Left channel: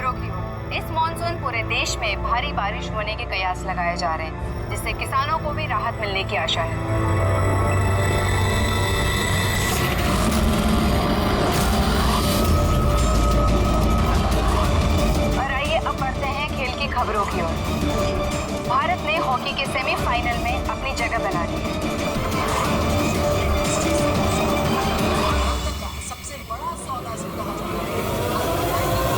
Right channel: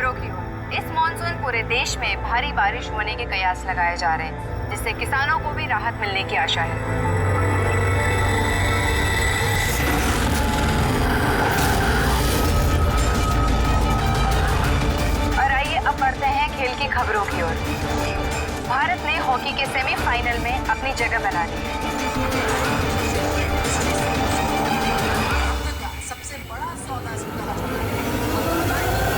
खबरों की ओर। इस मॉनसून पूरे देश में भारी बारिश होने के कयास लगाए जा रहे हैं, जिससे किसानों को भी राहत मिलने की आशा है। और आइए अब बढ़ते हैं खेल की खबरों की ओर। भारत ने हॉकी के सेमीफाइनल में अपनी जगह बना ली है। सबसे बड़ा सौदा इसको कहा जाता है। आपको बताएंगे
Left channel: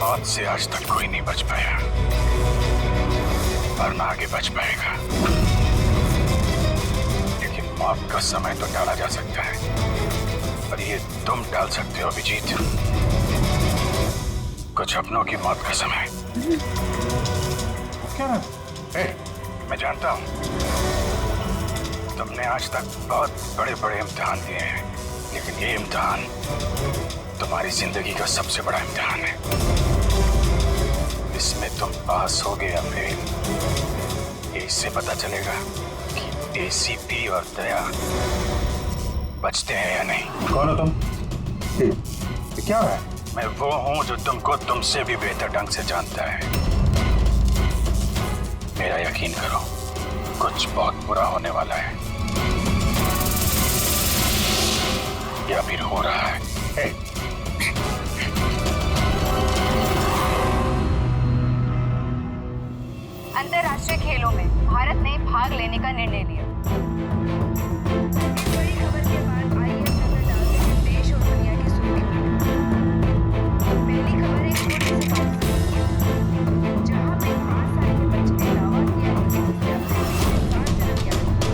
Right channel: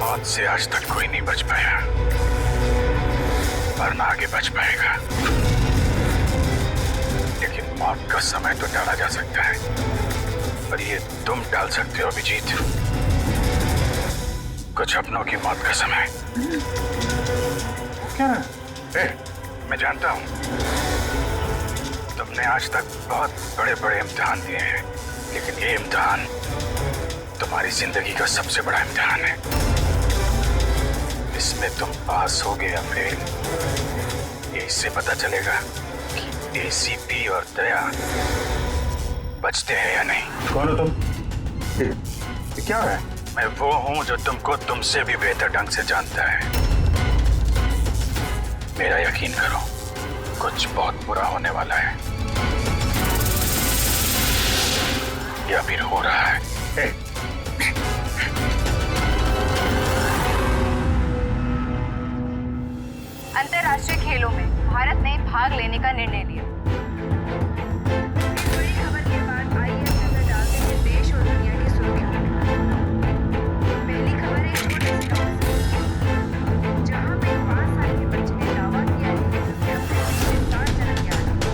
मौत से आज तक कोई नहीं बच पाया, और ना आगे बच पाएगा। लेकिन मौत का समय तो टाला जा सकता है, पर ये तुम टाल सकते हो अभिजीत। कुछ अपनों की मौत का समय। क्या है? मैं जानता हूं तुमने आज तक बहुत बड़े बड़े इम्तिहान दिए हैं, लेकिन ये इम्तिहान तुम्हारी जिंदगी का सबसे बड़ा इम्तिहान है। इसमें तुम पास होगे या फेल, ये इससे पता चलेगा कि एसीपी और दया बचते हैं या नहीं। कौन हो तुम? ये क्या है? मैं वो हूं जो तुमको तुमसे भी बेहतर ढंग से जानता है। मेरा यकीन करो, कुछ बहुत बुरा होने वाला है, या फिर हो रहा है। अंतर्राष्ट्रीय खेलों में भारत ने भाग लेने का निर्णय लिया। इस बड़ी खबर के बाद आइए नजर डालते हैं देश और दुनिया की सुर्खियों में। पहली खबर एक छोटे से गांव से, जहां पे 5 साल के बच्चे ने दावा किया है कि उसने अपने पिछले 7 जन्म याद किए।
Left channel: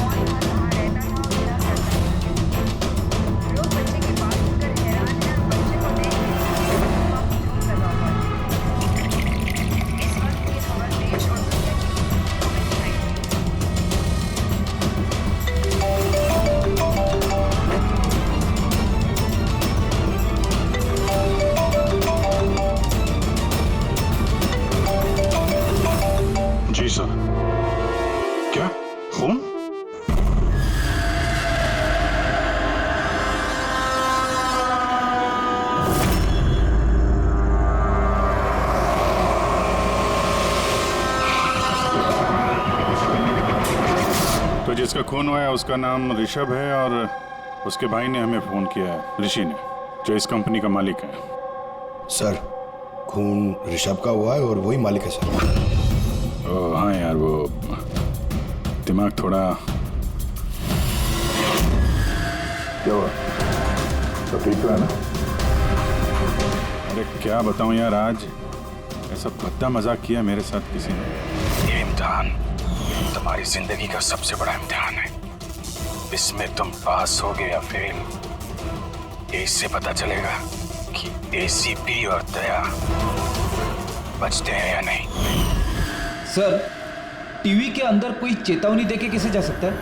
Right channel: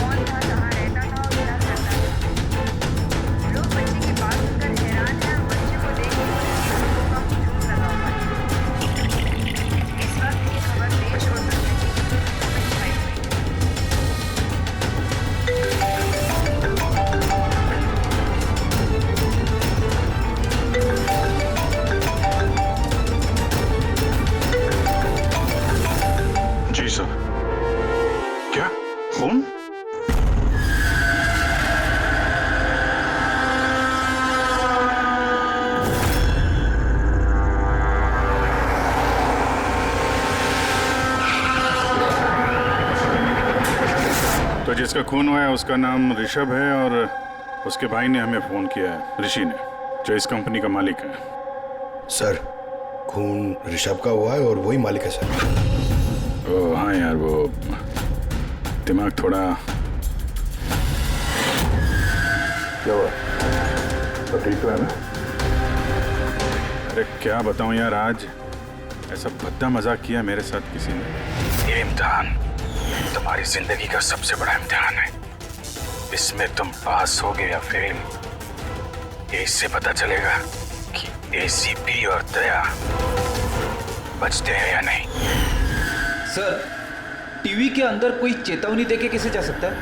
कौन था, कहाँ रहता था और क्या करता था। लोग बच्चे की बात सुनकर हैरान हैं और बच्चे को देख के लोगों का हुजूम लगा हुआ है। इस वक्त ये खबर देश और दुनिया की सुर्खियों में छाई हुई है। जी सर। क्या खून? तो जिसका खून हुआ है उसका नाम ऋषभ है, और उसके भाई ने हमें फोन किया है, ऋषि ने, जो इस कंपनी का मालिक है। सर, खून ऋषभ का हुआ है और वही मालिक है सर। ओ हाँ यार, वो दिमाग थोड़ा। क्या हुआ? तो ठीक तो है ना? अरे क्या बताऊं यार, आज ऐसा भद्दा मजाक किया मेरे साथ किसी ने। ये इम्तिहान तुम्हारी जिंदगी का सबसे बड़ा इम्तिहान है। इसमें तुम पास होगे या फेल, ये इससे पता चलेगा कि एसीपी और दया बचते हैं या नहीं। सर, टीवी के अंदर कोई चेतावनी देके कैसे जा सकता है?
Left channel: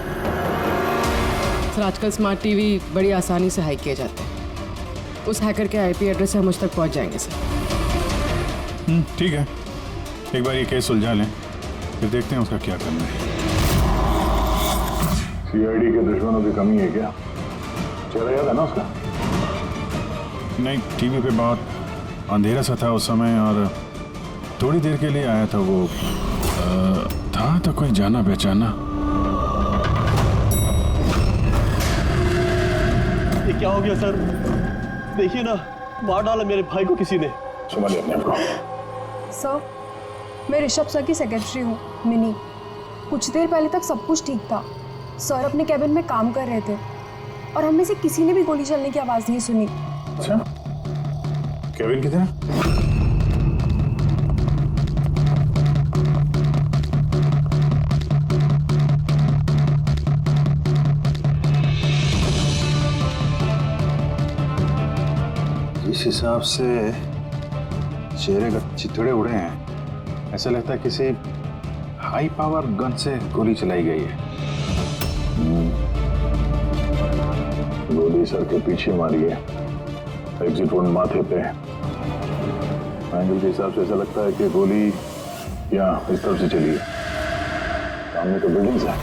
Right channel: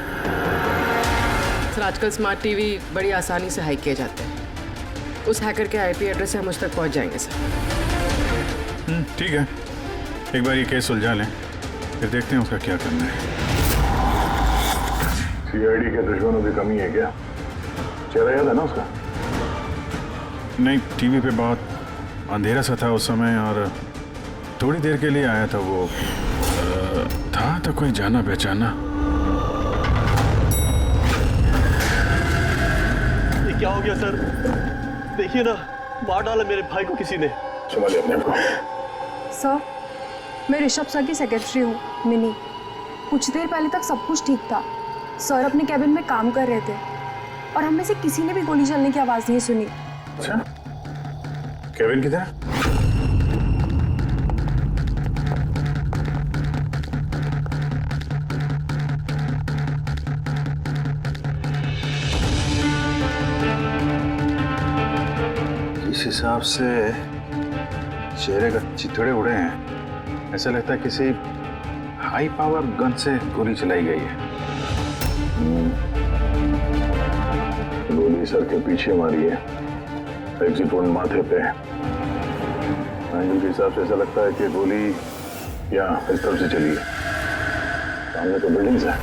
सर, आजकल स्मार्ट टीवी बड़ी आसानी से हैक किए जाते हैं। उस हैकर के आईपी एड्रेस से हम मुझ तक पहुंच जाएंगे सर। ठीक है, एक बार ये केस सुलझा लें, फिर देखते हैं उसका क्या करना है। सीआईडी के दुश्मनों की कमी है क्या? चेहरा याद है ना उसका? नहीं, टीवी पे बहुत अंधेरा सा था उस समय, और थोड़ी देर के लिए आया था वो। था तो कोई जाना पहचाना। ये क्या हो गया सर? देखिए ना, मार डाला मेरे भाई को किसी ने। संभालिए अपने आप को। सर, मैं ऋषभ सर की सेक्रेटरी हूँ, मिनी। कुछ देर पहले तक सब कुछ ठीक था। सर अपने कैबिन में काम कर रहे थे और हम में से किसी ने भी गोली चलने की आवाज़ नहीं सुनी। अच्छा, केविन किधर है? जिस हिसाब से चेहरे का चिथड़े उड़े हैं, ऐसा लगता है किसी हाई पावर गन से गोली चलाई गई है। गोली सर के पीछे मारी है, एग्जिट वोड माथे पे। एंगल के हिसाब से ऐसा लगता है कि गोली यहाँ इस तरफ से चली है। सामने तो बिल्डिंग्स है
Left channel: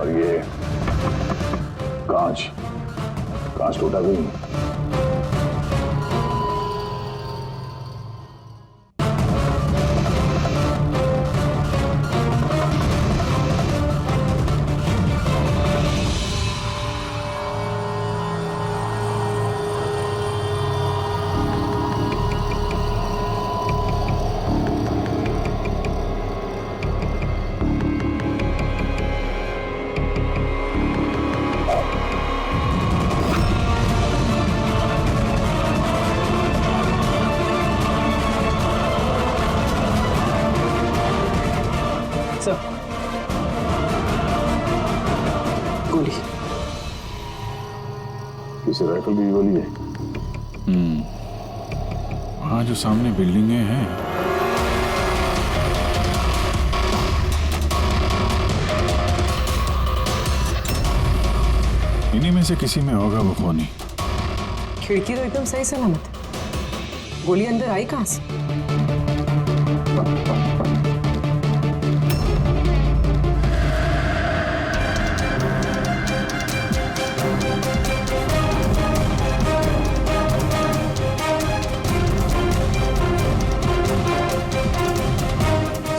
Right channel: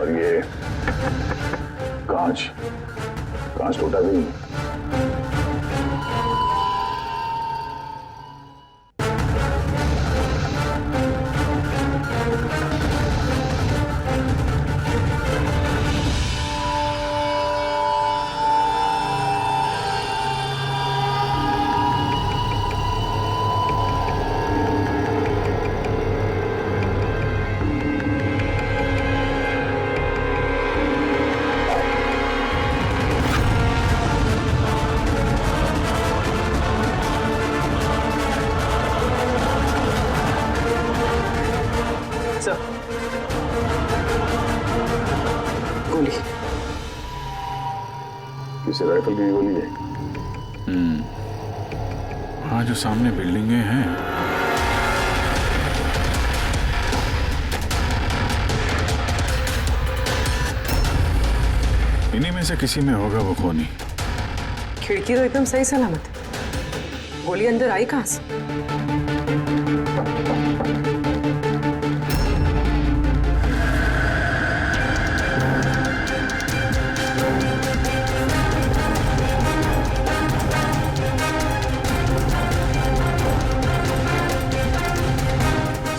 और ये कांच टूटा भी नहीं। सर, गोली। किसी राइफल की गोली है? हाँ, जो सामने बिल्डिंगें हैं। इन्हीं में से किसी में होगा वो खूनी। खिड़की तो एकदम सही सलामत है, गोली अंदर आई कहाँ से?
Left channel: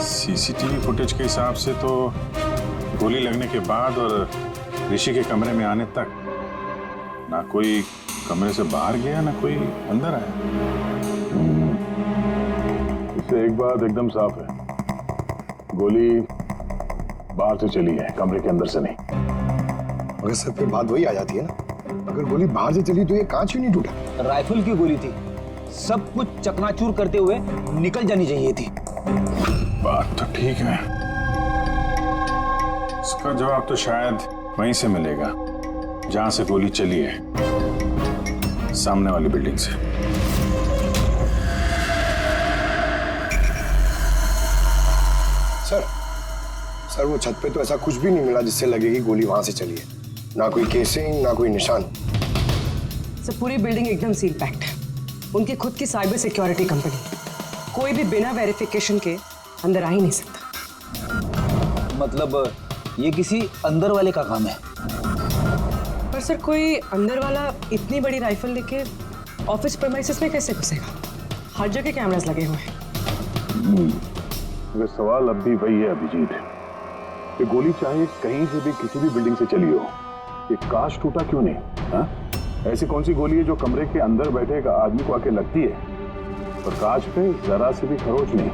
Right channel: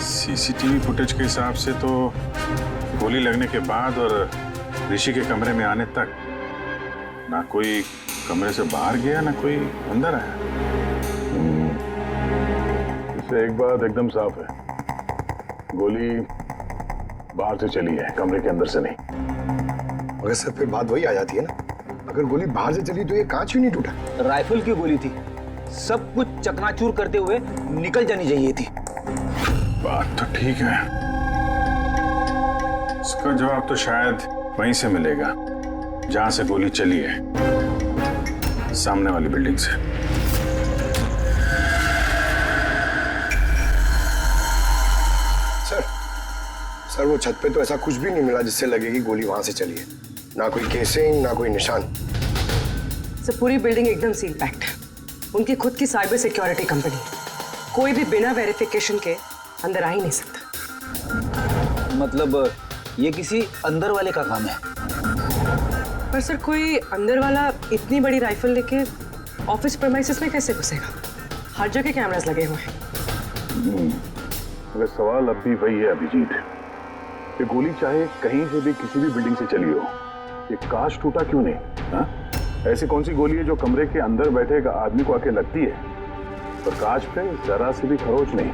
सीसीटीवी फुटेज के हिसाब से तो गोली लगने के बाद और ऋषि के कमरे में आने तक ना कोई कमरे से बाहर गया ना कोई अंदर आया। इससे एक बात एकदम साफ है, गोली बाहर से चली है, कमरे के अंदर से नहीं। मगर सर फिर बात वही आ जाती है ना, अगर गोली बाहर से चली तो ये कांच क्यों नहीं टूटा? राइफल की गोली थी, सब कुछ चकनाचूर करते हुए निकल जानी चाहिए थी। बात तो ठीक है, इसका जवाब तो शायद वहीं से मिलेगा जहां से गोली चली है, सामने वाली बिल्डिंग से। सर वो छत पे तो ऐसा कुछ भी नहीं मिला जिससे लगे कि गोली वहां से चली है। ना कोई केसिंग, ना कोई निशान। सर, पूरी बिल्डिंग एकदम सील पैक्ड है। उनकी खुद की साइबर सिक्योरिटी कंपनी है, कोई भी बिना वेरिफिकेशन के अंदर आ ही नहीं सकता। मतलब ये किसी अंदर वाले का काम है। पर सर, कोई अंदर वाला इतनी बड़ी राइफल लेके ऑफिस प्रेमाइसेस में कैसे घुसेगा? हर जगह कैमरास लगे हुए हैं। मगर सवाल अब भी वही है अभिजीत, ये गोली चाहे कहीं से भी किसी भी बिल्डिंग से चली हो, ये कांच टूटा क्यों नहीं? हा? ऐसी कौन सी गोली है जो कमरे के अंदर बैठे एक आदमी को आके लगती है और कांच पे जरा सी भी खरोच नहीं?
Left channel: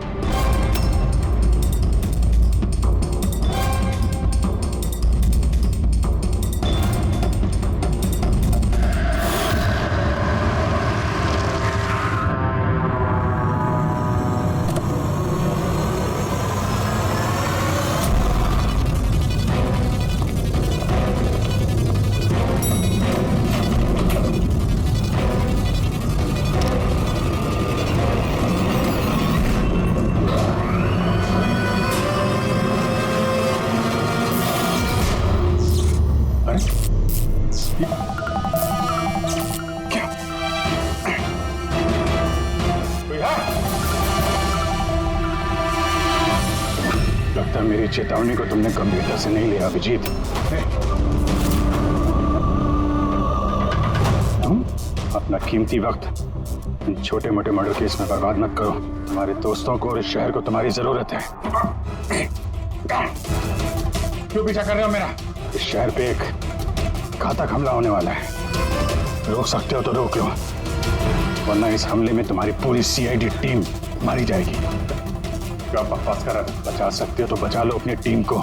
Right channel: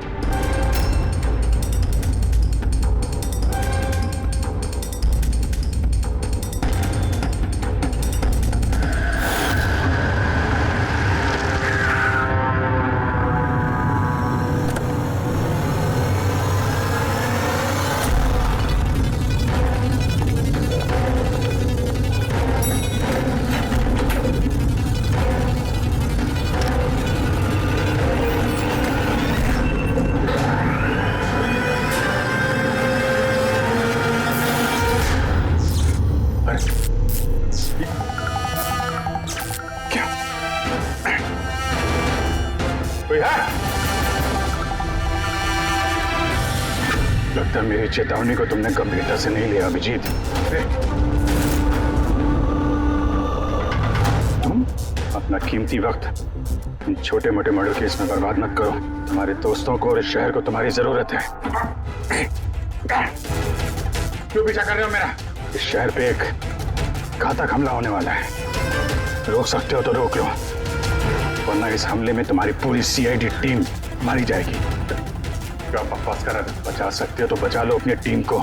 लगता है मेरी चेतावनी को तुमने गंभीरता से नहीं लिया अभिजीत। तुम अपना कीमती वक्त इन छोटे मोटे मर्डर केस में बर्बाद मत करो। तुम्हारे दोस्तों को और इस शहर को तुम्हारी जरूरत है। क्यों पीछा कर रहे हो मेरा? इस शहर पे एक घातक हमला होने वाला है, रोक सकते हो तो रोक लो, वरना इस हमले में तुम्हारी पूरी सीआईडी टीम मारी जाएगी। क्या बकवास कर रहा है? बचा सकते हो तो बचा लो अपनी टीम को,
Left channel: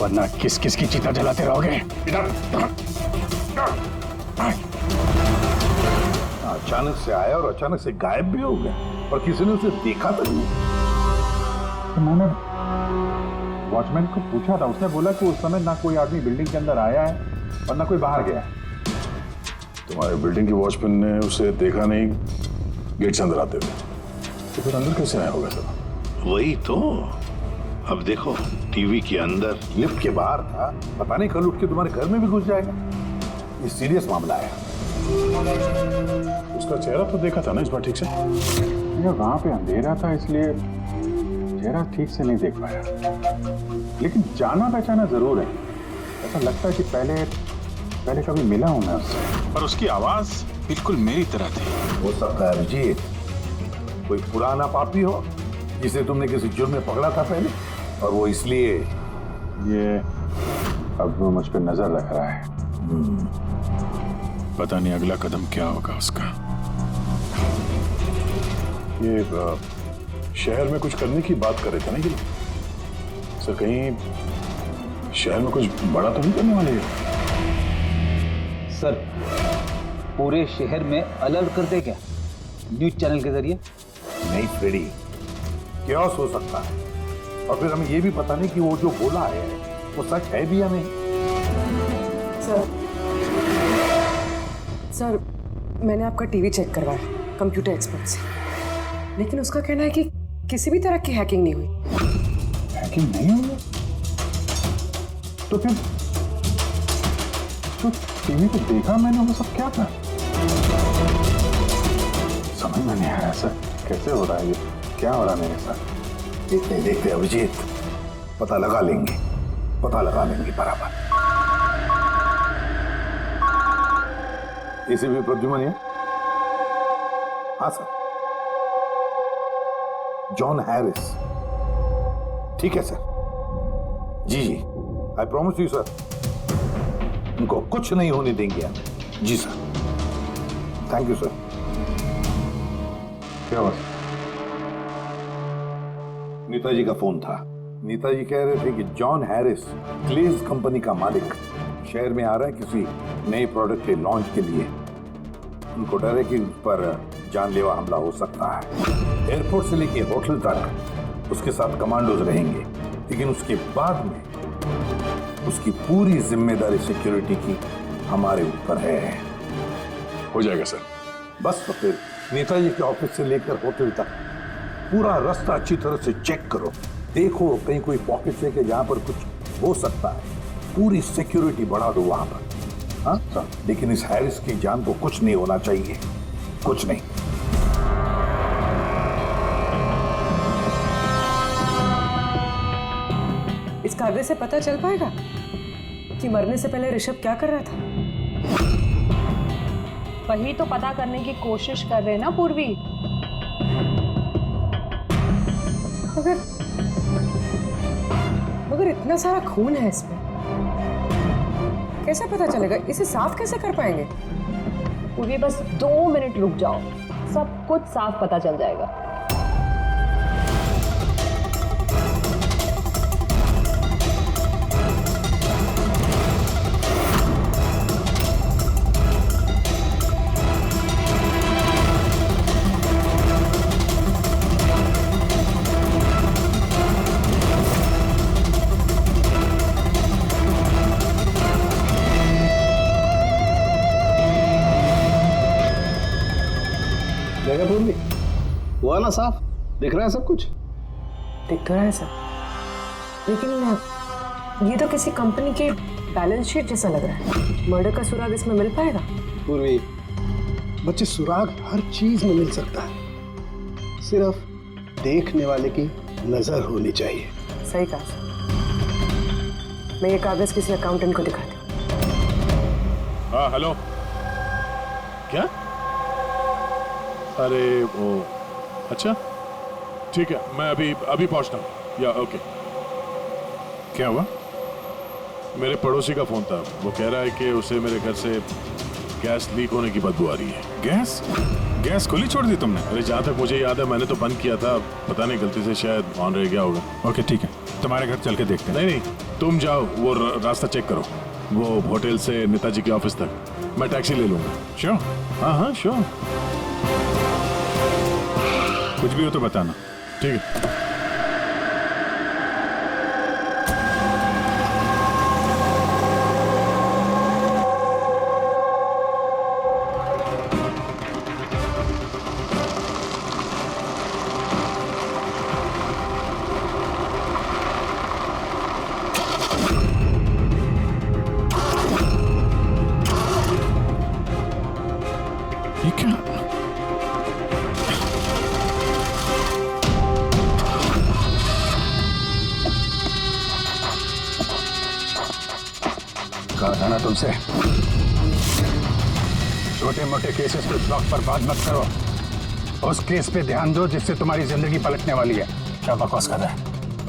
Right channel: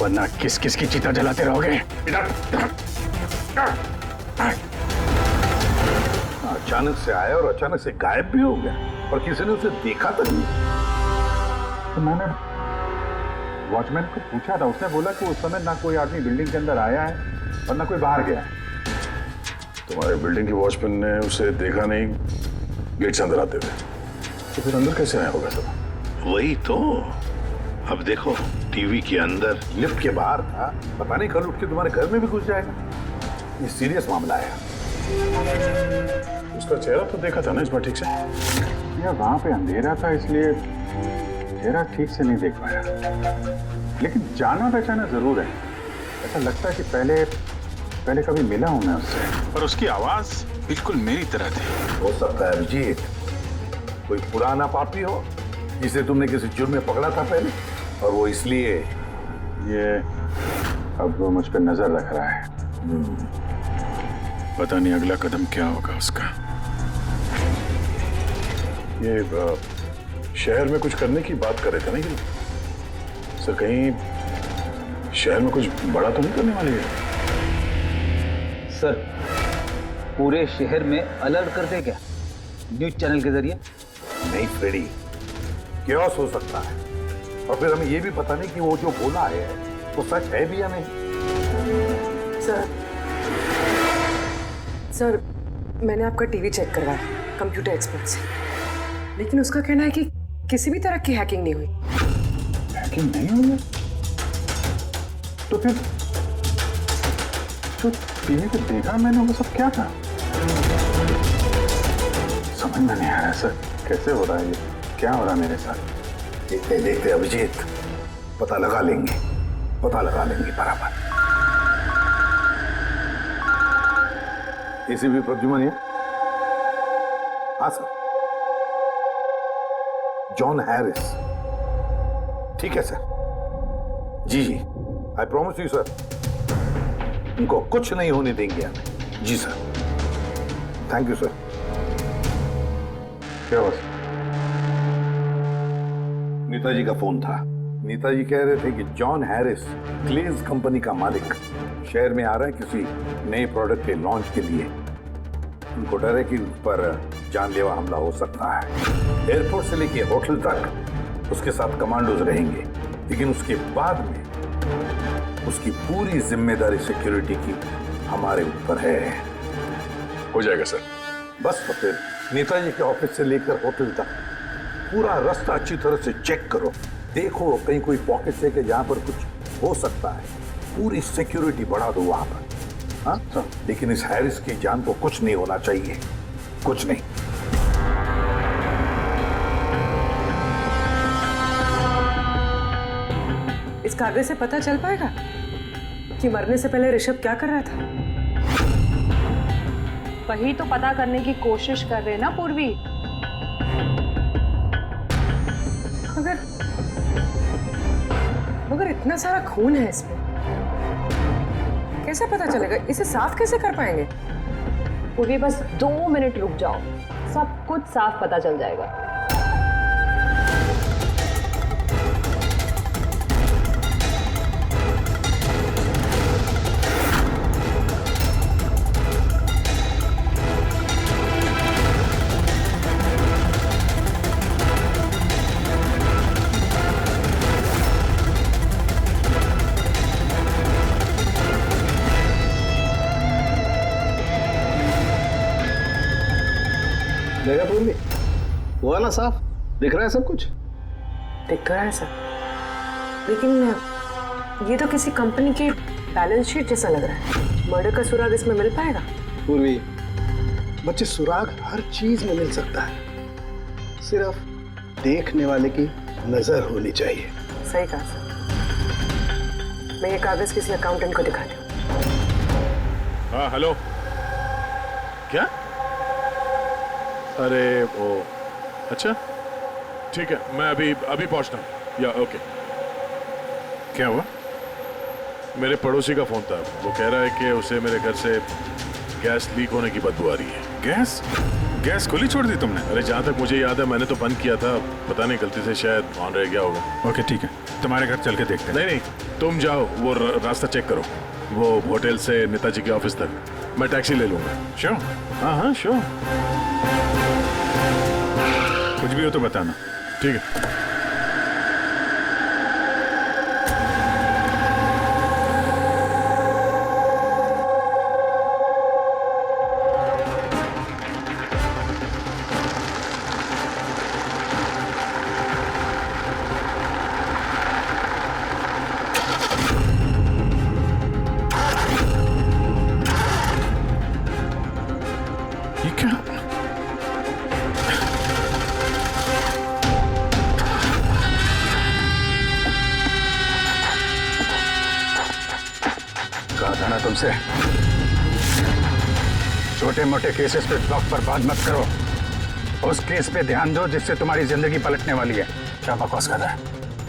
वरना किस किस की चिता जलाते रहोगे। इधर अचानक से आया और अचानक से गायब भी हो गया और किसी ने उसे देखा तक नहीं। तो मैंने वॉचमैन को पूछा था, उसने बोला कि उस समय ना कोई आदमी बिल्डिंग के अंदर आया है और ना कोई बाहर गया है। तुम्हारे बिल्डिंग की वॉचमैन ने उसे देखा नहीं गेट से अंदर आते हुए, तो फिर अंदर कैसे आया होगा सर? वही तो, अब देखो टीवी के अंदर, लिफ्ट के बाहर था, पता नहीं कल उठ के तुम्हारे घर में भी घुस जाएगा। ये सीरियस मामला है। उसका चेहरा तो देखा था ना इस बार ठीक से? यार वहां पे अंधेरा था इसलिए चेहरा ठीक से नहीं देख पाया, लेकिन जाना पहचाना जरूर है। ऐसा लगता है कि पहले कभी मिला हूं मैं उससे, पर उसकी आवाज बिल्कुल मेरी तरह थी। हो सकता है अभिजीत कोई पुराना पापी हो जिसे तुमने किसी जुर्म में पकड़ा था पहले, और वो इसलिए ये अब वो मुझ पर नजर रख रहा है। पता नहीं अगला कदम क्या होगा उसका। ये शहर में कुछ करने की बात कर रहे थे ना ये लोग? सर कहीं शहर में कुछ बड़ा तो नहीं करने वाले हैं? सर पूरे शहर में अलर्ट कर दे क्या न्यूज चैनल के जरिए? नहीं फ्रेडी, क्योस हो सकता है, और फिर हमें ये भी पता नहीं कि वो जो बोला है वो सच है भी या नहीं। सर मैंने आपका टीवी चेक करवाया कंप्यूटर एक्सपर्ट से, लेकिन उसका कहना है कि किसी भी तरह की हैकिंग नहीं हुई। हैकिंग नहीं हुई है? तो फिर जो टीवी पे देखा मैंने वो सब क्या था? समझ में नहीं आ रहा सर, कैसे हो रहा है ये? क्या हो रहा है मेरे साथ? देखते देखते अभिजीत पता लगा लेंगे बराबर। एसीपी प्रद्युमन है? हाँ सर, जॉन हैरिस। ठीक है सर, जी आई प्रॉमिस यू सर, उनको कुछ नहीं होने देंगे हम। जी सर, थैंक यू सर। क्या हुआ? नेताजी का फोन था। नेताजी कह रहे थे कि जॉन हैरिस क्लेज कंपनी का मालिक शहर में आ रहा है किसी नए प्रोडक्ट के लॉन्च के लिए। उनको डर है कि उस पर जानलेवा हमला हो सकता है। एयरपोर्ट से लेके होटल तक उसके साथ कमांडोज रहेंगे, लेकिन उसके बाद में उसकी पूरी जिम्मेदारी सिक्योरिटी की हमारे ऊपर है। हो जाएगा सर। बस तो फिर नेताजी के ऑफिस से लेकर होटल तक पूरा रास्ता अच्छी तरह से चेक करो, देखो कहीं कोई पॉकेट है कि जहां पर कुछ हो सकता है। पूरी सिक्योरिटी बढ़ा दो वहां पर। हाँ सर, लेकिन इस हैरिस की जान को कुछ नहीं होना चाहिए, कुछ नहीं। इस कागज से पता चल पाएगा कि मरने से पहले ऋषभ क्या कर रहा था? वही तो पता करने की कोशिश कर रहे हैं ना पूर्वी। मगर इतना सारा खून है इसमें, कैसे पता चलेगा? इसे साफ कैसे कर पाएंगे? पूर्वी बस 2 मिनट रुक जाओ, सब कुछ साफ पता चल जाएगा। देखा पूर्वी, हुआ ना साफ? दिख रहा है सब कुछ? दिख रहा है सर, लेकिन ये तो किसी कंपनी के बैलेंस शीट जैसा लग रहा है। मर्डर का सुराग इसमें मिल पाएगा? पूर्वी, बच्चे सुराग हर चीज में मिल सकता है, सिर्फ देखने वाले की नजर होनी चाहिए। सही कहा सर। मैं ये कागज किसी अकाउंटेंट को दिखाती हूँ। हाँ हेलो, क्या? अरे ओ अच्छा ठीक है, मैं अभी पहुंचता हूँ। या ओके। क्या हुआ? मेरे पड़ोसी का फोन था, वो कह रहा है कि उसे मेरे घर से गैस लीक होने की बदबू आ रही है। गैस खुली छोड़ दी तुमने? अरे जहाँ तक मुझे याद है मैंने तो बंद किया था, पता नहीं गलती से शायद ऑन रह गया होगा। ओके ठीक है, तुम्हारे घर चल के देखते हैं। नहीं तुम जाओ, वो रास्ता चेक करो, वो होटल से नेताजी के ऑफिस तक। मैं टैक्सी ले लूंगा। श्योर? हाँ श्योर। कुछ भी हो तो बताना। ठीक है। ये क्या? था ना तुमसे, छोटे मोटे केसेस पे वक्त बर्बाद मत करो, उस केस पे ध्यान दो जिससे तुम्हारी जिंदगी पलटने वाली है। क्या बकवास कर रहा है?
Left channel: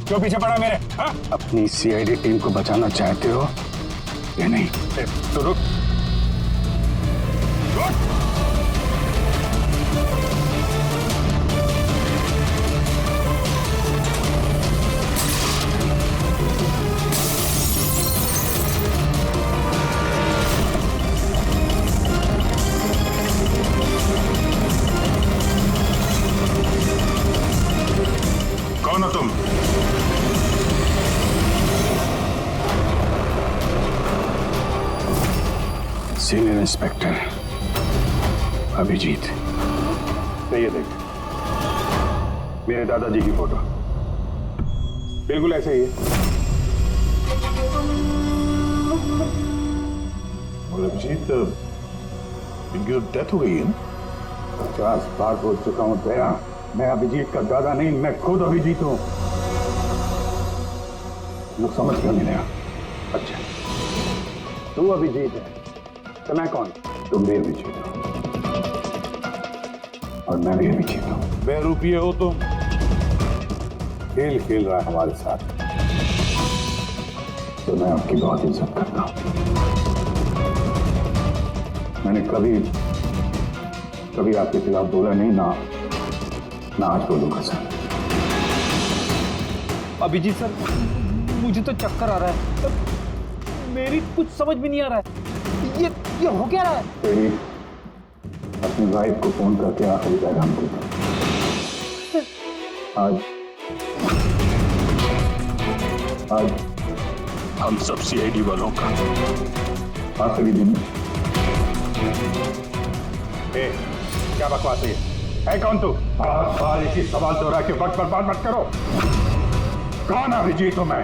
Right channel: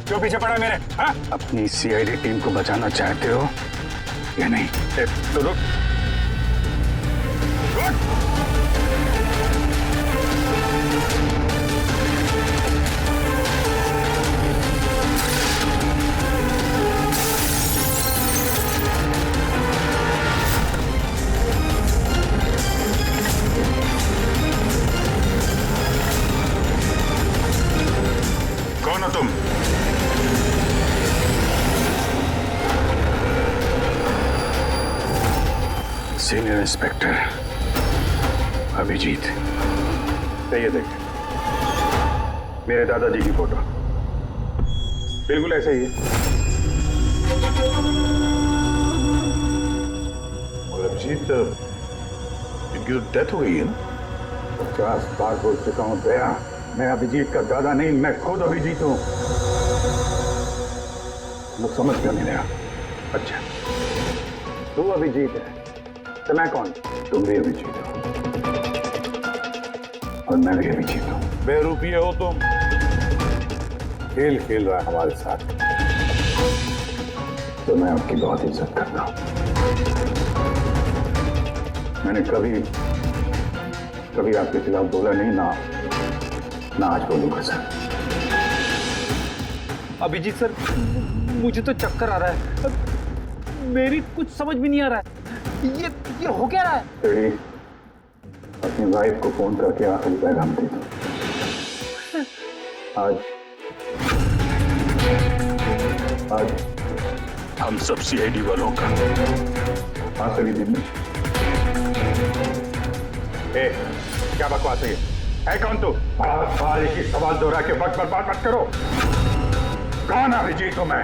क्यों पीछे पड़ा मेरे? हा? अपनी सीआईडी टीम को बचाना चाहते हो या नहीं? तो रुक। कौन हो तुम? Senior inspector Abhijeet. ये देखिए मेरे दादाजी की फोटो, बिल्कुल ऐसे ही है। और अभिजीत, इनकी तो डेथ हो गई है ना? 50 बार बोल चुका हूं दया, मैं अभिजीत का दादा नहीं, मैं खुद अभिजीत हूं। लोग समझ क्यों नहीं रहा? अच्छा, तू अभिजीत है तो मैं कौन? तुम भी अभिजीत हो और मैं भी अभिजीत हूं। बेरुपये हो तुम। खेल खेल रहा है हमारे साथ। तो मैं आपकी बहुत इज्जत करता हूं। मैंने कभी आपके खिलाफ बोला नहीं, ना आज बोलूंगा सर। अभिजीत सर, मुझे तो चक्कर आ रहा है, मेरी कुछ समझ भी नहीं आ रहा है। ये हो क्या रहा है? तेरी अपनी वाइफ को फोन करके आखिरी पैगाम दे दो। आज हम सब सीआईडी वालों का आखिरी दिन है। क्या बकवास है ये? है कौन तू? बार एक ही सवाल दोहरा के वक्त बर्बाद मत करो। कौन अभिजीत हूं मैं?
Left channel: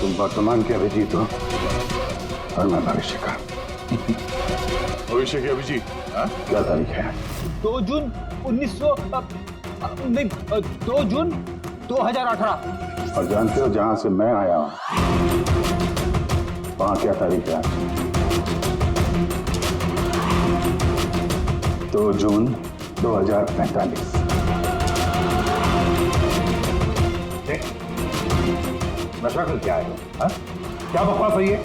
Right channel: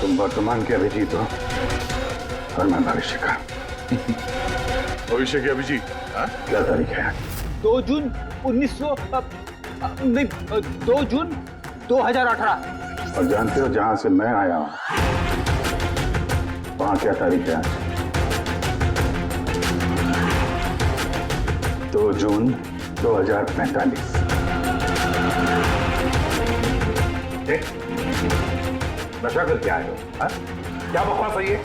तुम वर्तमान के अभिजीत हो और मैं भविष्य का। भविष्य के अभिजीत? क्या तारीख है? 2 जून 2 जून 2018। और जानते हो जहां से मैं आया हूं वहां क्या तारीख है आज? 2 जून 2045। नशा करके आए हो? क्या बकवास है ये?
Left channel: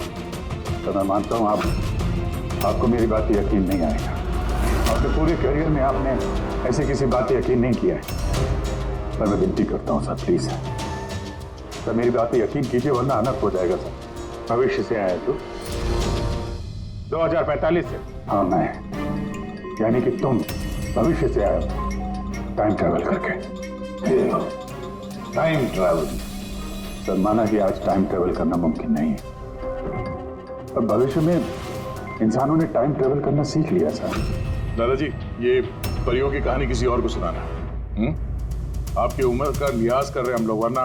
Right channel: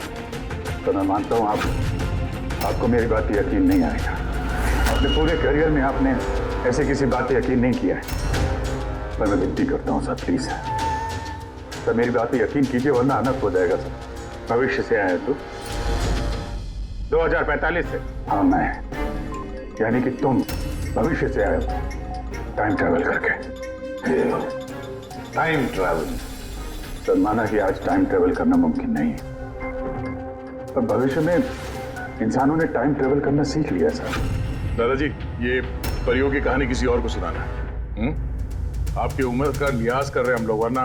तो मैं मानता हूं आपको मेरी बात पे यकीन नहीं आएगा। अपने पूरे करियर में आपने ऐसे किसी बात पे यकीन नहीं किया है, पर मैं विनती करता हूं सर, प्लीज सर मेरी बात पे यकीन कीजिए वरना अनर्थ हो जाएगा सर। भविष्य से आया तू? 2045 से? हाँ मैं, यानी कि तुम भविष्य से आए हो टाइम ट्रैवल करके। Time travel? सर माना कि आज टाइम ट्रैवल करना मुमकिन नहीं है, पर भविष्य में इंसानों ने टाइम ट्रैवल करना सीख लिया सर। दादाजी, ये परियों की कहानी किसी और को सुनाना है। आपकी उम्र का लिहाज कर रहे हैं हम लोग, वरना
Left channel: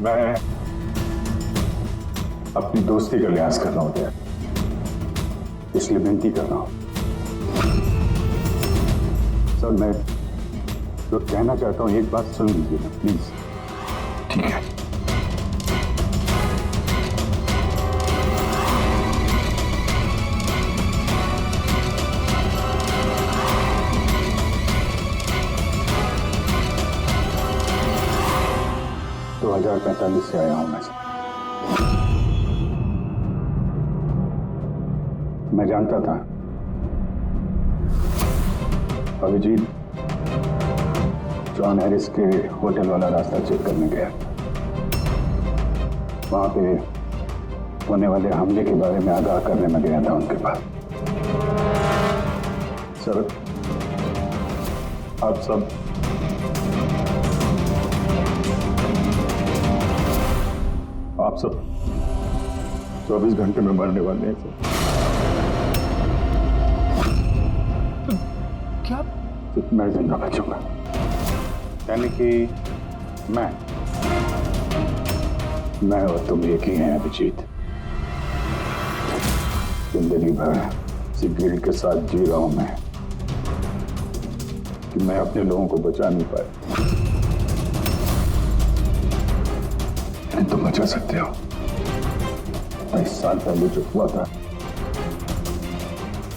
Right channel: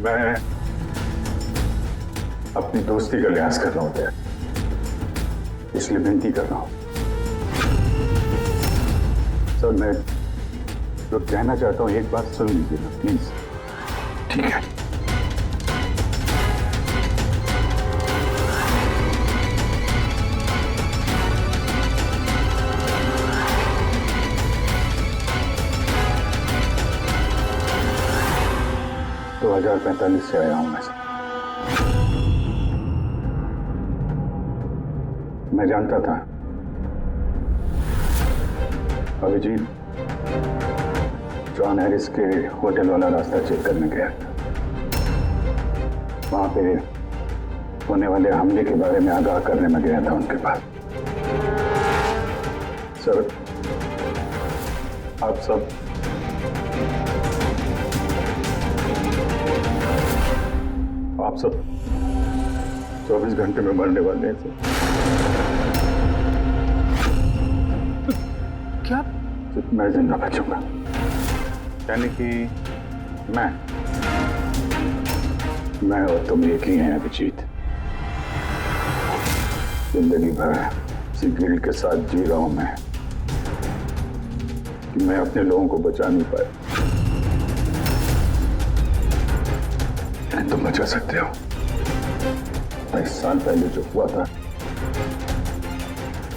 मैं अपनी दोस्ती का लिहाज कर रहा हूं, इसलिए विनती कर रहा हूं सर। मैं जो कहना चाहता हूं एक बात सुन लीजिए ना प्लीज। ठीक है। तो 2045 से आया हूं मैं जानता था अभिजीत जॉन हैरिस के होटल वाला रास्ता चेक करने गया था। वहां पे होने वाले हमले के बारे में आगाह करने में गया था उनके पास। सर आप सब 24 घंटे में मरने वाले हैं सर। क्या? सिर्फ मैं जिंदा बचूंगा, यानी कि मैं और तुम एक ही हैं अभिजीत। जिंदगी भर इसी गिल्ड के साथ जी रहा हूं मैं कि मैं अपने लोगों को बचा नहीं पाया। तुम बचा सकते हो। 27 साल पहले जो हुआ था,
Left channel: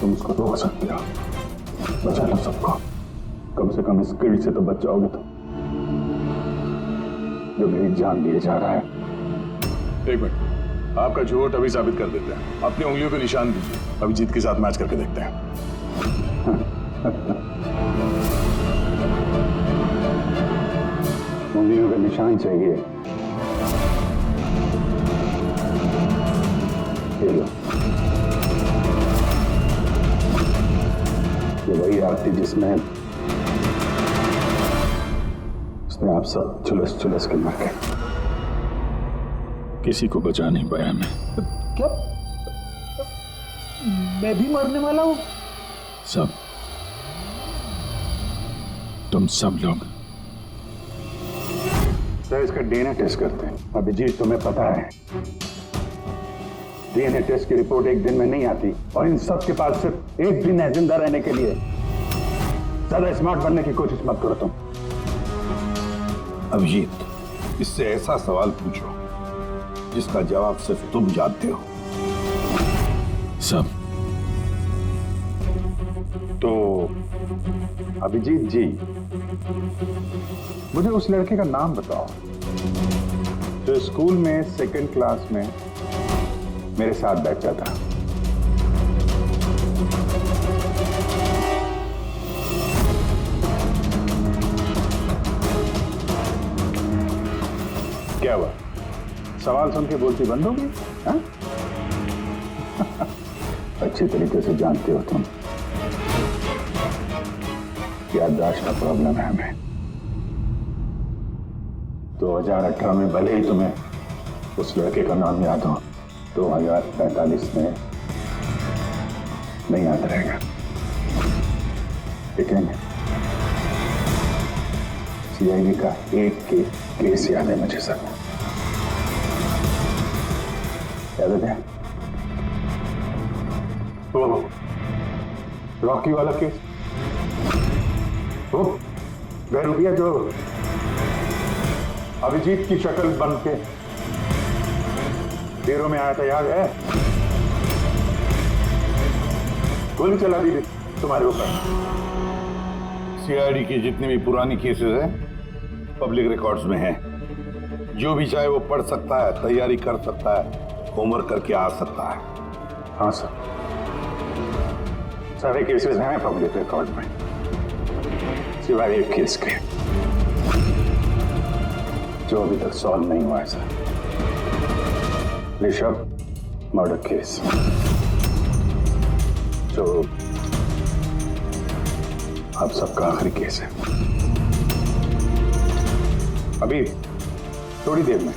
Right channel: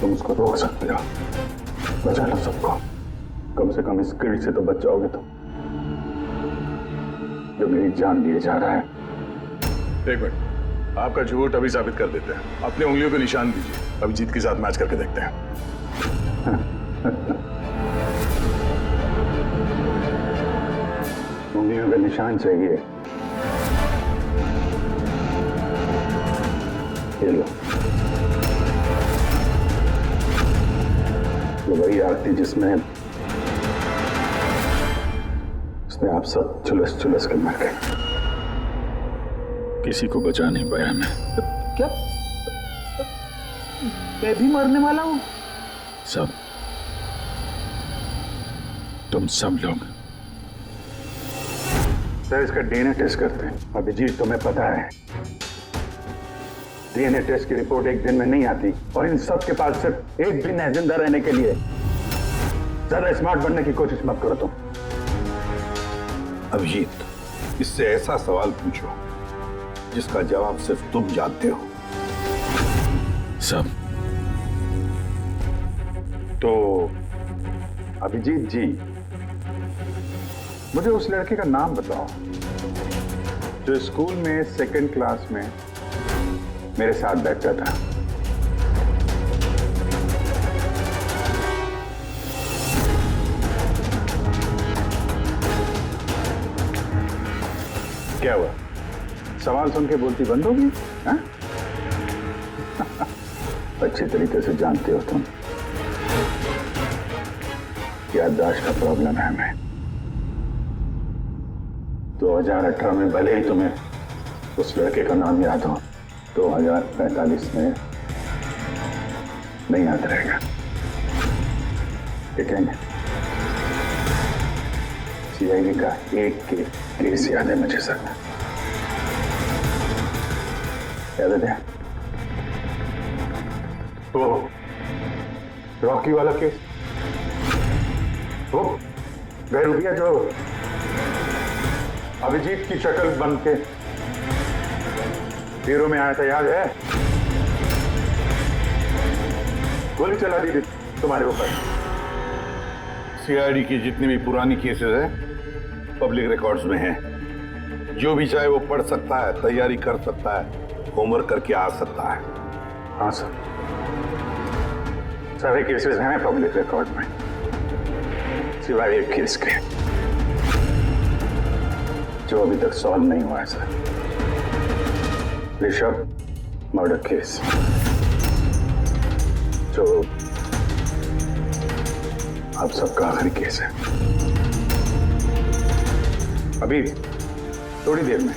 तुम उसको रोक सकते हो, बचा लो सबको। कम से कम इस गिल्ड से तो बच जाओगे तुम, जो मेरी जान लिए जा रहा है। एक मिनट, आपका झूठ अभी साबित कर देते हैं। अपनी उंगलियों पे निशान दीजिए, अभिजीत के साथ मैच करके देखते हैं। उंगलियों का निशान चाहिए? ये लो, ये वही आरती जिसमें आप सब चुलस चुलस के मर गए। किसी को बचा नहीं पाया मैं। क्या मैं भी मरने वाला हूं? सब, तुम सब लोग। सर, इसका डीएनए टेस्ट करते हैं। अभिजीत, तुम्हें पता है डीएनए टेस्ट की रिपोर्ट एक दिन में नहीं आती, और इन सब के पास सिर्फ एक दिन है जिंदा रहने के लिए। ज्यादा स्मार्ट बनने की कोशिश मत करो तुम। अभिजीत, इससे ऐसा सवाल पूछो जिसका जवाब सिर्फ तुम जानते हो। सब तो अभिजीत जी, मुझे उस लड़के का नाम बताओ जो स्कूल में सेकंड क्लास में मेरे साथ बैठता था। क्या हुआ? सवाल सुन के बोलती बंद होगी? हाँ? अच्छी तरीके से जानते हो तुम, याददाश्त का प्रॉब्लम है हमें। 2018 में भले ही तुम्हें उस लड़के का नाम याद हो, 2045 में नहीं याद रहेगा। लेकिन सीआईडी का एक केस याद है मुझे सर। याद है वो रॉकी वाला केस, वो बहरूपिया जो अभिजीत की शक्ल बन के हीरो में आया था, याद है? गोली चला दी थी तुम्हारे ऊपर। सीआईडी की जितनी भी पुरानी केसेस हैं पब्लिक रिकॉर्ड्स में हैं। जो भी चाहे वो पढ़ सकता है, तैयारी कर सकता है, होमवर्क करके आ सकता है। हाँ सर, सारे केसेस हैं पब्लिक रिकॉर्ड में, सिवाय एक केस के जो अभी तक सॉल्व नहीं हुआ है सर। ऋषभ मर्डर केस, जो आप सबका आखिरी केस है। अभी थोड़ी देर में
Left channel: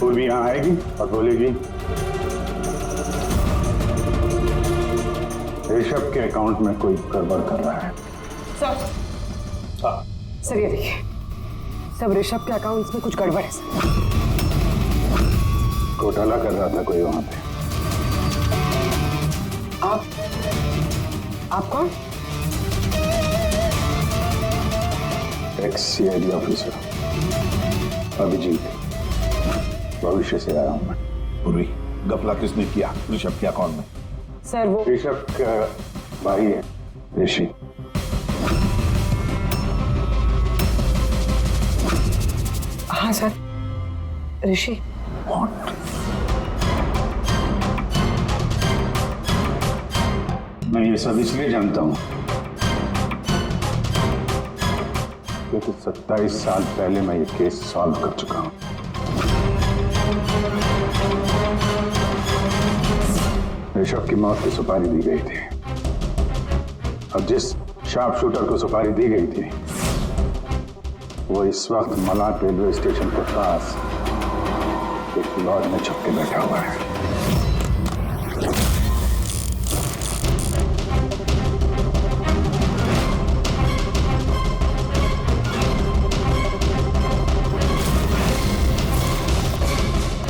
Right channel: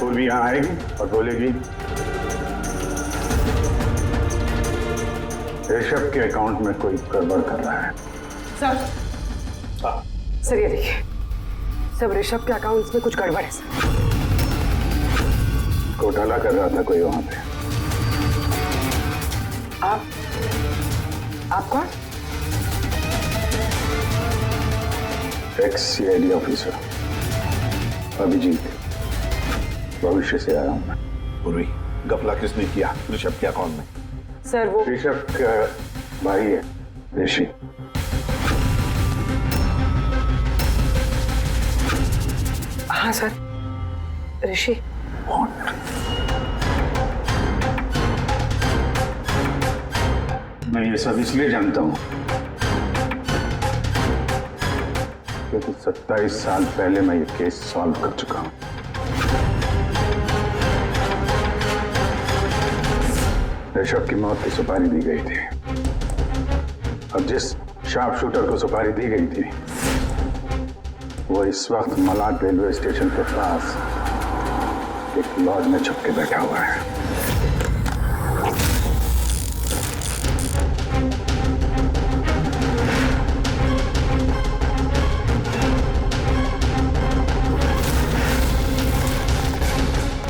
पूर्वी यहां आएगी और बोलेगी ऋषभ के अकाउंट में कोई गड़बड़ कर रहा है। सर, सर ये देखिए, सब ऋषभ के अकाउंट्स में कुछ गड़बड़ है सर। घोटाला कर रहा था कोई वहां पे। आप कौन? एक्स सीआईडी ऑफिसर अभिजीत, भविष्य से आया हूं मैं। पूर्वी, गफला किसने किया ऋषभ के अकाउंट में? सर वो ऋषभ का भाई है ऋषि। हाँ सर, ऋषि। मैं ये सब इसलिए जानता हूं क्योंकि 27 साल पहले मैं ये केस सॉल्व कर चुका हूं। ऋषभ की मौत की सुपारी दी गई थी। अब जिस शार्प शूटर को सुपारी दी गई थी वो इस वक्त मलाड रेलवे स्टेशन के पास एक लॉज में छुप के बैठा हुआ है।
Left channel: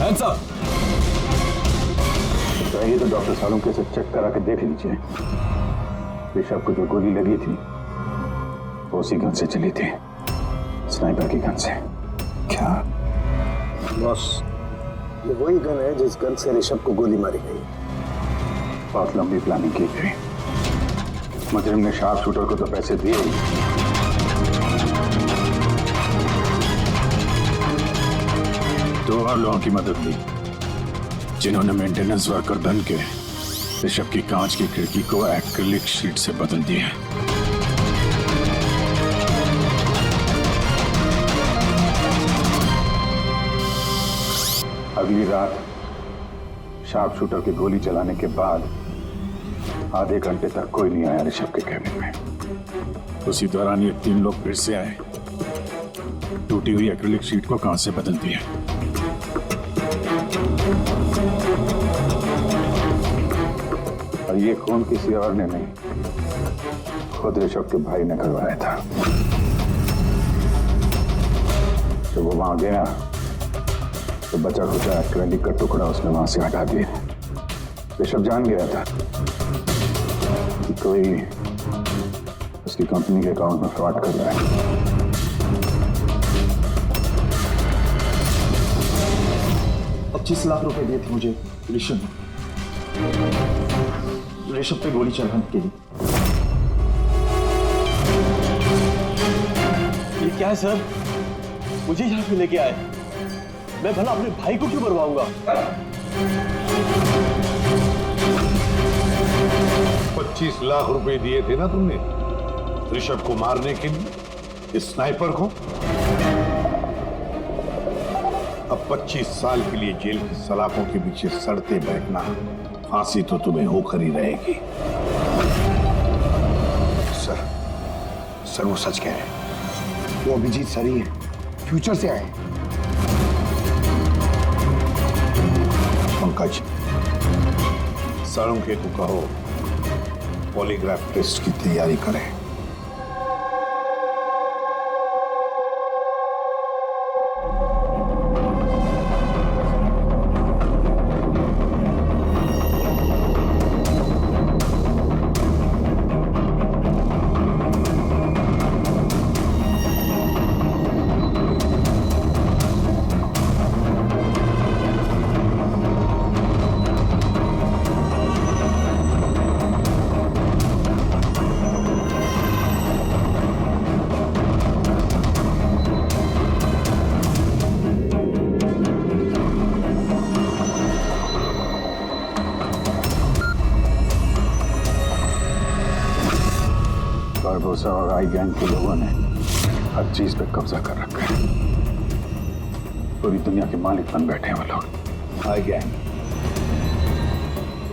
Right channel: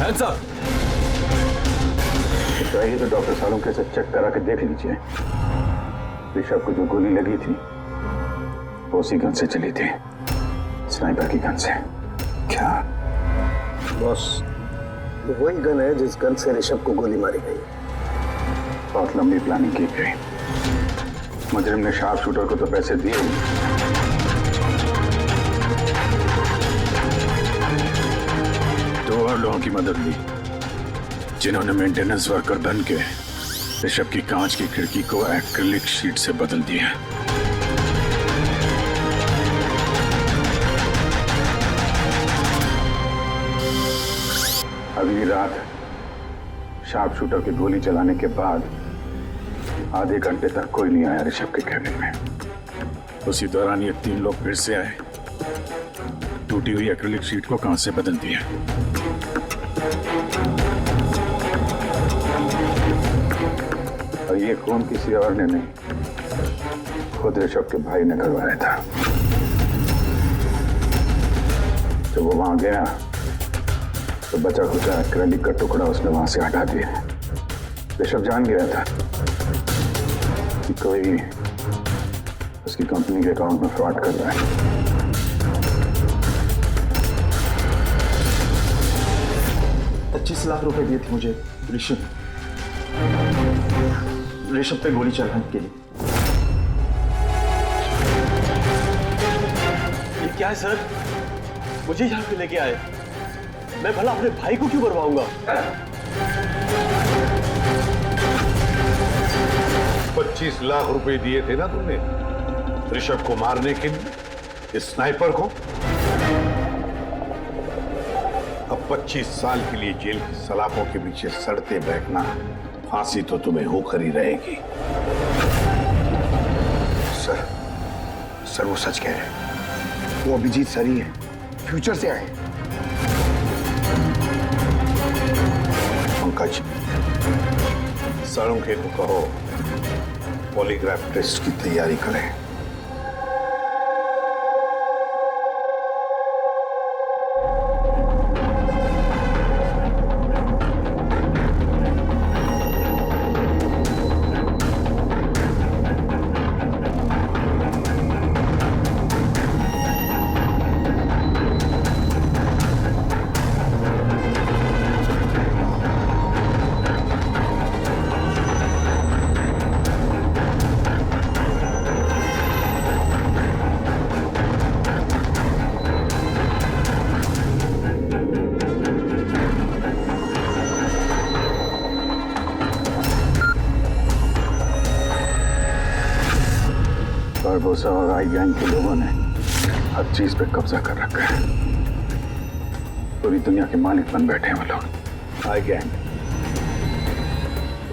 Hands up! चाहिए तो डॉक्टर सालुंके से चेक करा के देख लीजिए। ऋषभ को जो गोली लगी थी वो उसी गन से चली थी, स्नाइपर की गन से। क्या बॉस, ये वही गन है जिस गन से ऋषभ को गोली मारी गई। बहुत लंबी प्लानिंग की गई। मुजरिम ने शार्प शूटर को तो पैसे दिए ही, दो और लोगों की मदद ली जिन्होंने मेंटेनेंस वर्कर बन के ऋषभ की कांच की खिड़की को एक्रिलिक शीट से बदल दिया। अगली रात शार्प शूटर की गोली चलाने के बाद आधे घंटे तक कोई नहीं आया ऋषभ के कैबिन में। उसी दौरान ये 3 लोग फिर से आए, टूटी हुई एक्रिलिक शीट को कांच से बदल दिया। और ये खून किसी और ने नहीं, खुद ऋषभ के भाई ने करवाया था। जब वो वहां गया तो बचा खुचा एक्रिलिक का टुकड़ा उसने वहां से हटा दिया। ऋषभ जान गया था कि कोई उसकी कंपनी के अकाउंट में फ्रॉड कर रहा है। 25 लाख रुपए दिए थे मुझे ऋषभ पे गोली चलाने के लिए। ये क्या है सर? मुझे यहाँ पे लेके आए, मैं भला अपने भाई को क्यों मरवाऊंगा? 25 लाख रुपए दिए थे ना तुमने ऋषभ को मारने के लिए, इस स्नाइपर को। अब 25 साल के लिए जेल की सलाखों के पीछे सड़ते बैठना, फांसी तो तुम्हें होकर ही रहेगी। सर वो सच कह रहे हैं। वो अभिजीत सर ही है, फ्यूचर से आए हैं। पंकज, साळुंखे को कहो पॉलीग्राफ टेस्ट की तैयारी करें। बारबोसा और आई गैंग के लोगों ने हर चीज पे कब्जा कर रखा है। पूरी दुनिया के मालिक बन बैठे हैं वो लोग। आई गैंग?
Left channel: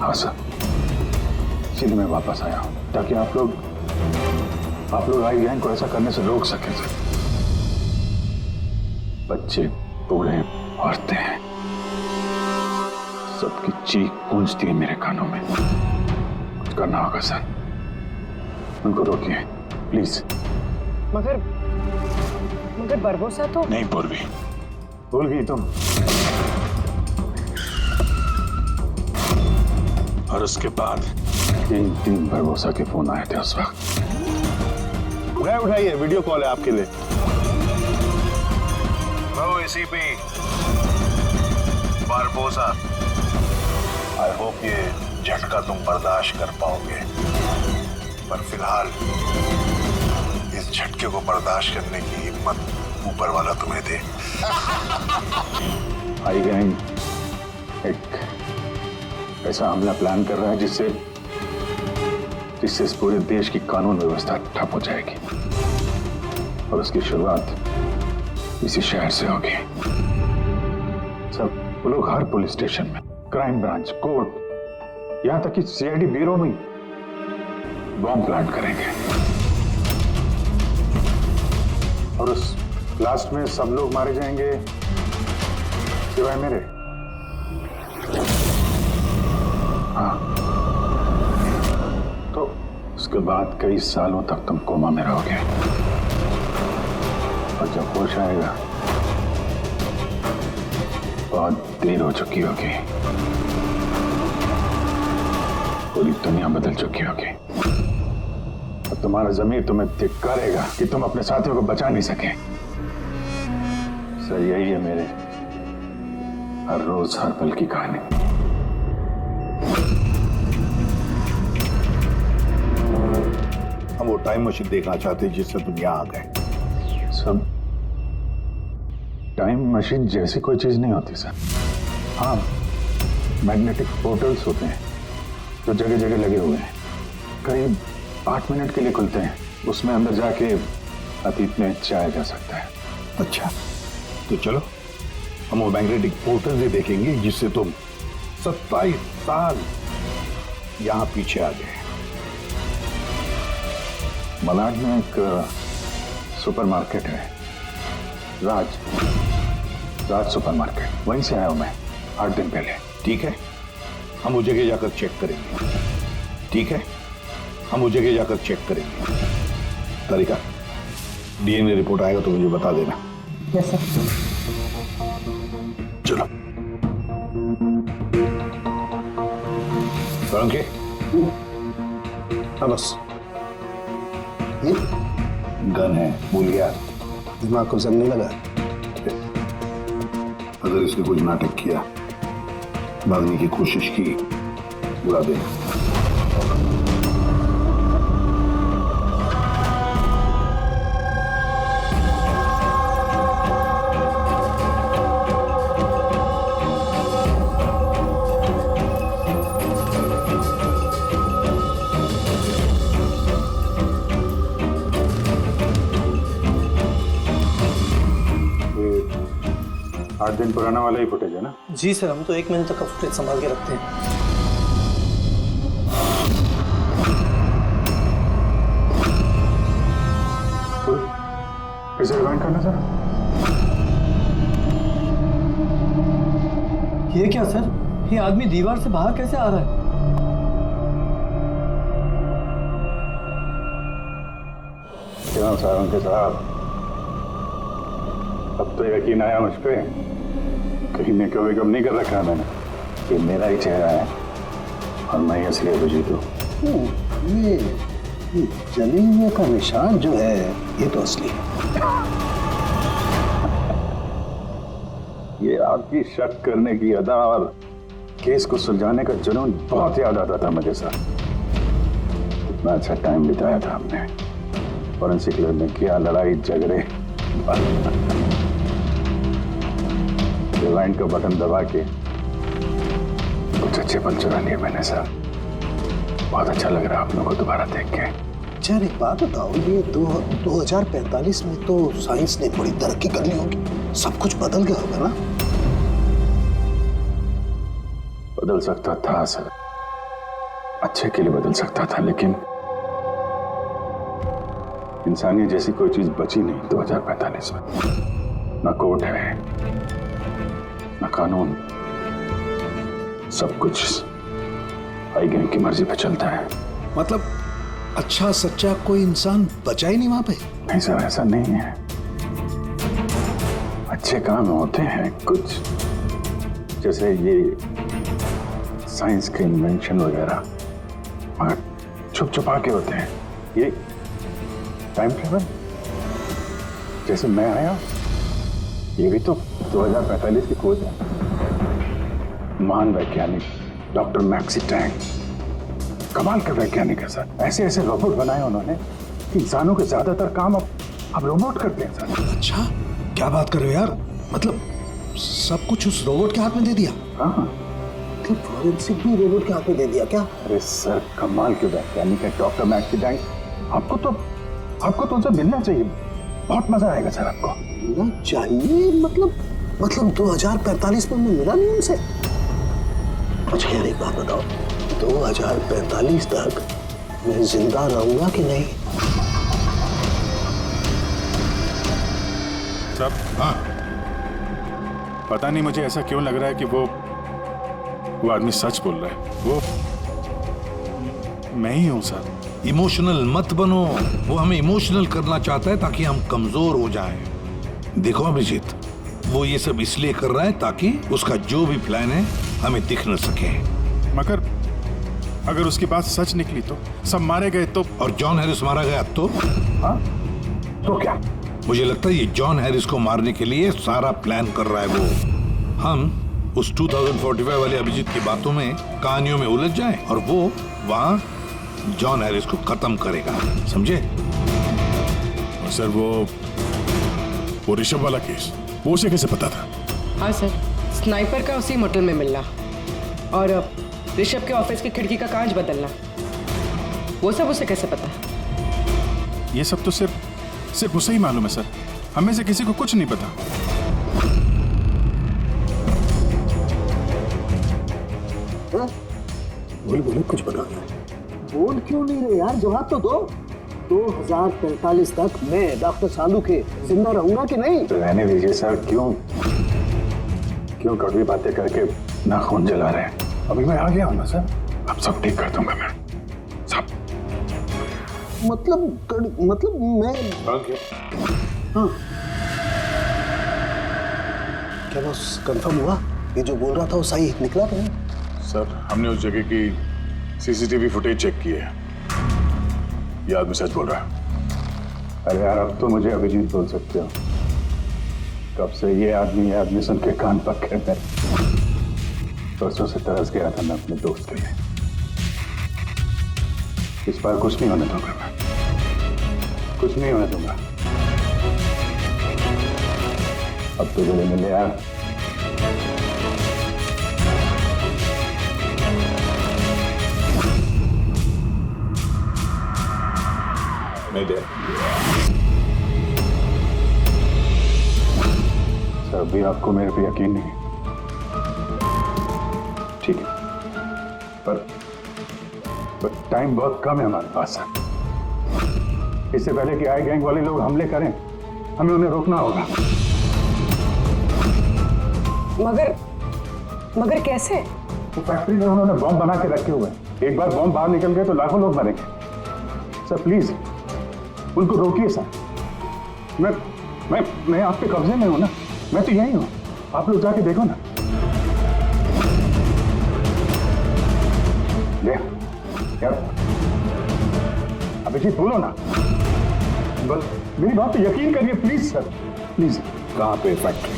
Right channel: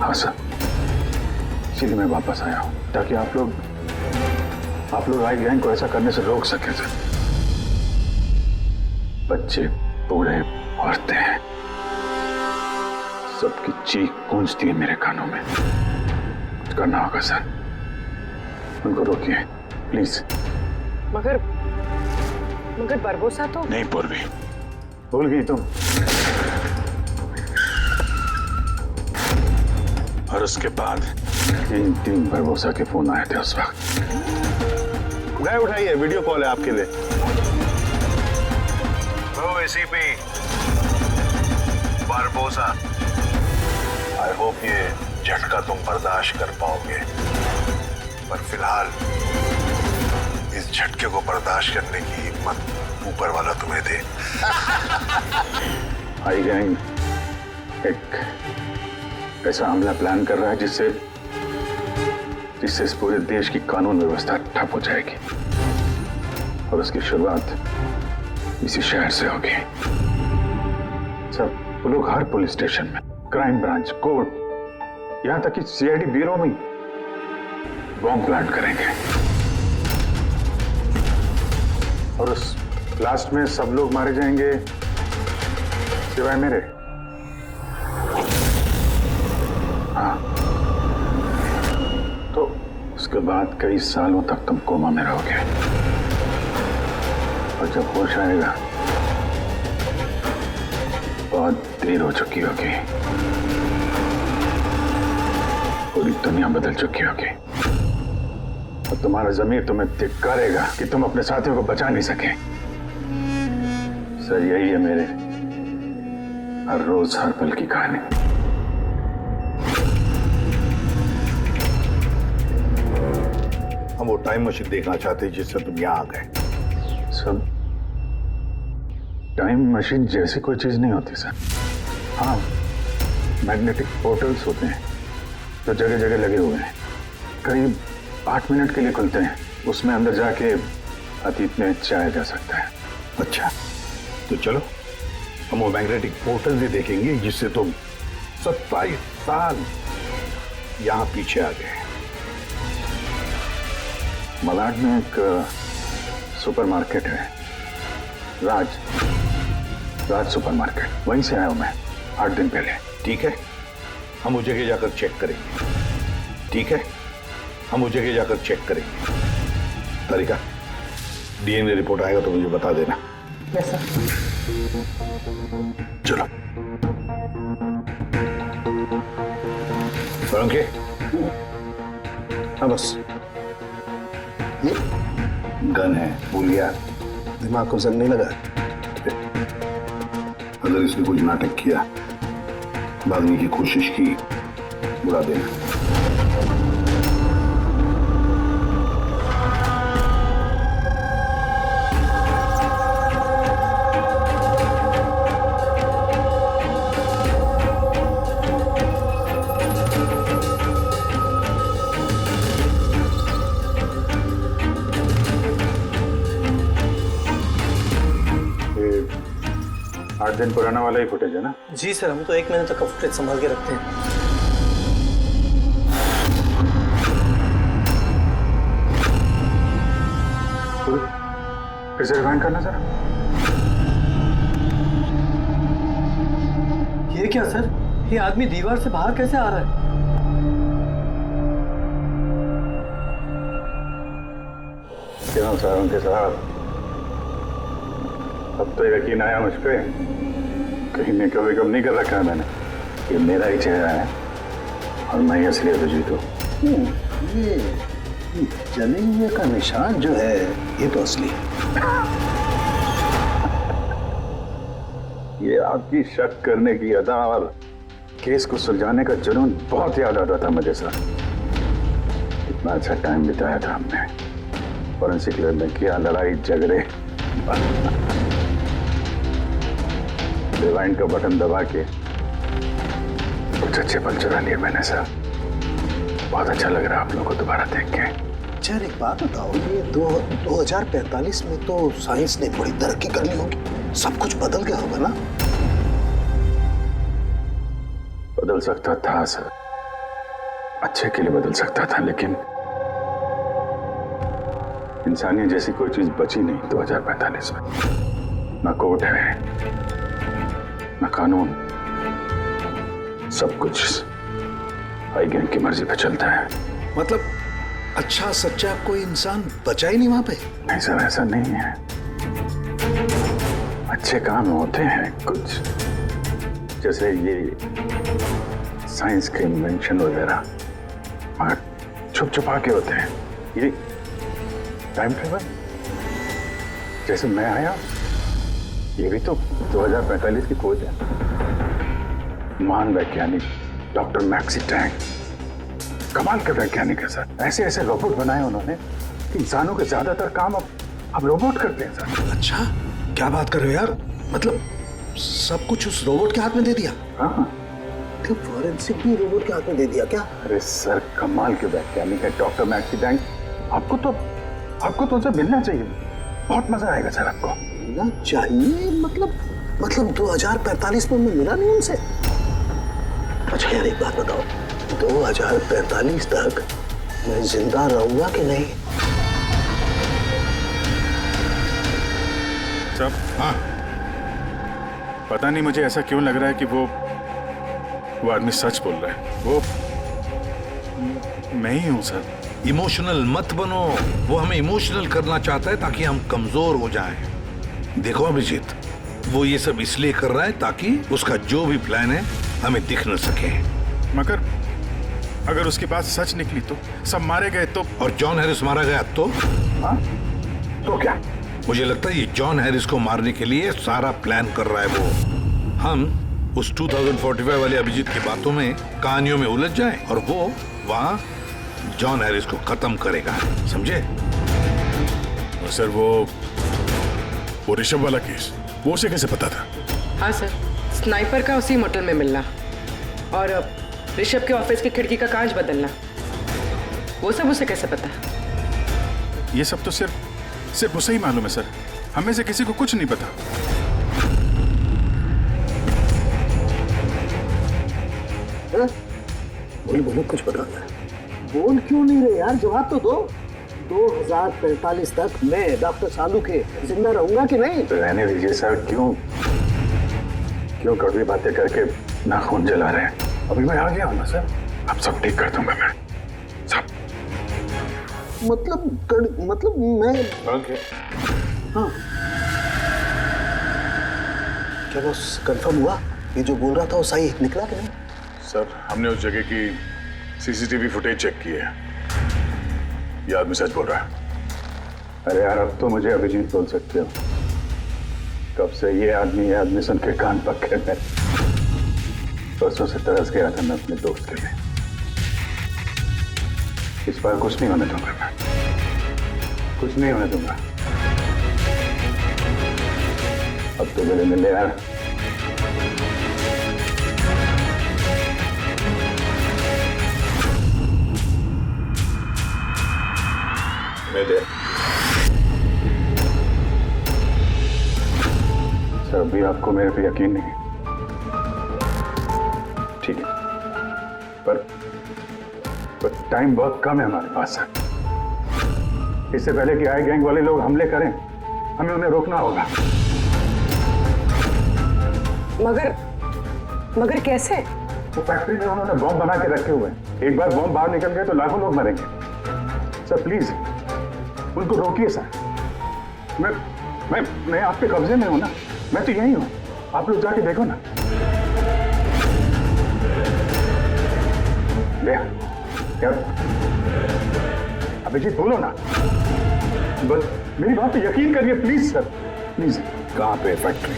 हाँ सर, इसीलिए मैं वापस आया हूं ताकि आप लोग आई गैंग को ऐसा करने से रोक सके सर। बच्चे, बूढ़े, औरतें, सबकी चीख गूंजती है मेरे कानों में। कुछ करना होगा सर, उनको रोकिए प्लीज। मगर बरबोसा तो नहीं पूर्वी, भूल गई तुम। और उसके बाद 3 बरबोसा के फोन आए थे उस वक्त। नहीं उठाइए, वीडियो कॉल है आपके लिए। Hello ACP Barbosa, I hope ये झटका तुम बर्दाश्त कर पाओगे, पर फिलहाल इस झटके को बर्दाश्त करने की हिम्मत ऊपर वाला तुम्हें दे। आई गैंग एक ऐसा हमला प्लान कर रहा है जिससे इस पूरे देश की कानून व्यवस्था ठप हो जाएगी, और उसकी शुरुआत इसी शहर से होगी। सब वो लोग हर पुलिस स्टेशन में, क्राइम ब्रांच, कोर्ट, यहां तक कि सीआईडी ब्यूरो में बॉम्ब प्लांट करेंगे, और उस ब्लास्ट में सब लोग मारे जाएंगे सिवाय मेरे। हाँ, तो उसके बाद कई सालों तक तुम कोमा में रहोगे, और जब होश आएगा बहुत देर हो चुकी होगी, पूरी दुनिया बदल चुकी होगी, और तुम्हारा जमीर तुम्हें धिक्कारेगा कि तुम अपने साथियों को बचा नहीं सके। सर, यही है हर रोज हर पल की कहानी। हम वो टाइम मशीन देखना चाहते हैं जिससे तुम यहाँ आ गए। सब टाइम मशीन जैसी कोई चीज नहीं होती सर। हाँ, मैग्नेटिक पोर्टल्स होते हैं जो जगह जगह लगे हुए हैं, करीब 8 मिनट के लिए खुलते हैं। उसमें अंदर जाके अतीत में जाया जा सकता है। अच्छा, तो चलो हम वो मैग्नेटिक पोर्टल ही देखेंगे जिससे तुम 27 साल यहाँ पीछे आ गए। मलाड में एक सुपरमार्केट है, राज सुपरमार्केट, वहीं से आया हूं मैं 8 दिन पहले। ठीक है, हम वो जगह जाकर चेक करेंगे। ठीक है, हम वो जगह जाकर चेक करेंगे। तारिका, डीएनए रिपोर्ट आएगा तो मुझे बता देना। Yes sir. चलो सोलंकी। हाँ बस, ये गन है, भूल गया? दिमाग को जंग नहीं लगा। अगर इसने कुछ नाटक किया, भागने की कोशिश की, बुला देना। ये 8 दिन पुराना वाला ही फुटेज है ना? जी सर, हम तो 1 महीने तक का फुटेज संभाल के रखते हैं। फिर से रिवाइंड करना जरा। ये क्या सर, ये आदमी दीवार से बाहर कैसे आ रहा है? क्यों सारंगी साहब, अब तो यकीन आया मुझ पे? कहीं ने कभी कम नहीं कर रखा है मैंने। ये मेरा ही चेहरा है और मैं ही असली अभिजीत हूँ। ये जले हुए का निशान जो है ये तो असली है। ये आपकी शक करने की अदा और केस को सुलझाने का जुनून बहुत याद आता था मुझे सर। कितना अच्छा टाइम बिताया था हमने फॉरेंसिक लैब में, किया लड़ाई झगड़े। रिवाइंड का बटन दबा के कुछ अच्छे पल चुरा लिए मैंने सर। बहुत अच्छा लग रहा है आप लोगों को दोबारा देख के। सर एक बात बताओ, ये 2045 में तो साइंस ने बड़ी तरक्की कर ली होगी, सब कुछ बदल गया होगा ना? बदल सकता था सर, अच्छे के लिए बदल सकता था, लेकिन इंसानियत जैसी कोई चीज बची नहीं 2045 में। ना कोर्ट है, ना कानून, सब कुछ हाई गैंग की मर्जी पे चलता है। मतलब अच्छा सच्चा कोई इंसान बचा ही नहीं वहां पे? नहीं सर, ऐसा नहीं है। अच्छे काम होते हैं कुछ, जैसे ये साइंस के इन्वेंशन वगैरह, मगर छुप छुपा के होते हैं। ये टाइम ट्रेवल, जैसे मैं आया, ये भी तो 2045 की खोज है। महान वैज्ञानिक डॉक्टर मैक्सी टैंक, कमाल के वैज्ञानिक है सर। ऐसे ऐसे रोबोट बनाए उन्होंने कि इंसानों के ज्यादातर काम अब रोबोट करते हैं सर। अच्छा, क्या बात कर रहे हो यार? मतलब सब कुछ उस रोबोट के हाथ में दे दिया? हाँ, तो फॉरेंसिक भी रोबोट के हाथ में दे दिया क्या? अरे सर, कमाल के वैज्ञानिक है डॉक्टर मैक्सी टैंक। आपको तो उनसे मिलना चाहिए, बहुत मजा आएगा सर आपको। मिलना चाहिए? मतलब 2045 में मैं मिला नहीं उनसे? अच्छा यार एक बात बताओ, 2045 तक मैं जिंदा रहूंगा कि नहीं? सब हाँ, पता नहीं मुझे ऐसा क्यों लग रहा है कि वो आदमी सच बोल रहा है। वो मैं ही हूं सर। इमोशनल मत बनो, वो हमें इमोशनल करना चाहता है ताकि हम कमजोर हो जाएं। देखो अभिजीत, वो ये सब इसलिए कर रहा है ताकि उसका जो भी प्लान है हमें दिख न सके। मगर अगर उसकी बात सच निकली तो सब मारे गए तो? और जॉन हैरिस मारा गया तो? हाँ, तो क्या? मुझे लगता है ये जॉन हैरिस को मारने के लिए सारा प्लान कर रहा है वो। हम उस 2045 वाले अभिजीत की बातों में, कहानियों में उलझ जाए और वो वहां जॉन हैरिस को खत्म करेगा, समझे? सर वो ऋषभ वाला केस, वो उसे कैसे पता था? हाँ सर, स्नाइपर का उसी मोटल में मिलना और ऋषभ के ऑफिस की खिड़की का कांच बदलना, वो सब उसे कैसे पता? ये सब तो सिर्फ उसे ही मालूम है सर, हमें से किसी को कुछ नहीं पता। बोल बोलो, कुछ बताना है। बोल क्यों नहीं रहे यार, जवाब तो दो। 2045 तक मैं डॉक्टर सालू के जिंदा रहूंगा कि नहीं? रहने दीजिए सर, क्यों कड़वी बातें करके नाखून जला रहे हैं? अभी मैं आ गया हूं ना सर, अब सब ठीक कर दूंगा मैं, सब। मतलब मैं हाँ, क्या बॉस कंफर्म हुआ? ये जो बोल रहा था वो सही निकला कि नहीं? सर, हमने उस जगह की सीसीटीवी फुटेज चेक की है, ये आदमी सच बोल रहा है। अरे यार, अब तो मुझे अभिजीत बोल सकते हो। कब से ये आदमी सुन के कान पक गए मेरे। परसों से तरस गया था मैं अपने दोस्त के लिए। इस बार कुछ नहीं होने दूंगा मैं, कुछ नहीं होने दूंगा। अब तो गले मिले यार। सर, अभी आपको मेरे पे यकीन नहीं है, ठीक है, पर टाइम बहुत कम है हमारे पास सर। इससे पहले कि आई गैंग वाले लोग हमले करें, हमें उन्हें रोकना होगा। मगर कैसे? वो फैक्ट्री में उन्होंने बॉम्ब बना के रखे हुए हैं। एक बार बॉम्ब बाहर निकल गए तो लाखों लोग मरेंगे। सर प्लीज उनको रोकिए सर। मैं आपके कब्जे में हूं ना, मैं तो यही हूं, आप लोग जाके देखो ना। यार अभिजीत बोलो ना, बस मेरी बात पे यकीन करिए प्लीज सर, प्लीज। कहां पे फैक्ट्री?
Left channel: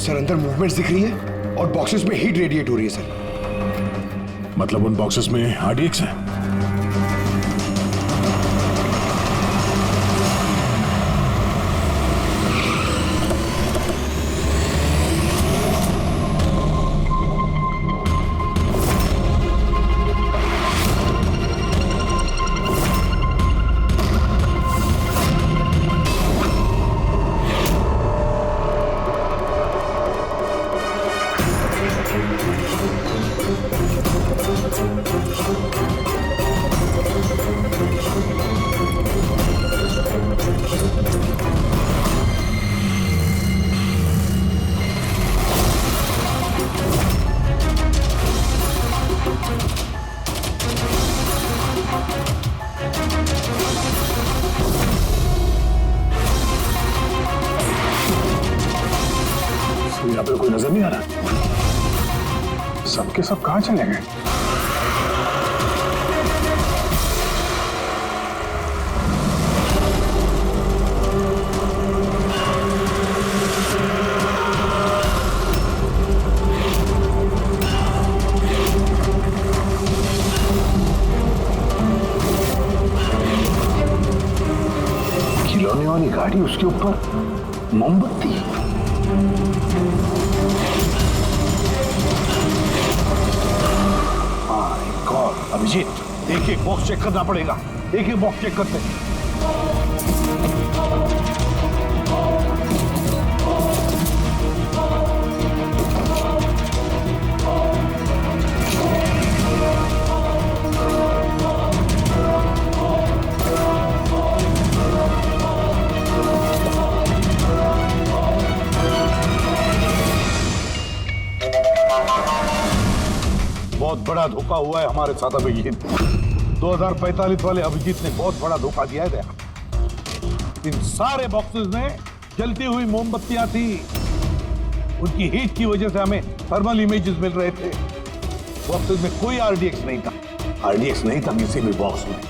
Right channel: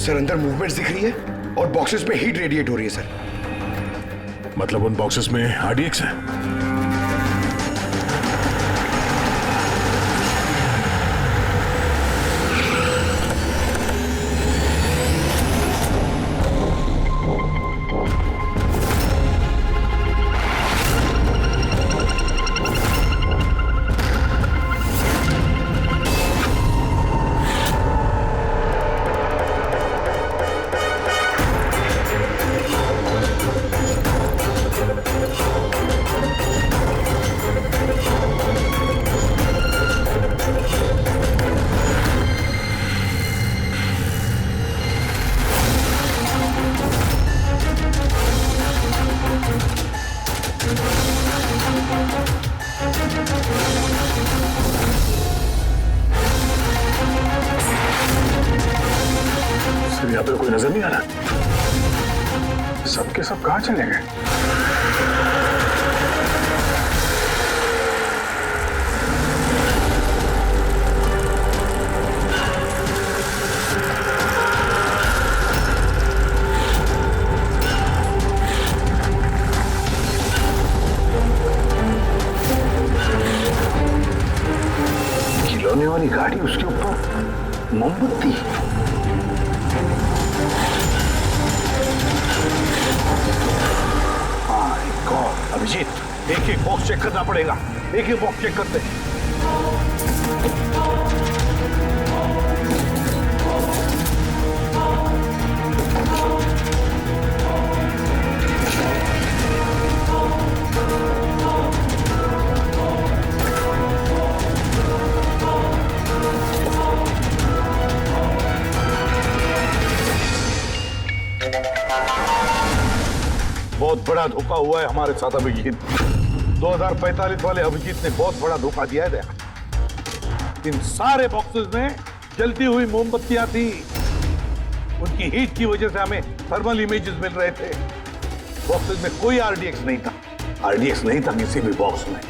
सर अंदर मूवमेंट्स दिख रही है और बॉक्सेस में हीट रेडिएट हो रही है सर। मतलब उन बॉक्सेस में RDX है? यहाँ पे कोई नजर नहीं आ रहा। सबके सब कहां चले गए? खिलौने वाली गाड़ी, उसके ऊपर मोमबत्ती। अभिजीत, एक एक बॉक्स चेक करना पड़ेगा, एक एक बॉक्स चेक करते हैं। बहुत बड़ा धोखा हुआ है हमारे साथ अभिजीत। 2045 वाले अभिजीत ने बहुत बड़ा धोखा दिया है दया। इन सारे बॉक्सेस में जलती हुई मोमबत्तियां थी। उनकी हीट की वजह से हमें थर्मल इमेजेस मिल रहे थे। बॉक्सेस में कोई आरडीएक्स नहीं था, आरडीएक्स नहीं था किसी भी बॉक्स में।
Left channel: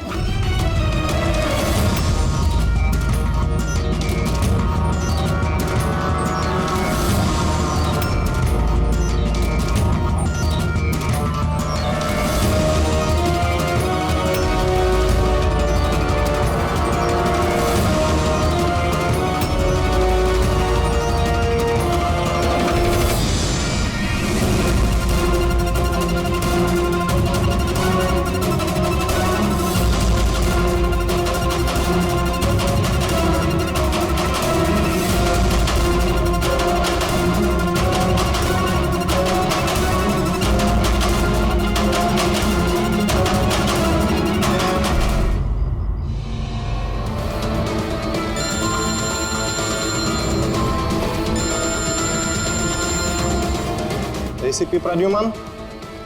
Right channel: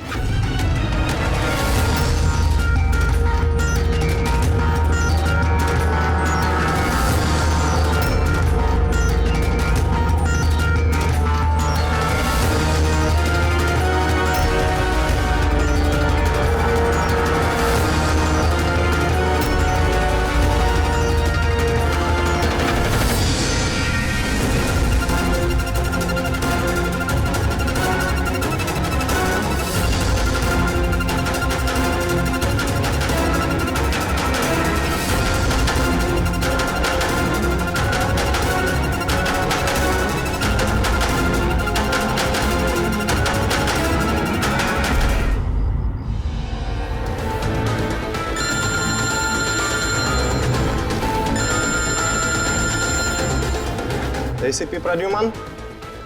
एसीपी प्रद्युमन।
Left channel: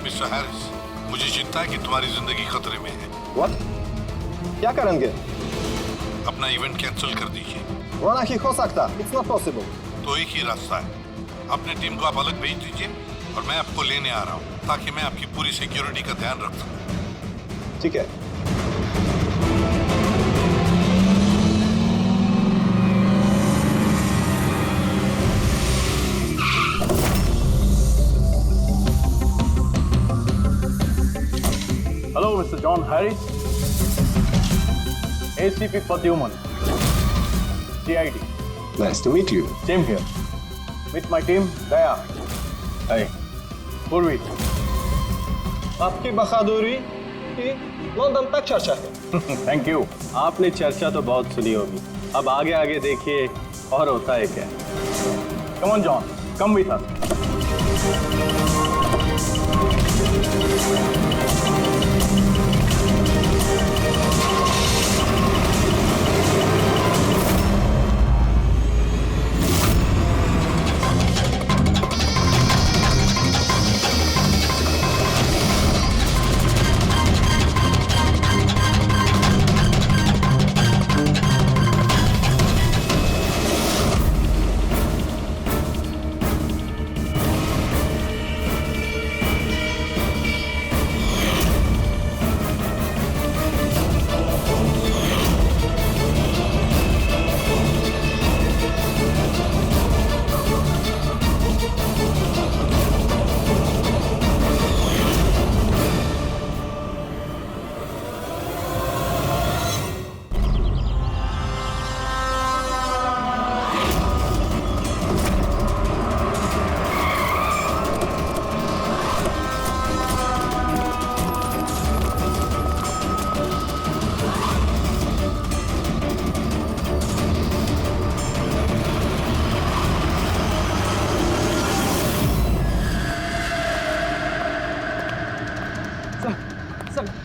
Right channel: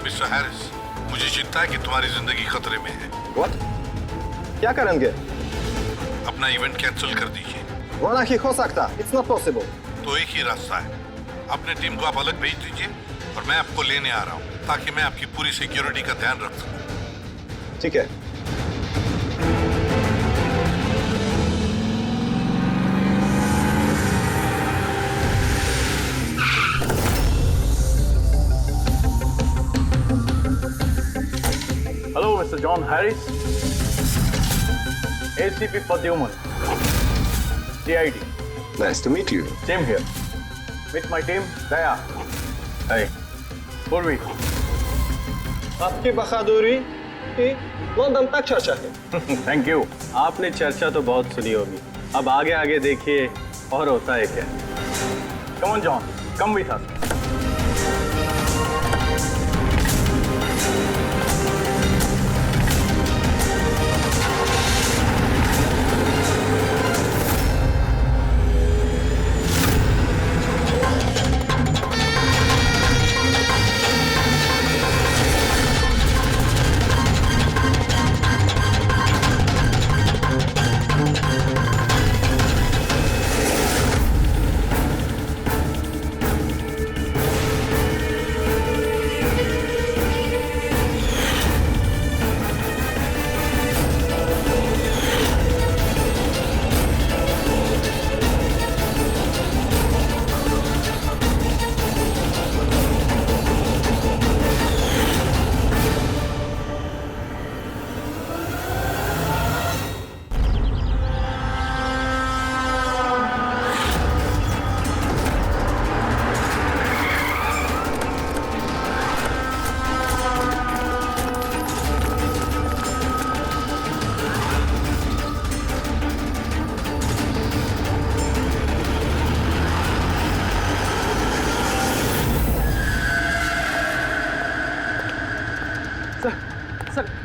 मिस्टर हैरिस, मुझे चिंता है कि तुम्हारी जिंदगी खतरे में है। व्हाट? क्या करेंगे? अपना इवेंट कैंसिल कर दीजिए। वो नहीं हो सकता। It's not possible. तो एक ही रास्ता है, अपने टीम को आप अलग भेज दीजिए और मैं आपको लेने आ रहा हूँ ताकि मैं आपकी पूरी सिक्योरिटी का ध्यान रख सकूं। ठीक है। Hello, Mr. John Harris. ACP Pradyuman. CID. Nice to meet you. Same here. Meet my team, Daya. Hey. Purvi. आपकी बहादुरी की लंदन तक चर्चा है। Thank you. आपने चर्चा तो बहुत सुनी होगी, अब आगे आगे देखिए और होता है क्या। Come on, John. Come with us.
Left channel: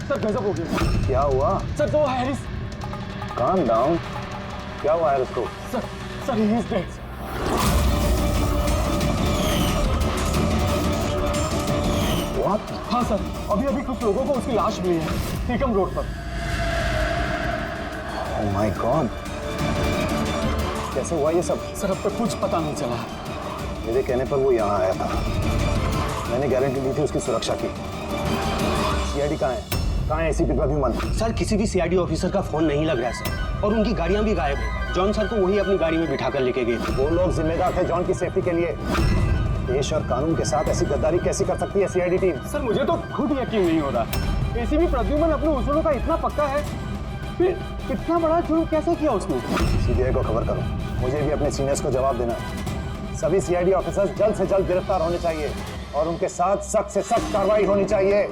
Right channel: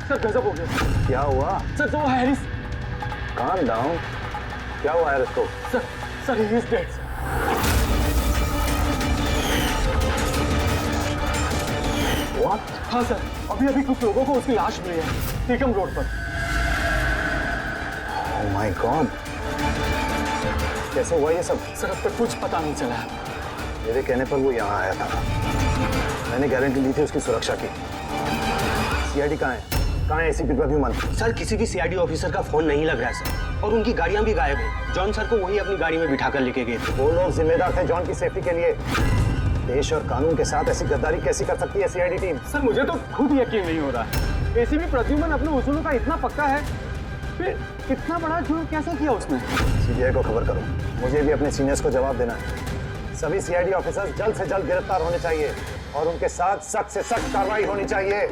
Sir गजब हो गया। क्या हुआ? सर तो हैरिस। Calm down. क्या हुआ हैरिस को? Sir he is dead. What? हाँ सर, अभी कुछ लोगों को उसकी लाश मिली है टीकम रोड पर। ओह माय गॉड, कैसे हुआ ये सब? सर अब तक कुछ पता नहीं चला। मेरे कहने पर वो यहाँ आया था, मैंने गारंटी ली थी उसकी सुरक्षा की। सीआईडी कहाँ है? कहाँ है एसीपी प्रद्युमन? सर किसी भी सीआईडी ऑफिसर का फोन नहीं लग रहा है सर, और उनकी गाड़ियां भी गायब है। जॉन सर को वही अपनी गाड़ी में बिठाकर लेके गए थे। वो लोग जिम्मेदार थे जॉन की सेफ्टी के लिए। देश और कानून के साथ ऐसी गद्दारी कैसी कर सकती है सीआईडी टीम? सर मुझे तो खुद यकीन नहीं हो रहा। एसीपी प्रद्युमन अपने उसूलों का इतना पक्का है, फिर इतना बड़ा जुर्म कैसे किया उसने? सीबीआई को खबर करो, मुझे भी अपने सीनियर्स को जवाब देना है। सभी सीआईडी ऑफिसर्स जल्द से जल्द गिरफ्तार होने चाहिए और उनके साथ सख्त से सख्त कार्रवाई होनी चाहिए।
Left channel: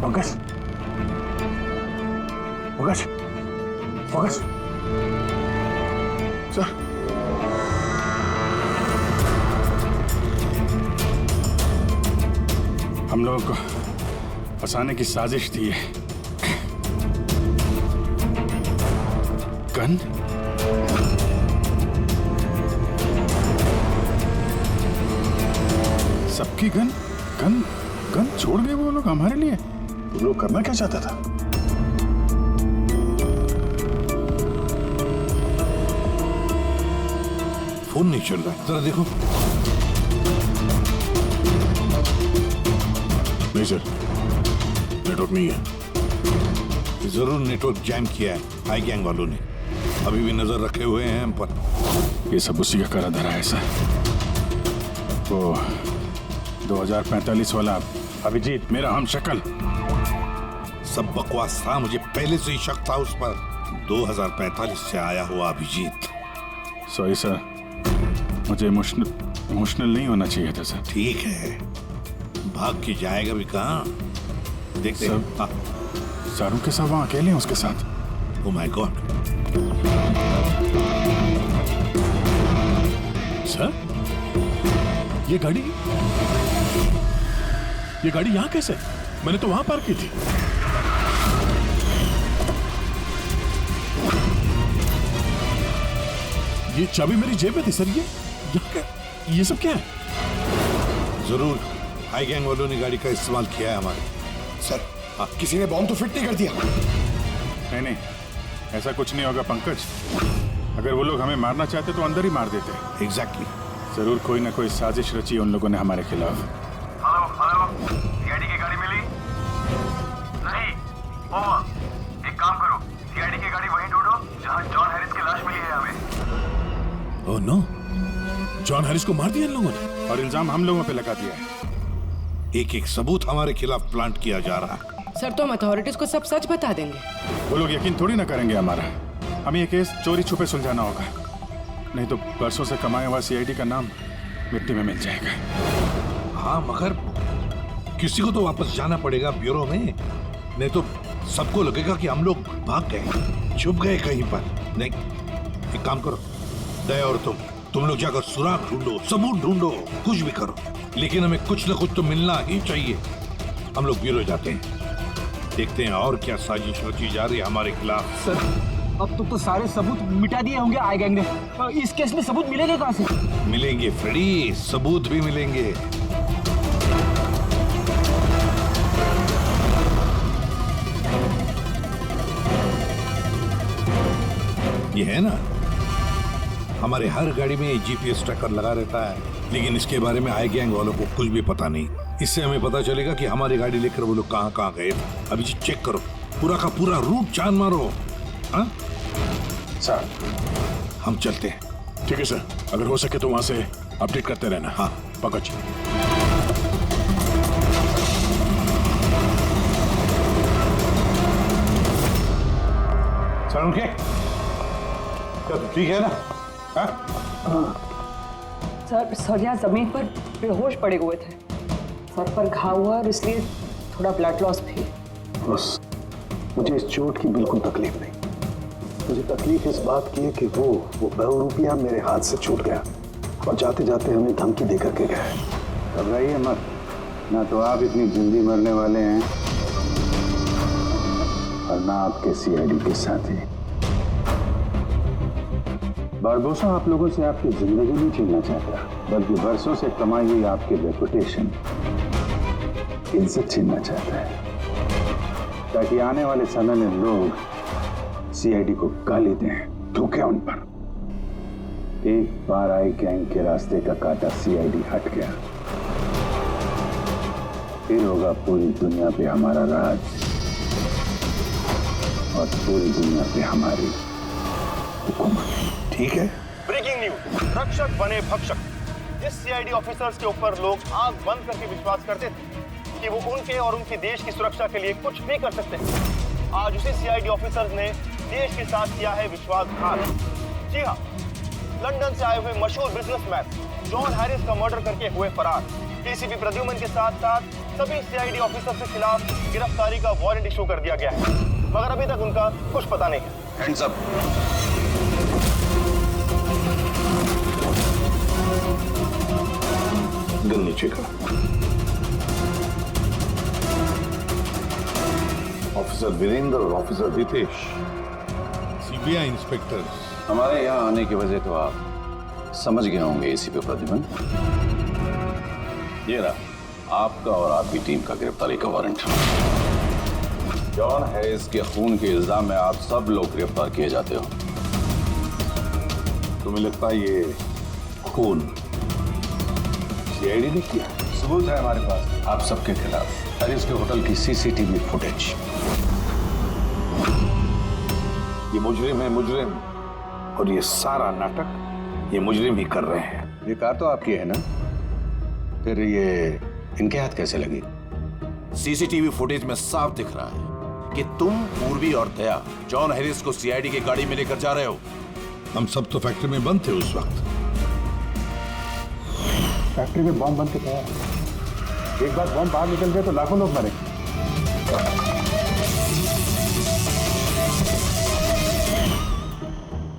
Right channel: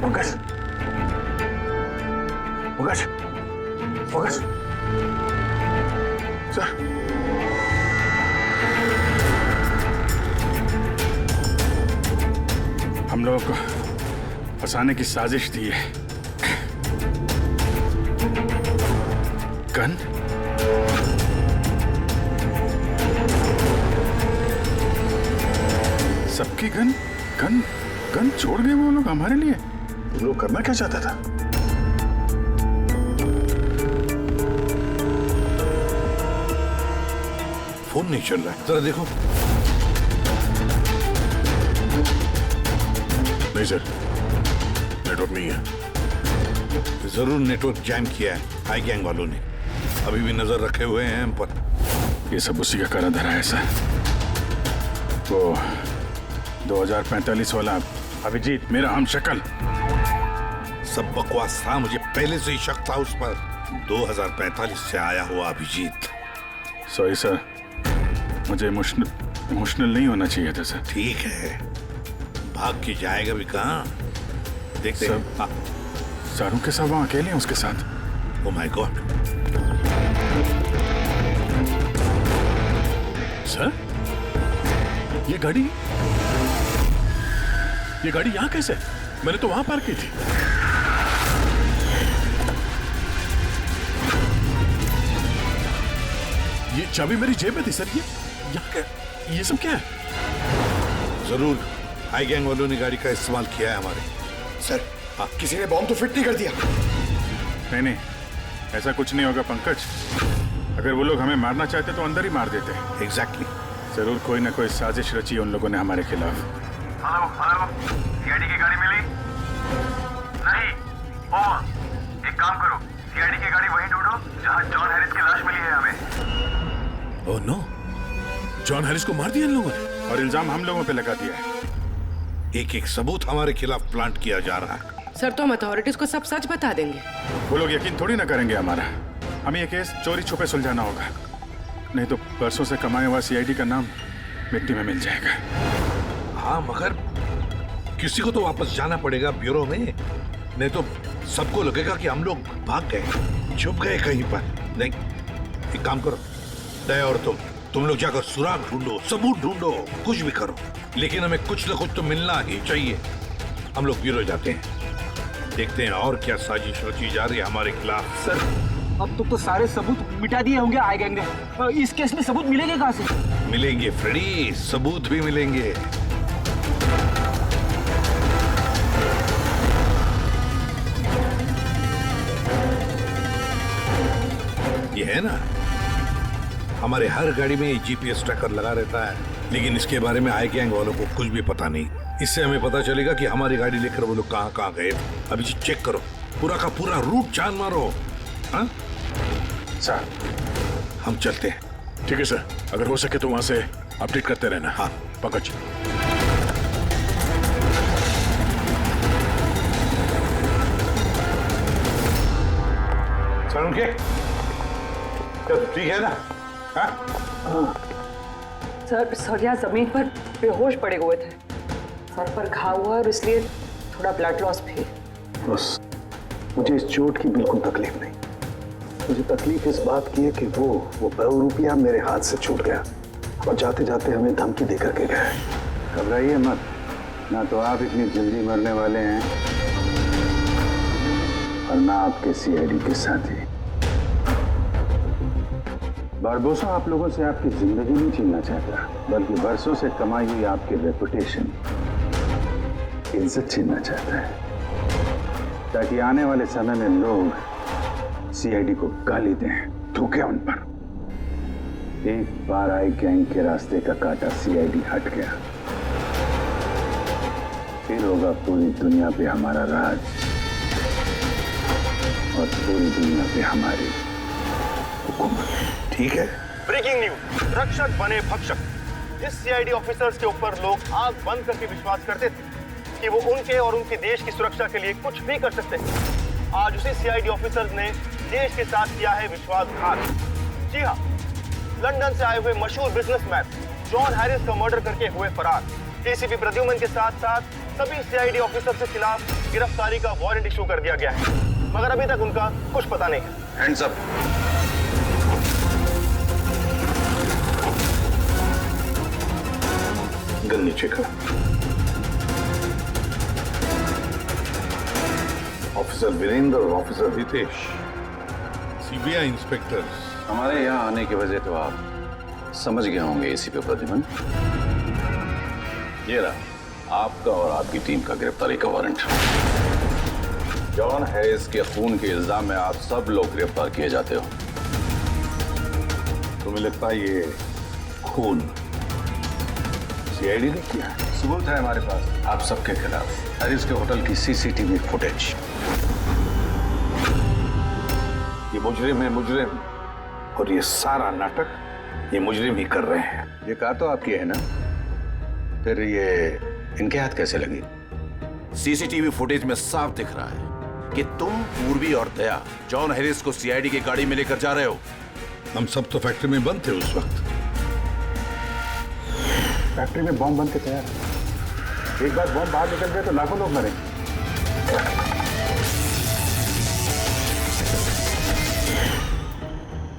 पंकज, पंकज, पंकज, सर, हम लोगों को फंसाने की साजिश थी है। गन? सबकी गन गन गन छोड़ गए वो लोग हमारे लिए। वो लोग करना क्या चाहता था? फोन नहीं चल रहा है, जरा देखो। नहीं सर, नेटवर्क नहीं है। जरूर नेटवर्क जैम किया है हाई गैंग वालों ने। अभी भी नजर रखे हुए हैं हम पर। ये सब उसी का करा धरा है सर। वो 2045 वाला अभिजीत, मेरा हमशक्ल। सब बकवास था, मुझे पहले से ही शक था उस पर। 2045 से आया हुआ अभिजीत। सॉरी सर, मुझे इमोशनल नहीं होना चाहिए था सर। ठीक है, भाग के जाएगा भी कहाँ, देखते हैं। हाँ। सारू के साथ वहां अकेले हैं उसके साथ। Oh my God. सर, ये गाड़ी यहाँ कैसे? मैंने तो वहां पार्क की थी। ये चाबी मेरी जेब में थी सर। ये यहाँ क्या, ये सब क्या है? जरूर हाई गैंग वालों ने गाड़ी का इस्तेमाल किया है हमारे। सर, किसी ने बॉम्ब तो फिट नहीं कर दिया? नहीं, ऐसा कुछ नहीं होगा पंकज। अगर वो लोग हमें मारना चाहते तो अंदर ही मार देते। एग्जैक्टली। जरूर कोई ना कोई साजिश रची है उन लोगों ने हमारे खिलाफ। हेलो, सीआईडी की गाड़ी मिली? नहीं। ओवर। एक काम करो, सीआईडी की गाड़ी वहीं ढूंढो जहां जॉन हैरिस की लाश मिली है हमें। ओह नो, जॉन हैरिस को मार दिया इन लोगों ने और इल्जाम हम लोगों पे लगा दिया है। एक एक सबूत हमारे खिलाफ प्लांट किया जा रहा है। सर, तो हम अथॉरिटीज को सब सच बता देंगे। वो लोग यकीन थोड़ी ना करेंगे हमारा। हमें ये केस चोरी छुपे सुलझाना होगा, नहीं तो बरसों से कमाया हुआ सीआईडी का नाम मिट्टी में मिल जाएगा। हाँ, मगर किसी को तो वापस जाना पड़ेगा ब्यूरो में, नहीं तो सबको लगेगा कि हम लोग भाग गए, छुप गए कहीं पर। नहीं, एक काम करो, दया और तुम लोग जाकर सुराग ढूंढो, सबूत ढूंढो, कुछ भी करो, लेकिन हमें कुछ न कुछ तो मिलना ही चाहिए। हम लोग ब्यूरो जाते हैं, देखते हैं और क्या साजिश रची जा रही है हमारे खिलाफ। सर, अब तो सारे सबूत मिटा दिए होंगे आई गैंग ने। इस केस में सबूत मिलेंगे कहाँ से? मिलेंगे फ्रेडी, सबूत भी मिलेंगे। ये है ना, हमारे हर गाड़ी में जीपीएस ट्रैकर लगा रहता है, लेकिन इसके बारे में आई गैंग वालों को कुछ भी पता नहीं। इससे हमें पता चलेगा कि हमारी गाड़ी लेकर वो लोग कहाँ कहाँ गए। अभी चेक करो, पूरा का पूरा रूट जान मारो। हाँ सर, हम चलते हैं। ठीक है सर, अगर हो सके तो वहां से अपडेट करते रहना। हाँ पंकज। सर, उनके ठीक है ना? हाँ। सर यहाँ जमीन पर बेहोश पड़े हुए थे, सर पर घाव हुआ और इसलिए थोड़ा ब्लड लॉस भी। बस मुझे इस चोट की बिल्कुल तकलीफ नहीं। मुझे तकलीफ इस बात की है कि वो बहुरूपिया मेरे हाथ से छूट गया और जाते जाते हमें धमकी देकर के गए। घबराइए मत, ना तो आप इतनी जल्दी मरने वाले हैं और ना आपके सीआईडी के साथी। बारबोसा आप लोगों से आपकी जिंदगी नहीं छीनना चाहता, बल्कि बरसों से कमाई हुई आपकी रेपुटेशन, इज्जत छीनना चाहता है, ताकि आने वाले समय में लोग सीआईडी को गाली दें, थूकें उन पर। एक बार आई गैंग के रास्ते का कांटा सीआईडी हट गया, फिर होगा पूरी दुनिया पे हमारा राज और पूरी दुनिया पे हमारी हुकूमत। ठीक है। ब्रेकिंग न्यूज, रक्षक बने भक्षक। जिस सीआईडी ऑफिसर्स के ऊपर लोग आंख बंद करके विश्वास करते थे कि वो उनके और उनके देश की सुरक्षा के लिए कुछ भी कर सकते हैं, आज उसी सीआईडी ऑफिसर्स ने देश के साथ किया है विश्वासघात। जी हाँ, लंदन से आए हुए मशहूर बिजनेसमैन जॉन हैरिस का मर्डर करके हुए फरार एसीपी प्रद्युमन के साथ साथ सभी सीआईडी ऑफिसर्स के खिलाफ गिरफ्तारी का वारंट इशू कर दिया गया है, मगर अभी तक उनका कुछ पता नहीं है। Hands up. गन नीचे कर। ऑफिसर वीरेंद्र और ऑफिसर हितेश एलबीआई इंस्पेक्टर। हमारे यहाँ आने की वजह तो आप समझ गए होंगे एसीपी प्रद्युमन। ये रहा आपका और आपकी टीम का गिरफ्तारी का वारंट। जॉन हैरिस के खून के इल्जाम में आप सब लोग गिरफ्तार किए जाते हो। तुम्हें लगता है ये खून सीआईडी ने किया है? सबूत है हमारे पास आप सबके खिलाफ। हैरिस के होटल की सीसीटीवी फुटेज। ये मुजरिम है मुजरिम, और ये सारा नाटक ये मुजरिम ही कर रहे हैं। ये कार तो आपकी है ना, फिर ये इनके हाथ कैसे लगी? सीसीटीवी फुटेज में साफ दिख रहा है कि तुम, पूर्वी और दया जॉन हैरिस को सीआईडी की गाड़ी में लेकर जा रहे हो। हम सब तो फैक्ट्री में बंद थे उस वक्त। फैक्ट्री में बॉम्ब बन के तैयार है। एक बार बॉम्ब बाहर निकल गए तो लाखों लोग मरेंगे।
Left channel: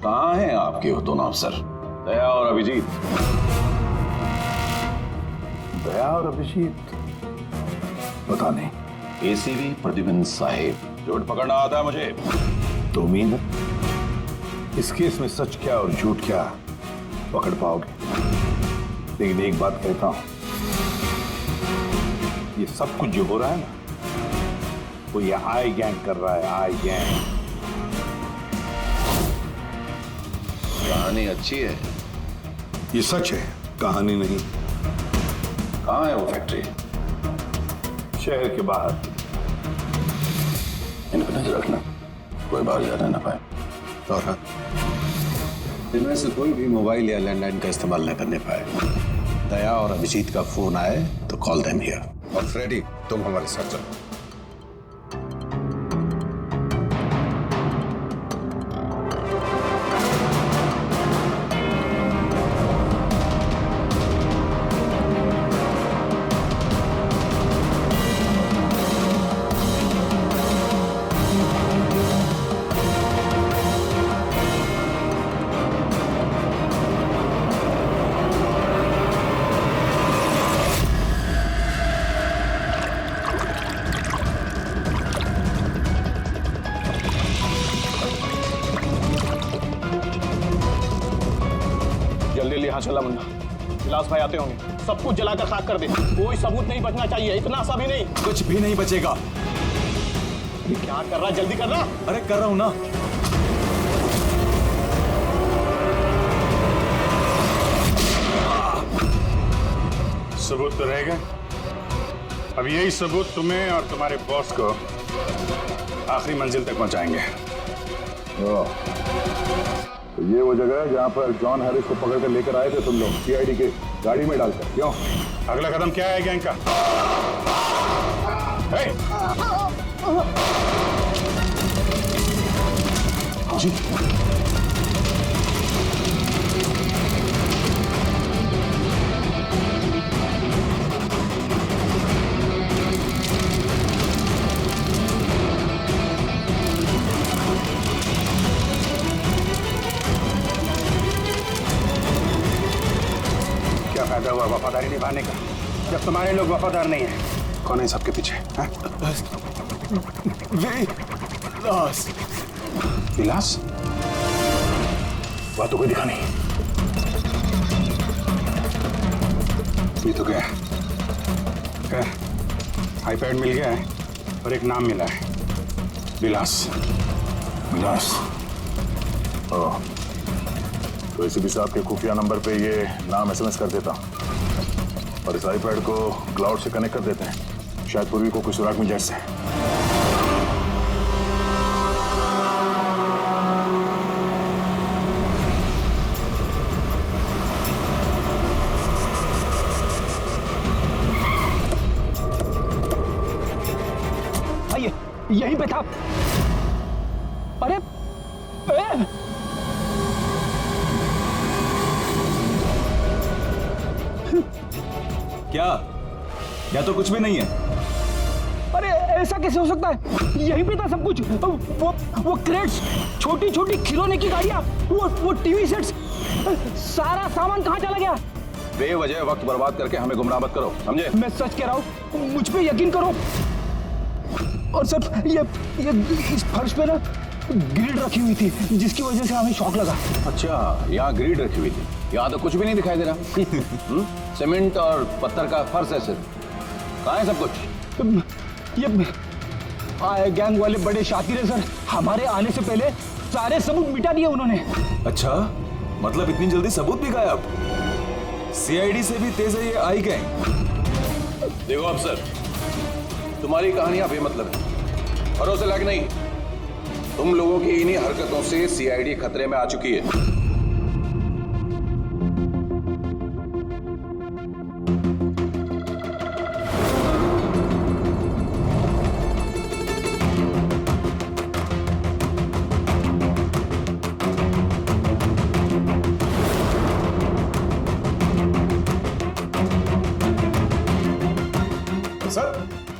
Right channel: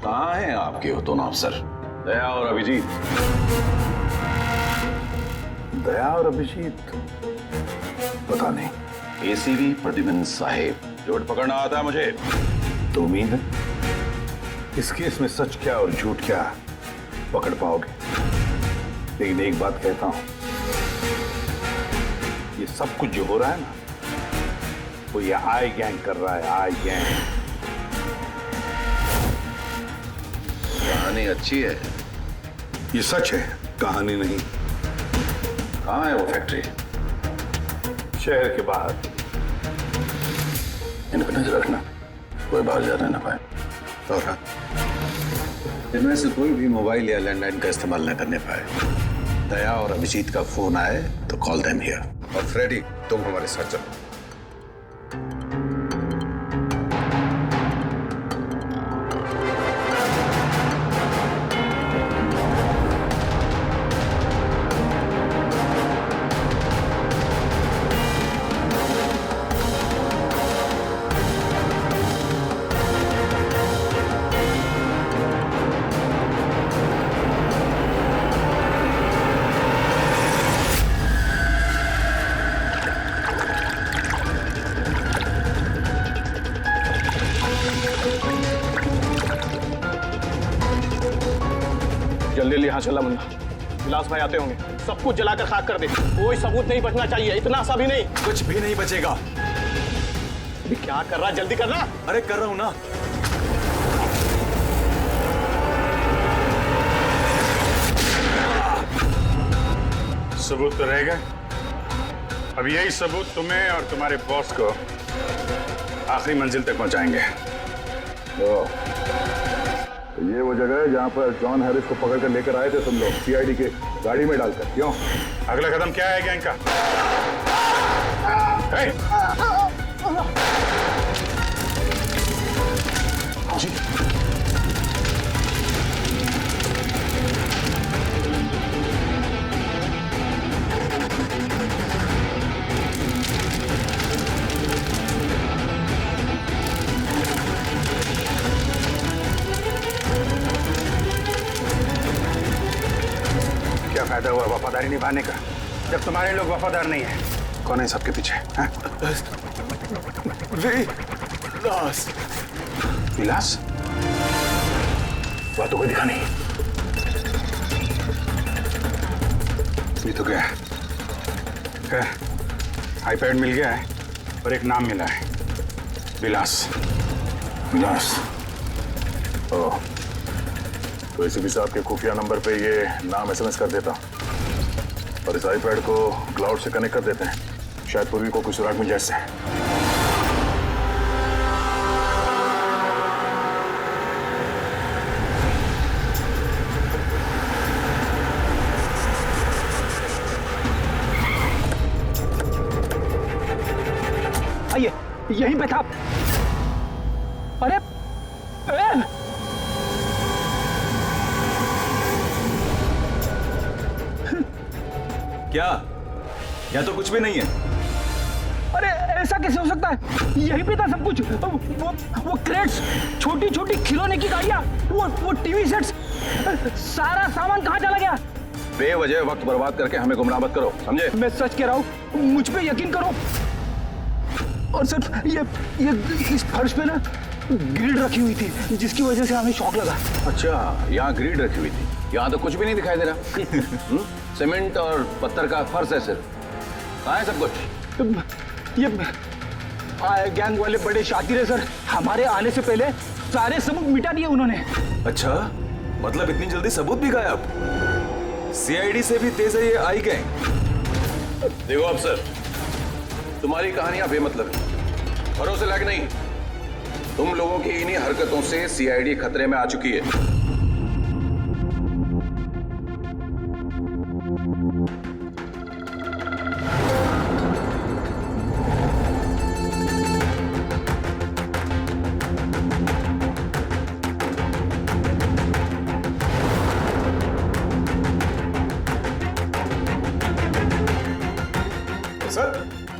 कहाँ हैं आपके वो दोनों अफसर, दया और अभिजीत? दया और अभिजीत पता नहीं। एसीपी प्रद्युमन साहेब, झूठ पकड़ना आता है मुझे। तो उम्मीद है इस केस में सच क्या और झूठ क्या पकड़ पाओगे। लेकिन एक बात कहता हूं, ये सब कुछ जो हो रहा है ना, वो ये आई गैंग कर रहा है। आई गैंग। कहानी अच्छी है, ये सच है, कहानी नहीं। कहाँ है वो फैक्ट्री? शहर के बाहर। इन पर नजर रखना, कोई बाहर जाने ना पाए। और हाँ, इनमें से कोई भी मोबाइल या लैंडलाइन का इस्तेमाल न करने पाए। दया और अभिजीत का फोन आए तो कॉल देम हियर। और फ्रेडी, तुम हमारे साथ चलो। जल्दी जल्दी यहाँ चला मुन्ना, विलास भाई आते होंगे। सब कुछ जलाकर खाक कर दे, कोई सबूत नहीं बचना चाहिए। इतना सा भी नहीं। कुछ भी नहीं बचेगा। अभी क्या कर रहा, जल्दी करना। अरे कर रहा हूं ना। सबूत तो रहेगा। अब यही सबूत तुम्हें और तुम्हारे बॉस को आखिरी मंजिल तक पहुंचाएंगे। तो ये वो जगह है जहां पर जॉन हैरिस को पकड़ कर लेकर आए थे तुम लोग, सीआईडी के गाड़ी में डालकर। क्यों? अगला कदम क्या है गैंग का? जी क्या फायदा हुआ वफादारी निभाने का जब तुम्हारे लोग वफादार नहीं है? कौन है सबके पीछे? विलास। विलास? वह तो कोई दिखा नहीं। ये तो क्या है? आईपैड मिल गया है और एक नाम मिला है, विलास। विलास? ओह, तो एसीपी साहब के खुफिया नंबर पे ये नाम एसएमएस कर देता और इस आईपैड को क्लाउड से कनेक्ट कर देते हैं। शायद पूर्वी को कुछ सुराग मिल जाए इससे। आइए, यहीं पे था। अरे क्या? या तो कुछ भी नहीं है। अरे ऐसा कैसे हो सकता है? यहीं पे था सब कुछ। वो क्रेट्स, छोटी छोटी खिलौने की गाड़ियां, वो टीवी सेट्स, सारा सामान कहाँ चला गया? बेवजह वक्त बर्बाद करके हमें गुमराह मत करो, समझे? मैं सच कह रहा हूँ, मुझ पे यकीन करो। और सर ये इस फर्श पे ना ग्रिड रखी हुई थी जिसकी वजह से हमें शॉक लगा। अच्छा, यहाँ ग्रिड रखी हुई थी, यहाँ तो कुछ भी नहीं दिखाई दे रहा। सीमेंट और पत्थर का फर्श है सिर्फ। कहाँ है सब कुछ? ये गैंग वाले बड़े शातिर है सर, हमारे आने से पहले सारे सबूत मिटा दिए उन्होंने। अच्छा, मतलब इतनी जल्दी सबूत भी गायब? सीआईडी से भी तेज है ये आई गैंग। देखो अफसर, तुम्हारी कहानियां बेमतलब है, भरोसे लायक नहीं। तुम लोगों की इन्हीं हरकतों से सीआईडी खतरे में आ चुकी है।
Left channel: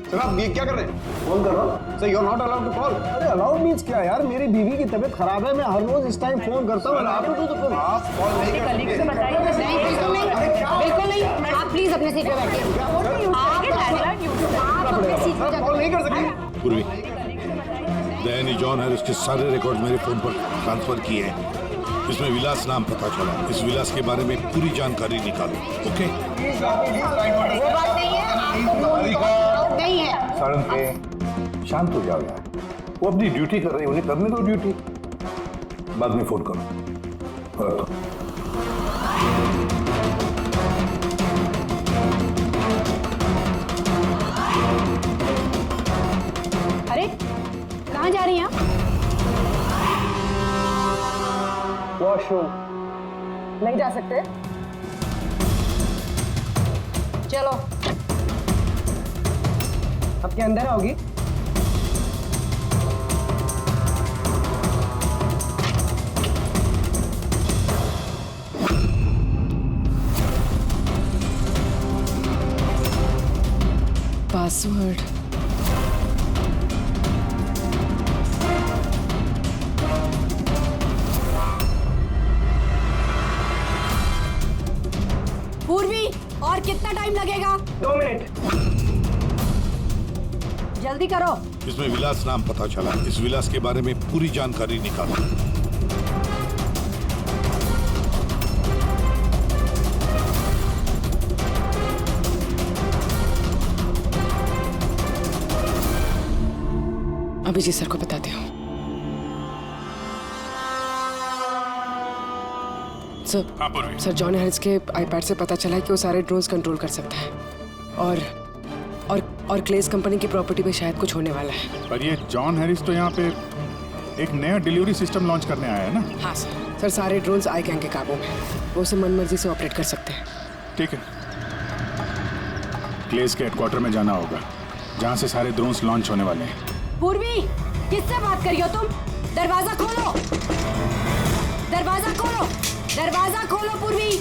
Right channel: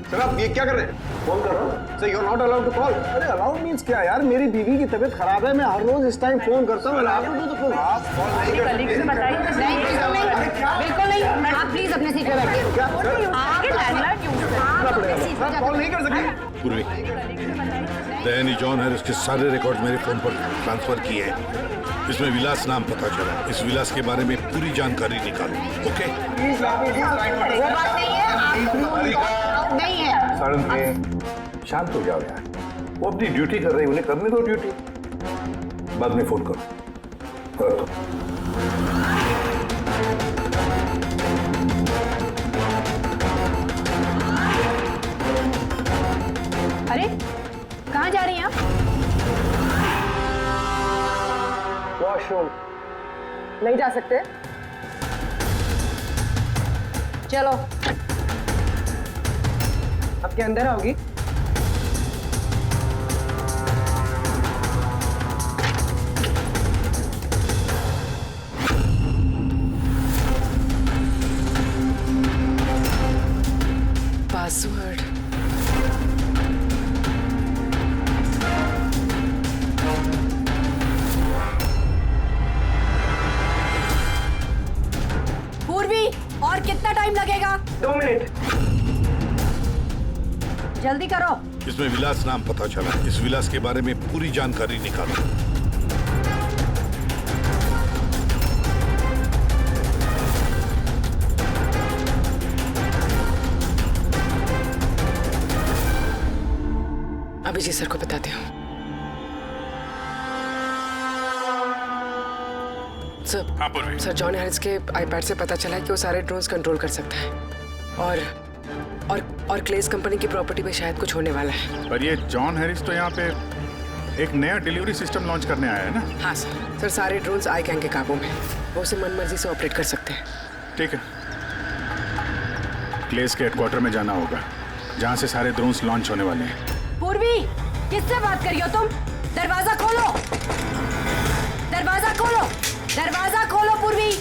सर आप ये क्या कर रहे हैं? फोन कर रहा हूँ। Sir you are not allowed to call. अरे अलाउड मीन्स क्या यार, मेरी बीवी की तबीयत खराब है, मैं हर रोज इस टाइम फोन करता हूँ। आप कॉल नहीं कर सकते। बिल्कुल नहीं, आप प्लीज अपने सीट पे बैठिए। कॉल नहीं कर सकते। पूर्वी, दैनी जॉन हैरिस के सारे रिकॉर्ड मेरे फोन पर ट्रांसफर किए हैं। इसमें विलास नाम पता चला। इस विलास के बारे में पूरी जानकारी निकालो। ओके? वो बात नहीं है, नहीं है। सारंग, शांत हो जाओ यार, वो अपनी ड्यूटी कर रहे हैं, उन्हें करने दो ड्यूटी। बाद में फोन करो। रखो। अरे कहाँ जा रही हैं आप? वॉशरूम। नहीं जा सकते? चलो। अब क्या अंदर आओगी? पासवर्ड। पूर्वी, और कितना टाइम लगेगा? 2 मिनट। जल्दी करो। इसमें विलास नाम पता चला। इस विलास के बारे में पूरी जानकारी निकालो। अभिजीत सर को बताते हो। सर जॉन हैरिस के आईपैड से पता चला है कि वो सारे ड्रोन्स कंट्रोल कर सकता है और क्लेस कंपनी की प्रॉपर्टी पे शायद कुछ होने वाला है। पर ये जॉन हैरिस तो यहाँ पे एक नया डिलीवरी सिस्टम लॉन्च करने आया है ना? हाँ सर सारे ड्रोन्स आई गैंग के काबू में, वो उसे मनमर्जी से ऑपरेट कर सकते हैं। ठीक है, क्लेस के हेडक्वार्टर में जाना होगा जहाँ से सारे ड्रोन्स लॉन्च होने वाले हैं। पूर्वी, किससे बात कर रही हो तुम? दरवाजा खोलो, दरवाजा खोलो, दरवाजा खोलो पूर्वी,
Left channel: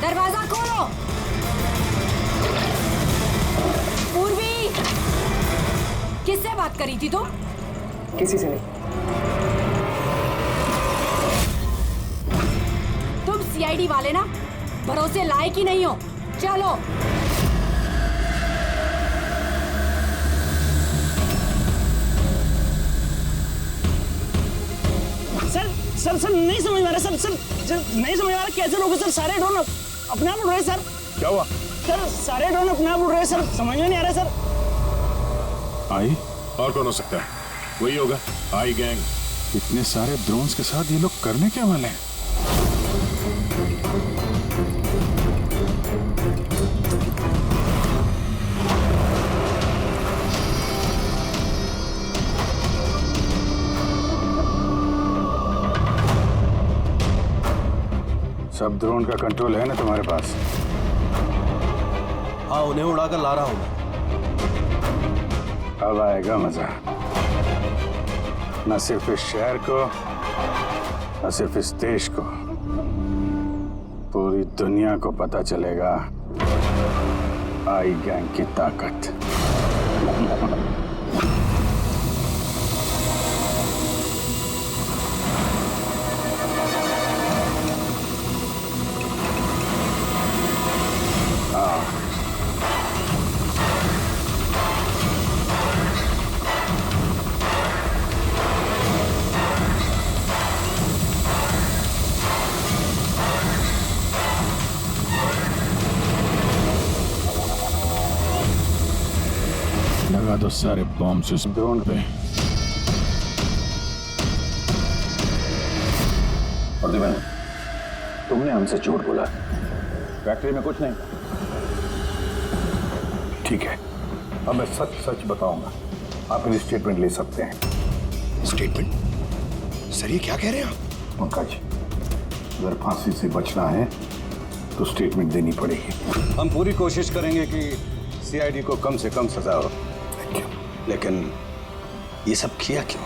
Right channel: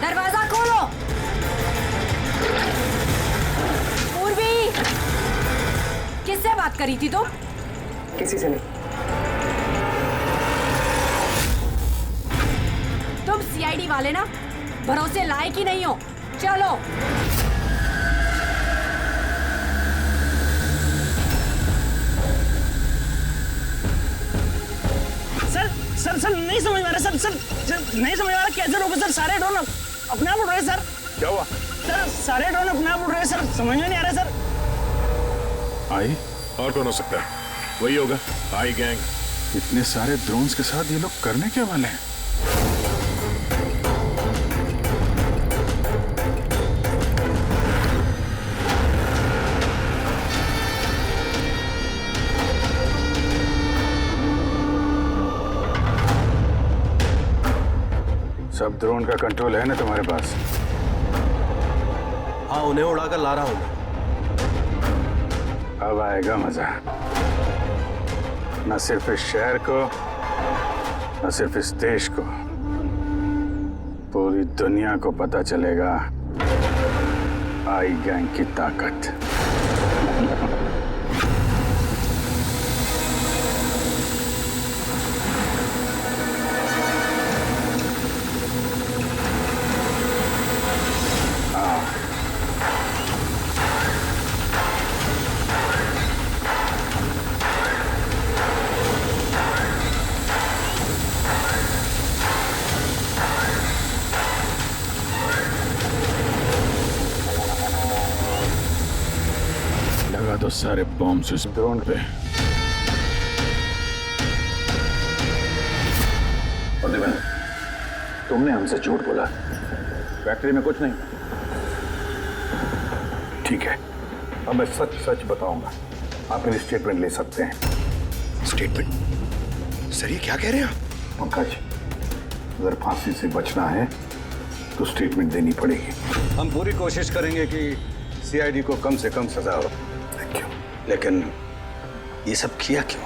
दरवाजा खोलो। पूर्वी, किससे बात करी थी तुम? किसी से नहीं। तुम सीआईडी वाले ना, भरोसे लायक ही नहीं हो। चलो। सर नहीं समझ में आ रहा सर नहीं समझ में आ रहा कैसे रोको सर? सारे ड्रोन अपने आप उड़ रहे सर। क्या हुआ? सर सारे ड्रोन अपने आप उड़ रहे सर, समझ में नहीं आ रहा सर। आई और कौन हो सकता है? वही होगा, आई गैंग। इतने सारे ड्रोन्स के साथ ये लोग करने क्या वाले हैं? सब ड्रोन का कंट्रोल है ना तुम्हारे पास? हाँ, उन्हें उड़ाकर ला रहा हूं मैं। अब आएगा मजा, न सिर्फ इस शहर को, न सिर्फ इस देश को, पूरी दुनिया को पता चलेगा आई गैंग की ताकत। लगा दो सारे बॉम्ब इस ड्रोन पे। प्रद्युमन, तुमने हमसे झूठ बोला, फैक्ट्री में कुछ नहीं। ठीक है, अब मैं सच सच बताऊंगा। आप मेरी स्टेटमेंट ले सकते हैं। स्टेटमेंट? सर ये क्या कह रहे हैं आप? पंकज, अगर फांसी से बचना है तो स्टेटमेंट देनी पड़ेगी। हम पूरी कोशिश करेंगे कि सीआईडी को कम से कम सजा हो। क्यों? लेकिन ये सब किया क्यों?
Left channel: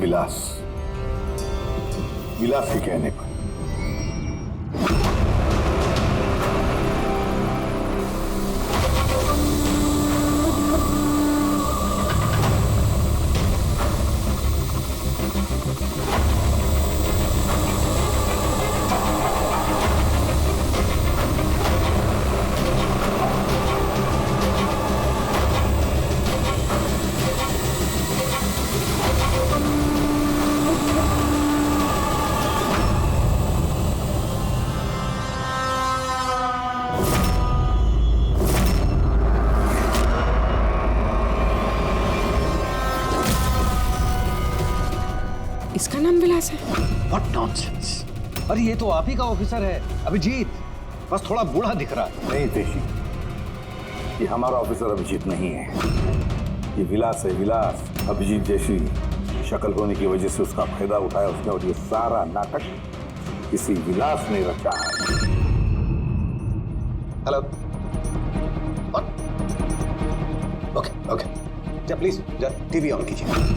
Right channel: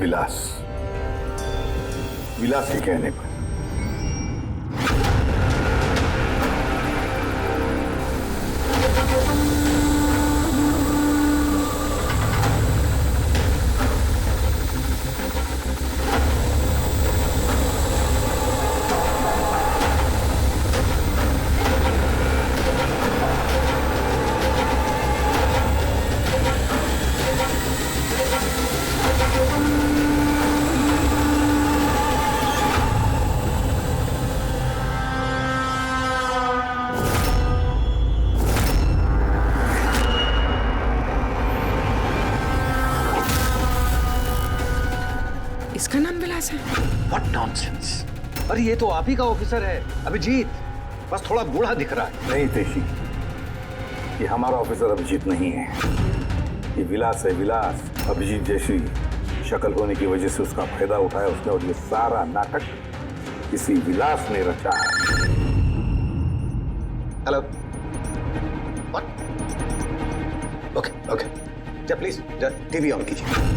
विलास के कहने पर। इसका नाम विलास है? What nonsense! अरे ये तो आप ही का ऑफिसर है, अभिजीत। बस थोड़ा बूढ़ा दिख रहा है। नहीं तेशी, ये हमारा ऑफिसर अभिजीत नहीं है, ये विलास है। विलास अभिजीत जैसी शक्ल होने की वजह से उसका फायदा उठाया उसने, और ये सारा नाटक किसी विलास ने रचा है। हेलो। ओके जा प्लीज, जा टीवी ऑन कीजिए।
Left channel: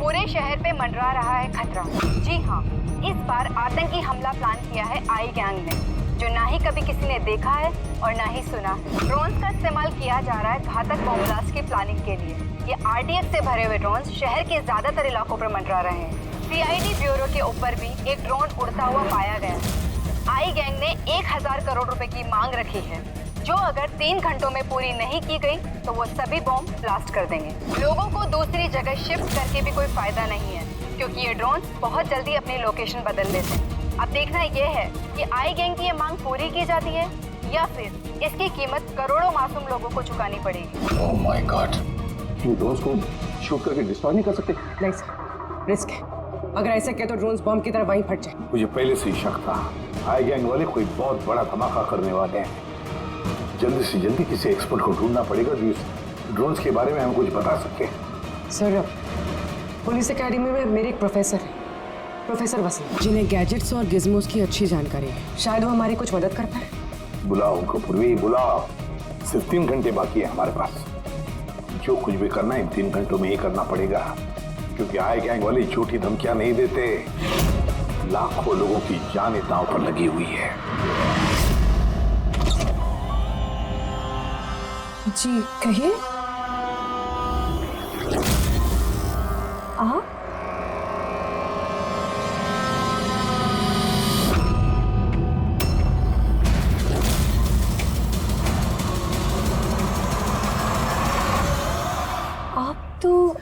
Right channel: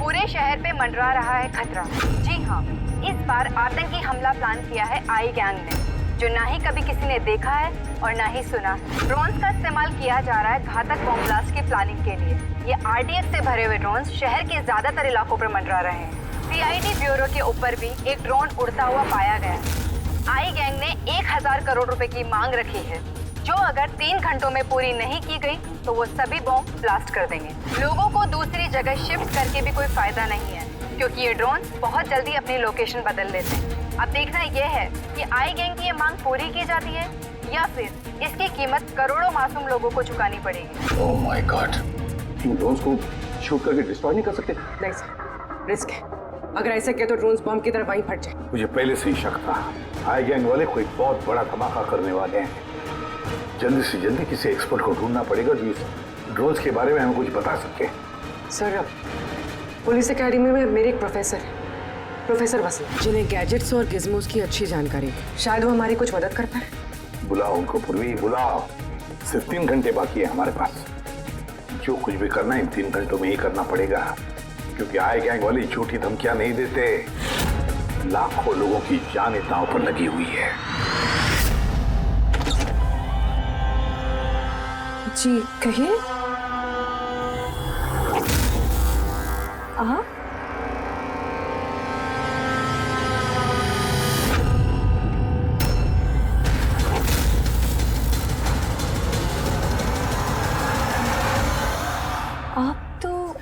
पूरे शहर पे मंडरा रहा है खतरा। जी हाँ, इस बार आतंकी हमला प्लान किया है आई गैंग ने, जो ना ही कभी किसी ने देखा है और ना ही सुना है। ड्रोन्स का इस्तेमाल किया जा रहा है घातक बॉम्ब ब्लास्ट की प्लानिंग के लिए। ये आरडीएक्स से भरे हुए ड्रोन्स शहर के ज्यादातर इलाकों पर मंडरा रहे हैं। सीआईडी ब्यूरो के ऊपर भी एक ड्रोन उड़ता हुआ पाया गया है। आई गैंग ने 1000 करोड़ रुपए की मांग रखी है, जो अगर 3 घंटों में पूरी नहीं की गई तो वो सभी बॉम्ब ब्लास्ट कर देंगे। लोगों को दूसरी जगह शिफ्ट करके भी कोई फायदा नहीं है, क्योंकि ये ड्रोन बहुत जल्दी अपनी लोकेशन बदल लेते हैं। अब देखना ये है कि आई गैंग की ये मांग पूरी की जाती है या फिर इसकी कीमत करोड़ों मासूम लोगों को चुकानी पड़ेगी। Oh my God, in drones को शूट करके डिस्ट्रॉय नहीं कर सकते? नहीं सर, रिस्क है। अगर ऐसे किया तो ड्रोन्स बॉम्ब की तरह वहीं फट जाए। मुझे पहले से ही शक था, आई गैंग वाले कोई बहुत बड़ा धमाका करने वाले हैं। जल्दी से जल्दी किसी एक्सपर्ट को ढूंढना पड़ेगा जो इस ड्रोन्स के बारे में हमें कुछ बता सके। सर, पुलिस एकेडमी में मेरे एक प्रोफेसर है, प्रोफेसर वसीम, जिन्हें गैजेट्स और गिज़मोस की अच्छी जानकारी है। शायद वो हमारी कुछ मदद कर पाए। बुलाओ उनको पूर्वी, बुलाओ। सिर्फ 3 घंटे बाकी है हमारे पास। जो कुछ भी करना है इन 3 घंटों में ही करना पड़ेगा, क्योंकि आई गैंग वाले झूठी धमकियां नहीं देते। लाखों लोगों की जान दांव पर लगी हुई है। जी कहिए। आप तो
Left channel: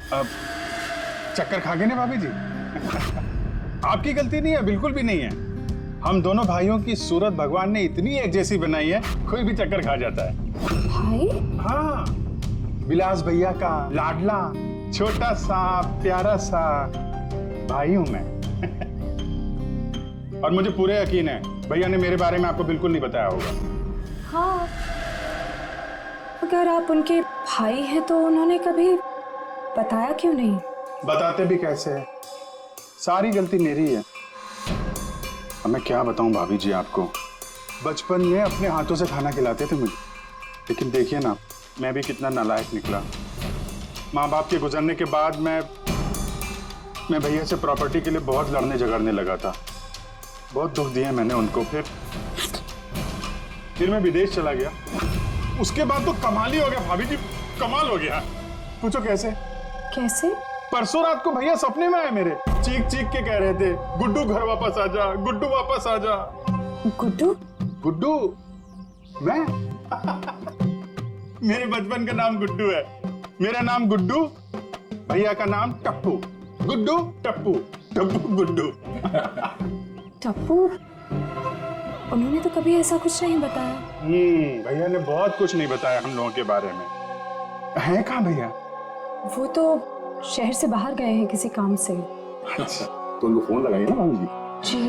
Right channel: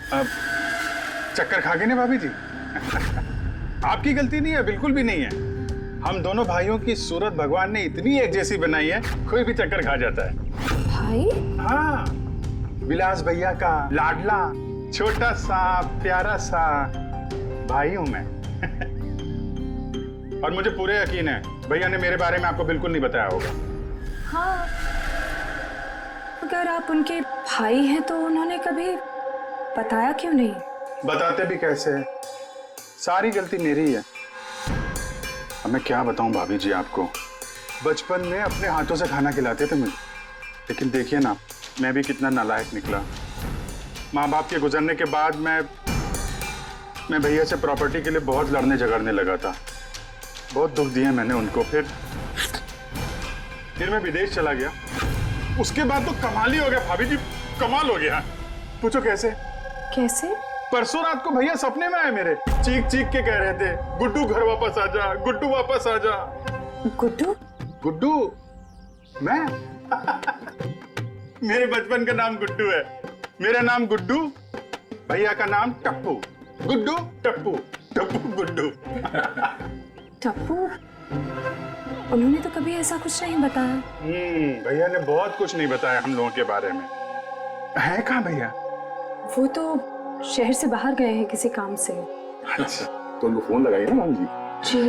चक्कर खा गए ना भाभी जी? आपकी गलती नहीं है, बिल्कुल भी नहीं है। हम दोनों भाइयों की सूरत भगवान ने इतनी एक जैसी बनाई है, कोई भी चक्कर खा जाता है। भाई? हाँ, विलास भैया का लाडला छोटा सा प्यारा सा भाई हूं मैं। और मुझे पूरे यकीन है भैया ने मेरे बारे में आपको बिल्कुल नहीं बताया होगा। हाँ, अगर आप उनके भाई हैं तो उन्होंने कभी बताया क्यों नहीं? बताते भी कैसे है, सारी गलती मेरी है। अब मैं क्या बताऊं भाभी जी आपको, बचपन में अपने हाथों से खाना खिलाते थे मुझे, लेकिन देखिए ना मैं भी कितना नालायक निकला। माँ बाप के गुजरने के बाद मैं भैया से प्रॉपर्टी के लिए बहुत लड़ने झगड़ने लगा था। बहुत दुख दिए मैंने उनको। फिर मैं विदेश चला गया। उसके बाद तो कमाल ही हो गया भाभी जी, कमाल हो गया। पूछो कैसे? कैसे? परसों रात को भैया सपने में आए मेरे, चीख चीख के कह रहे थे, गुड्डू घर वापस आ जा, गुड्डू वापस आ जा। गुड्डू? गुड्डू? मैं? मेरे बचपन का नाम गुड्डू है। मेरा नाम गुड्डू, भैया का नाम टप्पू। गुड्डू टप्पू, टप्पू गुड्डू। टप्पू? उन्होंने तो कभी ऐसा कुछ नहीं बताया। भैया ने बहुत कुछ नहीं बताया हम लोगों के बारे में। है कहाँ भैया? वो तो शहर से बाहर गए हैं किसी काम से। अच्छा, तो उनको फोन लगाइए ना भाभी जी। जी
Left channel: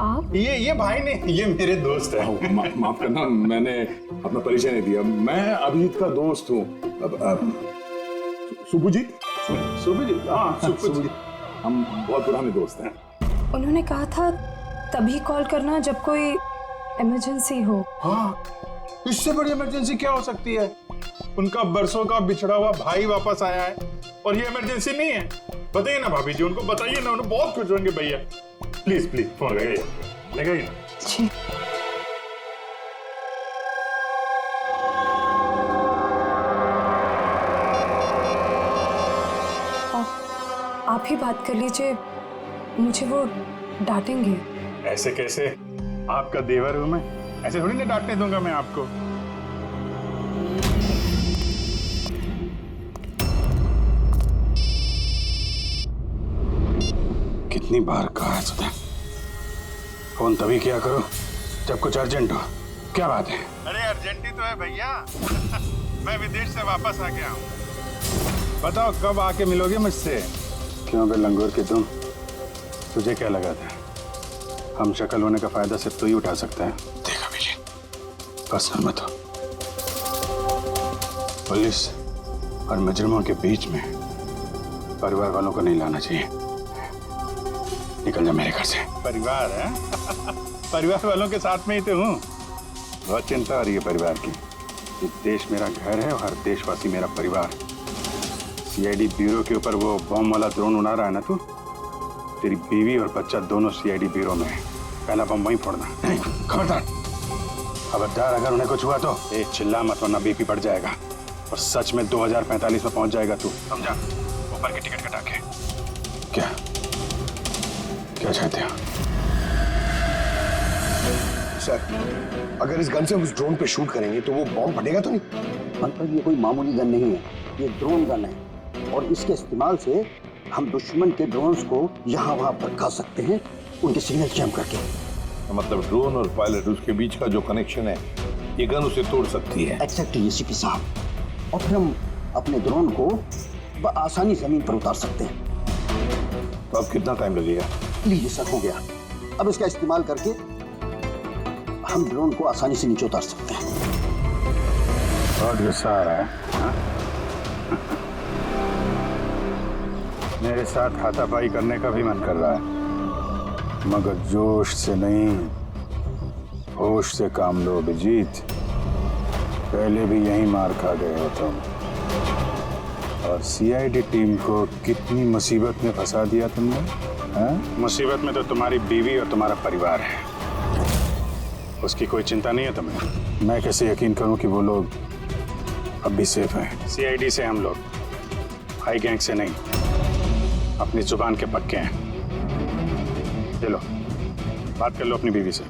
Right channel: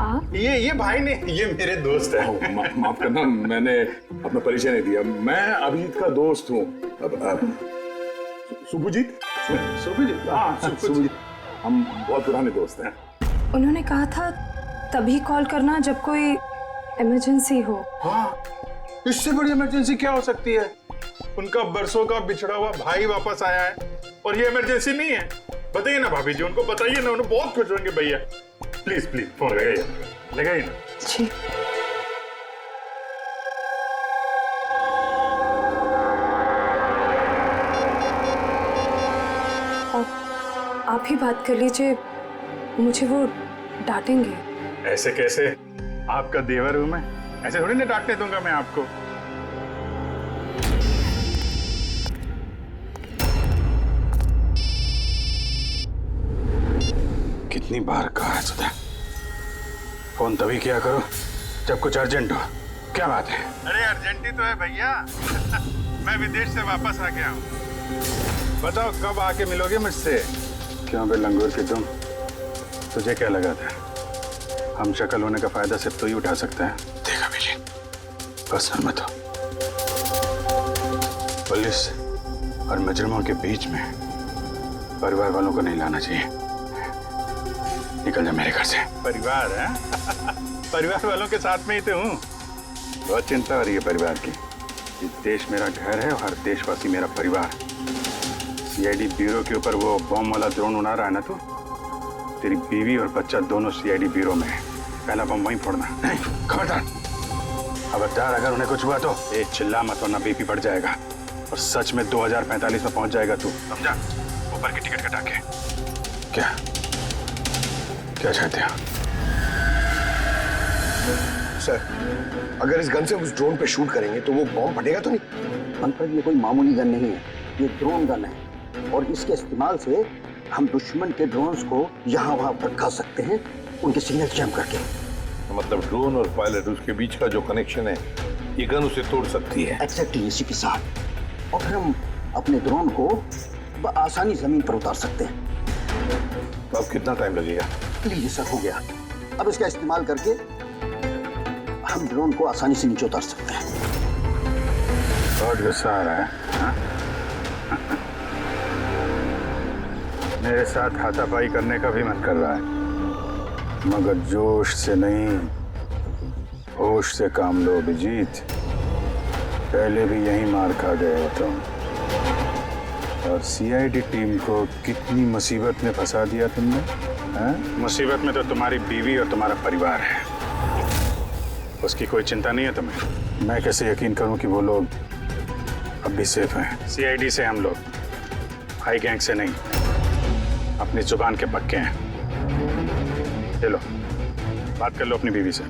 आप? ये भाई ने, ये मेरे दोस्त है। माफ करना, मैंने अपना परिचय नहीं दिया। मैं अभिजीत का दोस्त हूँ। सुपुजीत? सुपुजीत, हाँ सुपुजीत। हम बहुत पुराने दोस्त हैं। उन्होंने कहा था तभी कॉल करना जब कोई इमरजेंसी हो। हाँ, इससे बड़ी इमरजेंसी क्या हो सकती है? उनका बरसों का बिछड़ा हुआ भाई वापस आया है और ये इमरजेंसी नहीं है। बताइए ना भाभी जी, उनको बताइए ना, उन्हें बहुत खुश होंगे भैया। प्लीज प्लीज फोन लगाइए ना। जी। आप ही बात कर लीजिए, मुझे वो डांटेंगे। ऐसे कैसे? आपका देवर हूं मैं, ऐसे थोड़ी ना डांटने दूंगा मैं आपको। कितनी बार कहा है सुधा, फोन तभी किया करो जब कुछ अर्जेंट हो। क्या बात है? अरे अर्जेंट ही तो है भैया। मैं विदेश से वापस आ गया हूँ। बताओ कब आके मिलोगे मुझसे? क्यों बे लंगूर की तुम, तुझे क्या लगा था हम शक्ल होने का फायदा सिर्फ तू ही उठा सकता है? देखा बिजी, पर्सनल मत हो। पुलिस और मुजरिमों के बीच में परिवार वालों को नहीं लाना चाहिए। निकल जा मेरे घर से। परिवार है? परिवार वालों के साथ में ही तो हूँ। बहुत चिंता हो रही है परिवार की। ये देश मेरा घर है और हर देशवासी मेरा परिवार। सीआईडी ब्यूरो के ऊपर वो बॉम्ब वाला ड्रोन उड़ा रहा है ना तू, तेरी बीवी और बच्चा दोनों सीआईडी ब्यूरो में है। पहला बम वहीं फोड़ना। नहीं, खबरदार खबरदार, अगर उन्हें कुछ हुआ तो ए चिल्ला मत वरना बीपी बढ़ जाएगा और सच में 2045 में पहुंच जाएगा तू, समझा? ऊपर की टिकट कटा के। क्या क्या चाहते हो? सर, अगर इस गन से उस ड्रोन पे शूट करेंगे तो वो बॉम्ब फटेगा तो नहीं? पंकज, ये कोई मामूली गन नहीं है, ये ड्रोन गन है और इसके इस्तेमाल से हम दुश्मन के ड्रोन्स को यहाँ वहाँ भटका सकते हैं, उनके सिग्नल जैम करके। मतलब ड्रोन और पायलट, उसके बीच का जो कनेक्शन है, ये गन उसे तोड़ सकती है। एक्जैक्टली एसीपी साहब, और फिर हम अपने ड्रोन को आसानी जमीन पर उतार सकते हैं। तो अब कितना टाइम लगेगा? लीजिए सर, हो गया। अब इसका इस्तेमाल करके हम ड्रोन को आसानी से नीचे उतार सकते हैं। बहुत गुस्सा आ रहा है हा? मेरे साथ हाथापाई करने का भी मन कर रहा है, मगर जोश से नहीं, होश से काम लो अभिजीत। पहले भी यही मार खा गए हो तुम, और सीआईडी टीम को कितनी मुसीबत में फंसा दिया तुमने। मुसीबत में तो तुम्हारी बीवी और तुम्हारा परिवार है, उसकी कोई चिंता नहीं है तुम्हें। मैं कैसे यकीन करूं कि वो लोग अब भी सेफ हैं? सीआईडी से हम लोग, हाई गैंग से नहीं, अपनी जुबान के पक्के हैं। चलो बात कर लो अपनी बीवी से।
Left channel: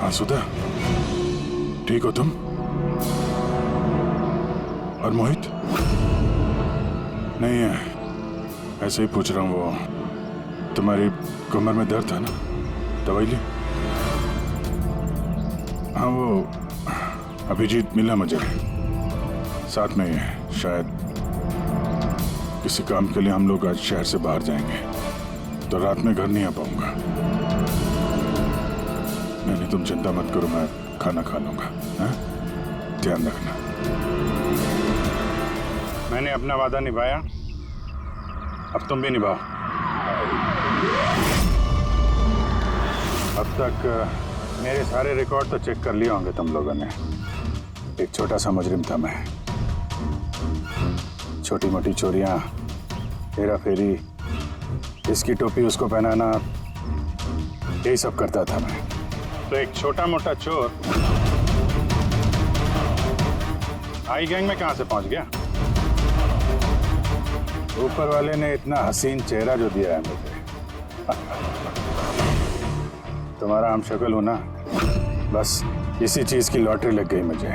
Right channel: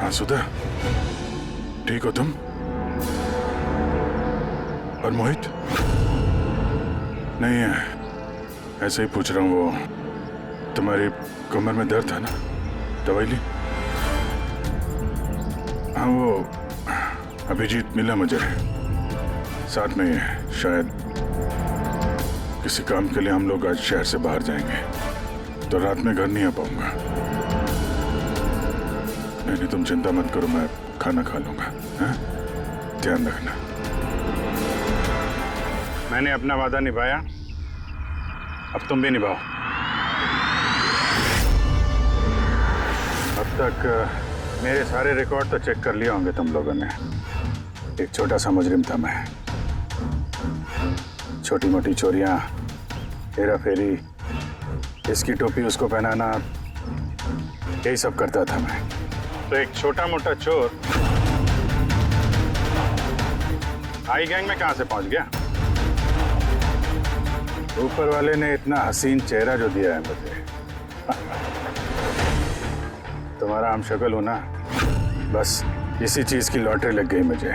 हाँ सुधा, ठीक हो तुम? और मोहित? नहीं है, ऐसे ही पूछ रहा हूँ। वो तुम्हारी कमर में दर्द था ना, दवाई ली? हाँ, वो अभिजीत मिला मुझे, साथ में शायद किसी काम के लिए हम लोग आज शहर से बाहर जाएंगे, तो रात में घर नहीं आ पाऊंगा। नहीं, तुम चिंता मत करो, मैं खाना खा लूंगा। हाँ? ध्यान रखना। मैंने अपना वादा निभाया, अब तुम भी निभाओ। अब तक मेरे सारे रिकॉर्ड तो चेक कर लिए होंगे तुम लोगों ने। एक छोटा सा मुजरिम था मैं, छोटी मोटी चोरियां, हेरा फेरी, इसकी टोपी उसको पहनाना, यही सब करता था मैं। तो एक छोटा मोटा चोर आई गैंग में कहां से पहुंच गया? ऊपर वाले ने इतना हसीन चेहरा जो दिया है मुझे। तुम्हारा हम शक्ल हो ना, बस इसी चीज की लॉटरी लग गई मुझे।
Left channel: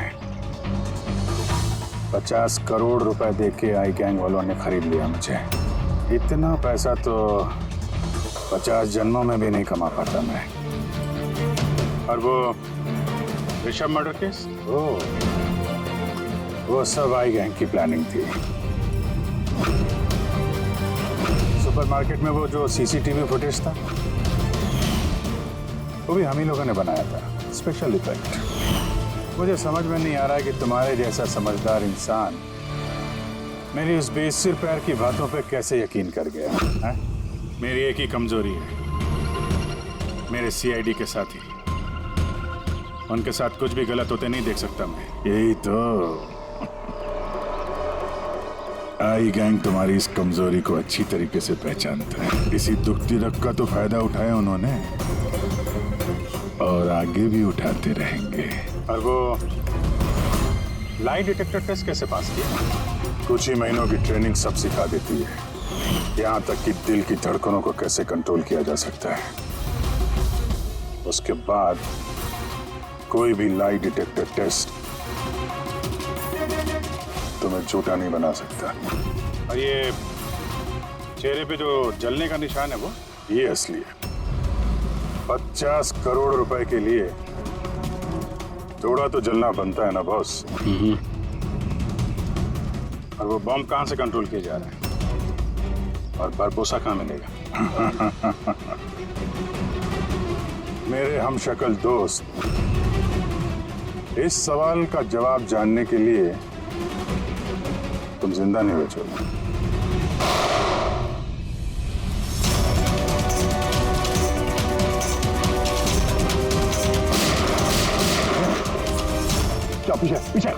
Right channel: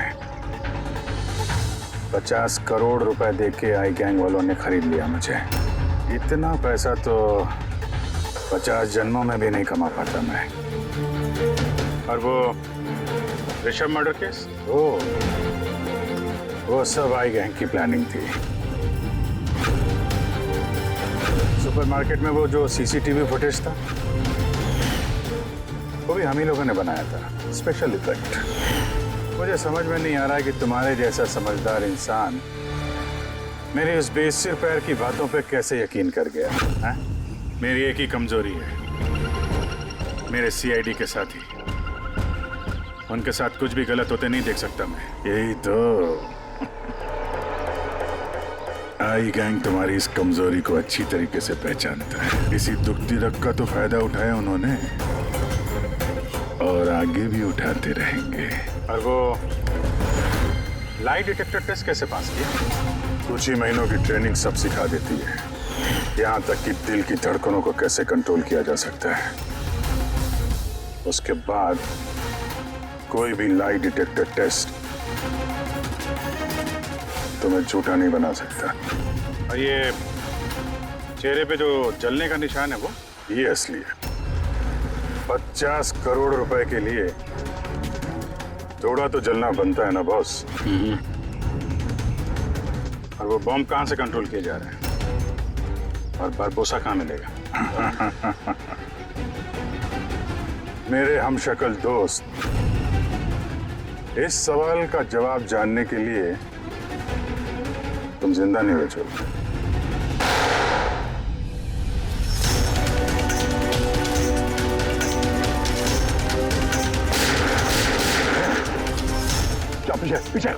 50 करोड़ रुपए देके आई गैंग वालों ने खरीद लिया मुझे। इतना पैसा तो 50 जन्मों में भी नहीं कमा पाता मैं। और वो ऋषभ मर्डर केस? वो सब आई गैंग की प्लानिंग थी। सुपरमार्केट में वो जो सीसीटीवी फुटेज था वो भी हम ही लोगों ने बनाया था, स्पेशल इफेक्ट। मुझे समझ में नहीं आ रहा है कि तुम्हारे जैसा समझदार इंसान मेरी उस बेसिर पैर की बातों पे कैसे यकीन कर गया है? मेरी एक ही कमजोरी है, मेरे सीआईडी के साथी। उनके साथ कुछ भी गलत होते नहीं देख सकता मैं। यही तो आई गैंग तुम्हारी इस कमजोरी को अच्छी तरीके से पहचानता है। इसी दुखती रग का तो फायदा उठाया उन्होंने और आगे भी उठाते रहेंगे। और वो लाई डिटेक्टर टेस्ट कैसे पास किया? कुछ ही महीनों की ट्रेनिंग सब सिखा देती है, यहाँ तक कि दिल की धड़कनों को कैसे कंट्रोल किया जा सकता है। उसके बाद कोई भी लाई डिटेक्टर टेस्ट तुम्हें झूठा नहीं बना सकता। और ये चेहरे पे जो जलने का निशान है वो ये असली है। 50 करोड़ रुपए के लिए थोड़ा तो जलना बनता है ना बॉस। और वो बॉम्ब कहां से कंट्रोल किए जा रहे हैं और बारबोसा कहां मिलेगा? मेरे हमशक्ल दोस्त, इस सवाल का जवाब जानने के लिए तुम जिंदा नहीं बचोगे। क्या पीछे पीछे?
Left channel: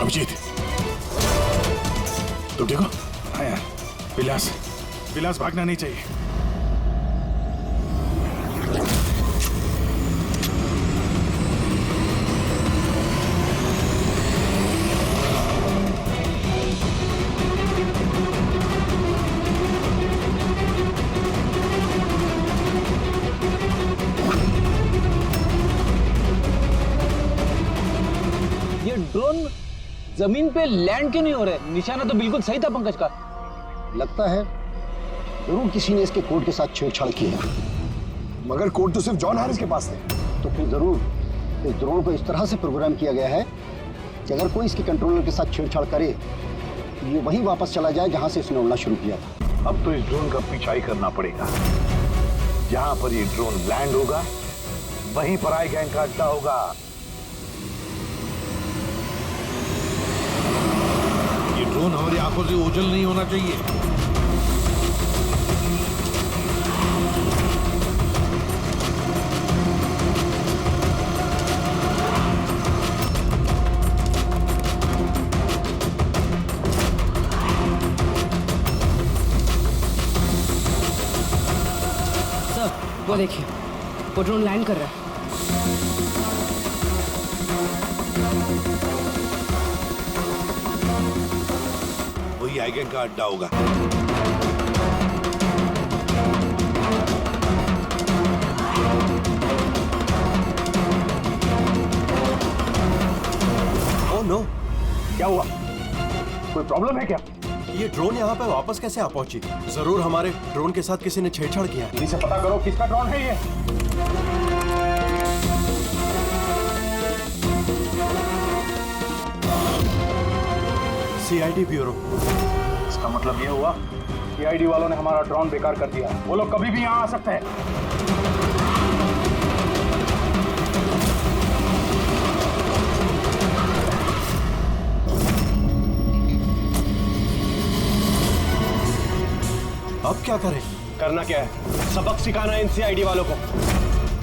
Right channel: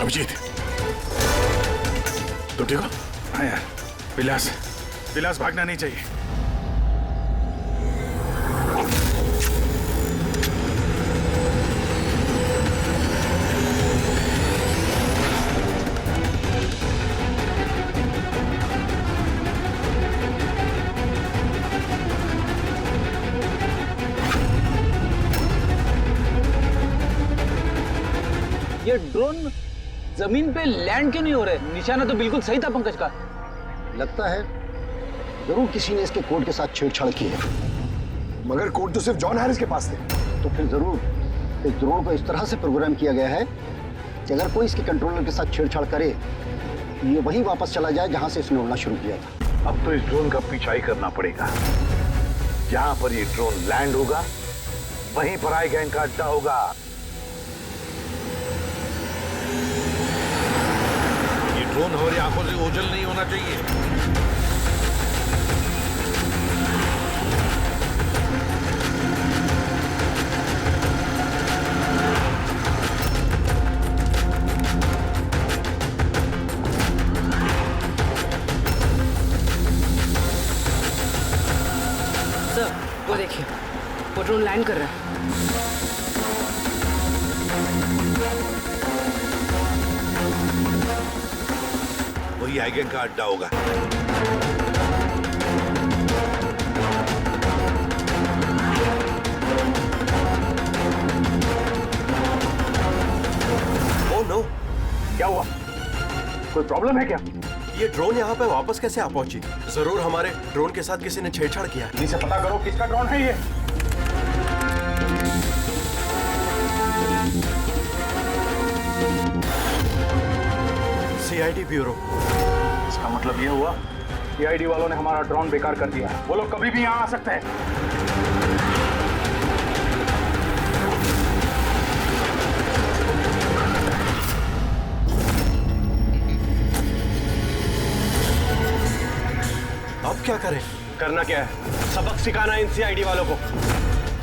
अभिजीत, तुम ठीक हो? हाँ यार, विलास भागना नहीं चाहिए। ये ड्रोन जमीन पे लैंड क्यों नहीं हो रहे? निशाना तो बिल्कुल सही था पंकज का। लगता है जरूर किसी ने इसके कोड के साथ छेड़छाड़ की है। मगर कोड तो सिर्फ जॉन हैरिस के पास थे। तो फिर जरूर इस ड्रोन को इस तरह से प्रोग्राम किया गया है कि अगर कोई इसके कंट्रोलर के साथ छेड़छाड़ करे तो ये वहीं वापस चला जाए जहां से इसने उड़ना शुरू किया था। अब तो इस ड्रोन का पीछा ही करना पड़ेगा। जहां पर ये ड्रोन लैंड होगा वहीं पर आई गैंग का अड्डा होगा। ये ड्रोन हमारी आंखों से ओझल नहीं होना चाहिए। सर, वो देखिए, वो ड्रोन लैंड कर रहा है। वही आई गैंग का अड्डा होगा। ओह नो, क्या हुआ? कोई प्रॉब्लम है क्या? ये ड्रोन यहाँ पे वापस कैसे आ पहुंची? जरूर हमारे ड्रोन के साथ किसी ने छेड़छाड़ किया है। जल्दी से पता करो किसका ड्रोन है ये। CID bureau. इसका मतलब ये हुआ कि आईडी वालों ने हमारा ड्रोन बेकार कर दिया। वो लोग कभी भी यहाँ आ सकते हैं। अब क्या करें? करना क्या है? सबक सिखाना है इन सीआईडी वालों को।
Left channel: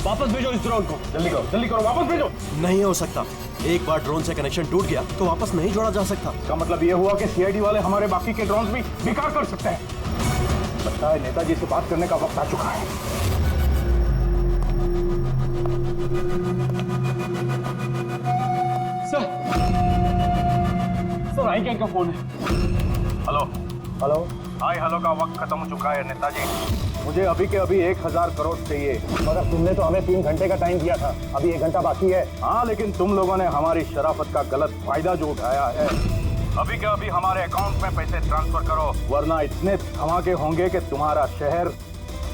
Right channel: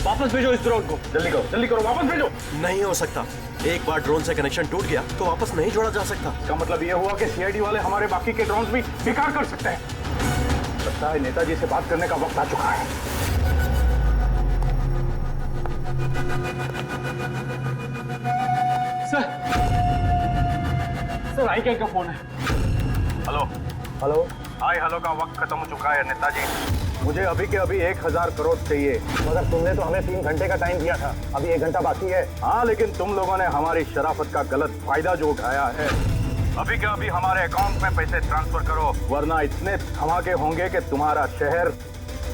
वापस भेजो इस ड्रोन को। जल्दी करो, वापस भेजो। नहीं हो सकता। एक बार ड्रोन से कनेक्शन टूट गया तो वापस नहीं जोड़ा जा सकता। इसका मतलब ये हुआ कि सीआईडी वाले हमारे बाकी के ड्रोन्स भी बेकार कर सकते हैं। लगता है नेताजी से बात करने का वक्त आ चुका है। सर आई गैंग का फोन है। हेलो। हाय हेलो का वक्त खत्म हो चुका है नेताजी। मुझे अभी के अभी 1000 करोड़ चाहिए। मगर तुमने तो हमें 3 घंटे का टाइम दिया था, अभी 1 घंटा बाकी है। हाँ, लेकिन तुम लोगों ने हमारी शराफत का गलत फायदा जो उठाया है अभी के अभी हमारे अकाउंट में पैसे ट्रांसफर करो, वरना इतने धमाके होंगे कि तुम्हारा शहर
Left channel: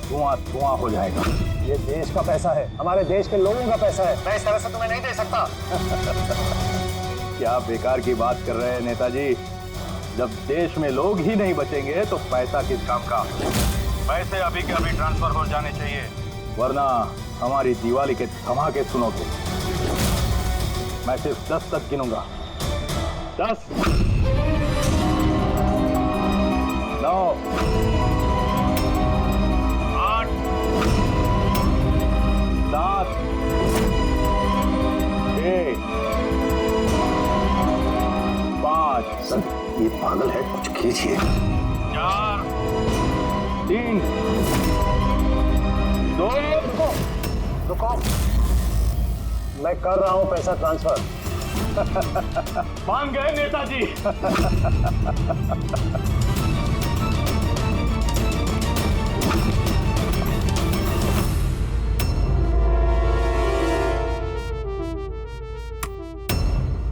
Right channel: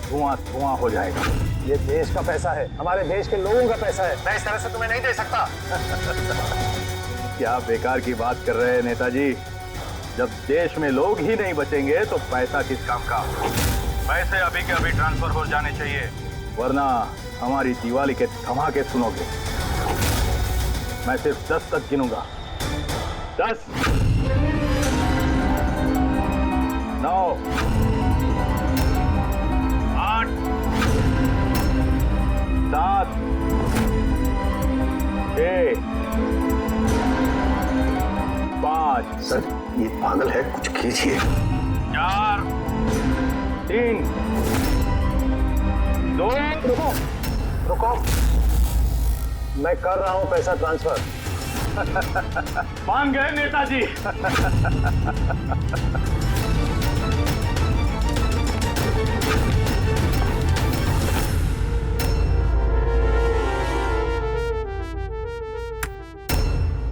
धुआं धुआं हो जाएगा। ये देश का पैसा है, हमारे देश के लोगों का पैसा है। मैं इस तरह से तुम्हें नहीं दे सकता। क्या बेकार की बात कर रहे हैं नेताजी? जब देश में लोग ही नहीं बचेंगे तो पैसा किस काम का? पैसे अभी के अभी ट्रांसफर हो जाने चाहिए, वरना हमारी दिवाली के धमाके सुनोगे। मैं सिर्फ 10 तक गिनूंगा। 10, 9, 8, 7, 6, 5। सर ये पागल है, कुछ कीजिए। 4, 3, 2। रुको रुको, मैं कर रहा हूं पैसा ट्रांसफर। मान गए नेताजी।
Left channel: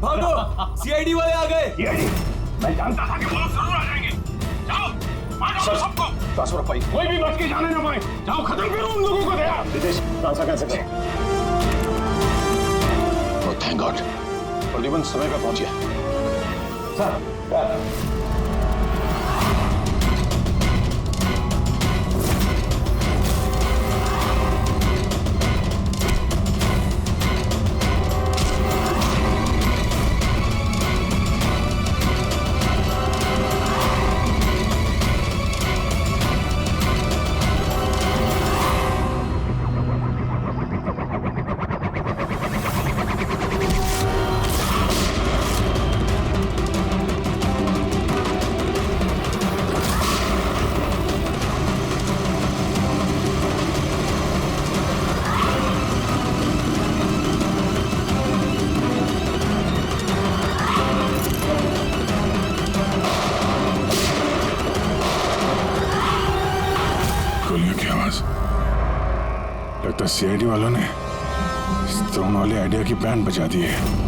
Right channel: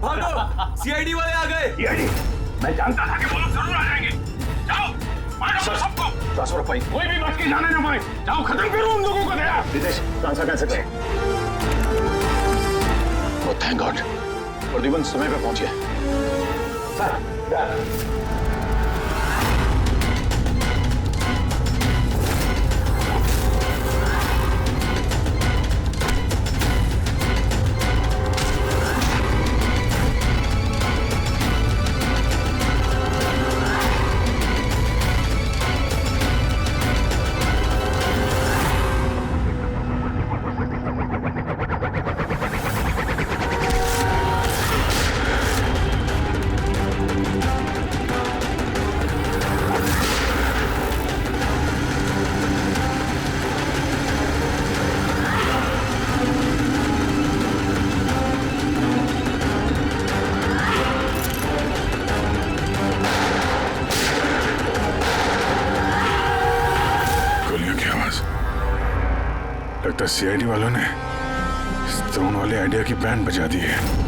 भागो, सीआईडी वाले आ गए। सीआईडी? मैं जानता था कि वो लोग जरूर आ जाएंगे। जाओ, मारो सबको। ट्रांसफर पाई, कोई भी बच के जाने ना पाए। जाओ, खत्म करो उन लोगों को। दया रितेश, ट्रांसफर कैसे करें? ओह थैंक गॉड, प्रद्युमन समय पे पहुंच गया। सर गोलियों की आवाज। लगता है सीआईडी वालों ने इस ड्रोन वाले आइडिया की बैंड बजा दी है।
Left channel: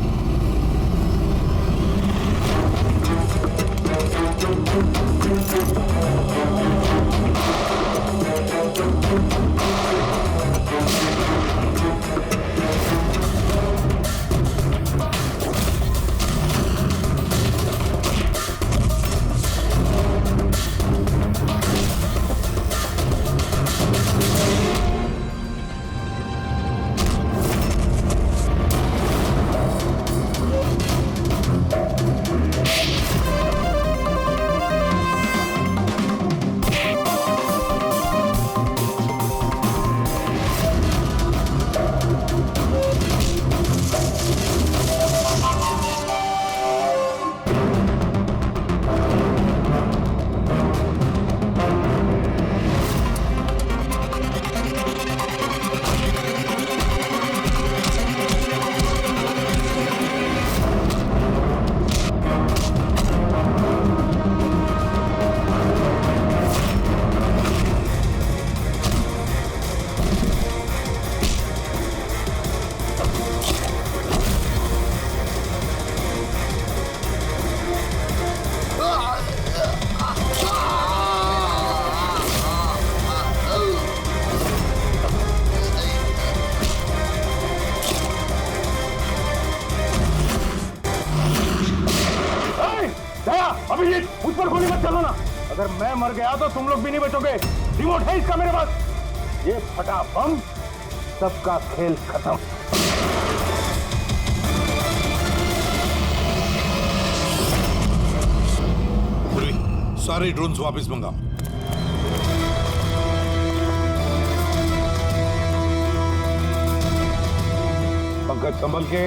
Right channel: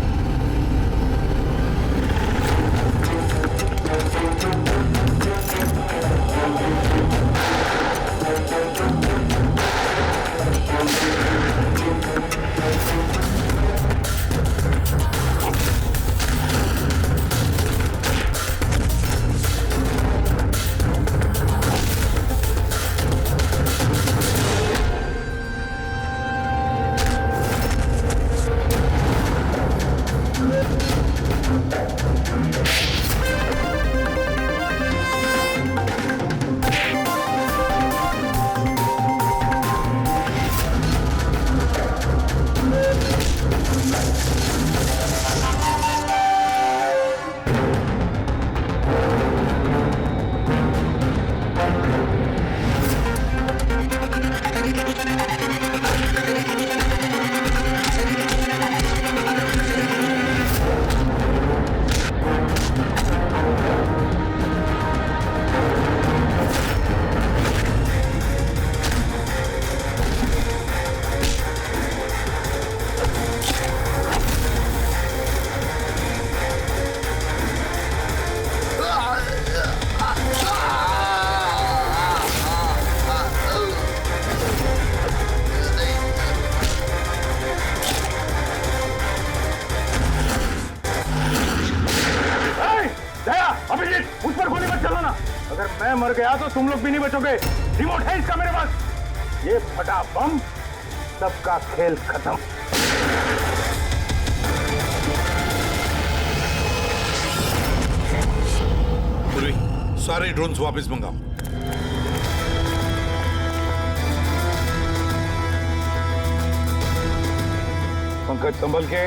अभिजीत, मुझ पर गोली मत चलाना। अगर मैं मर गया तो तुम लोग भी नहीं बचोगे। रिमोट है इसका मेरे पास। ये फटा बम, सबका खेल खत्म। पूर्वी, सारे ड्रोन्स वापस मंगाओ। पंकज संभल के।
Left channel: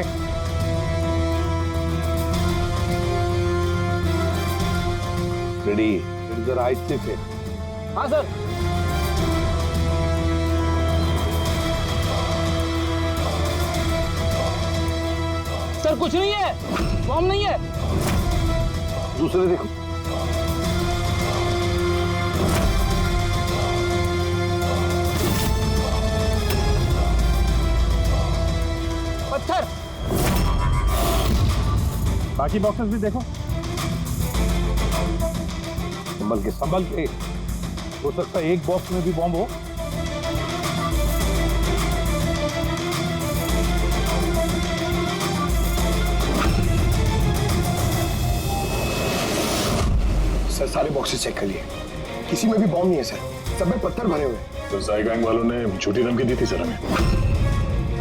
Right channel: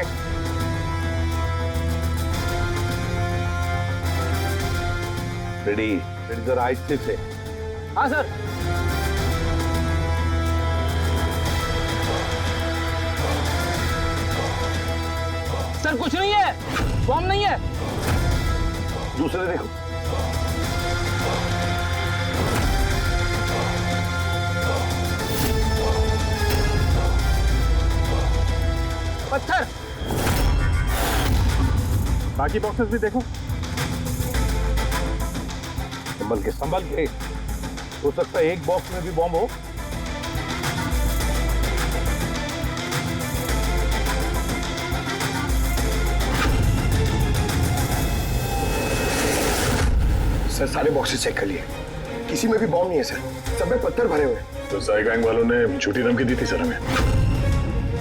रेडी? रेडी सर, आहिस्ते से। हाँ सर। सर कुछ नहीं है, बॉम्ब नहीं है। दूसरे देखो। पत्थर। बाकी बॉक्सेस भी देखो। संभल के संभल के। हो सकता है एक बॉक्स में भी बॉम्ब हो। सर सारे बॉक्सेस चेक कर लिए, किसी में भी बॉम्ब नहीं है सर, सब में पत्थर भरे हुए हैं। तो साई गैंग वालों ने झूठी धमकी दी थी सर हमें।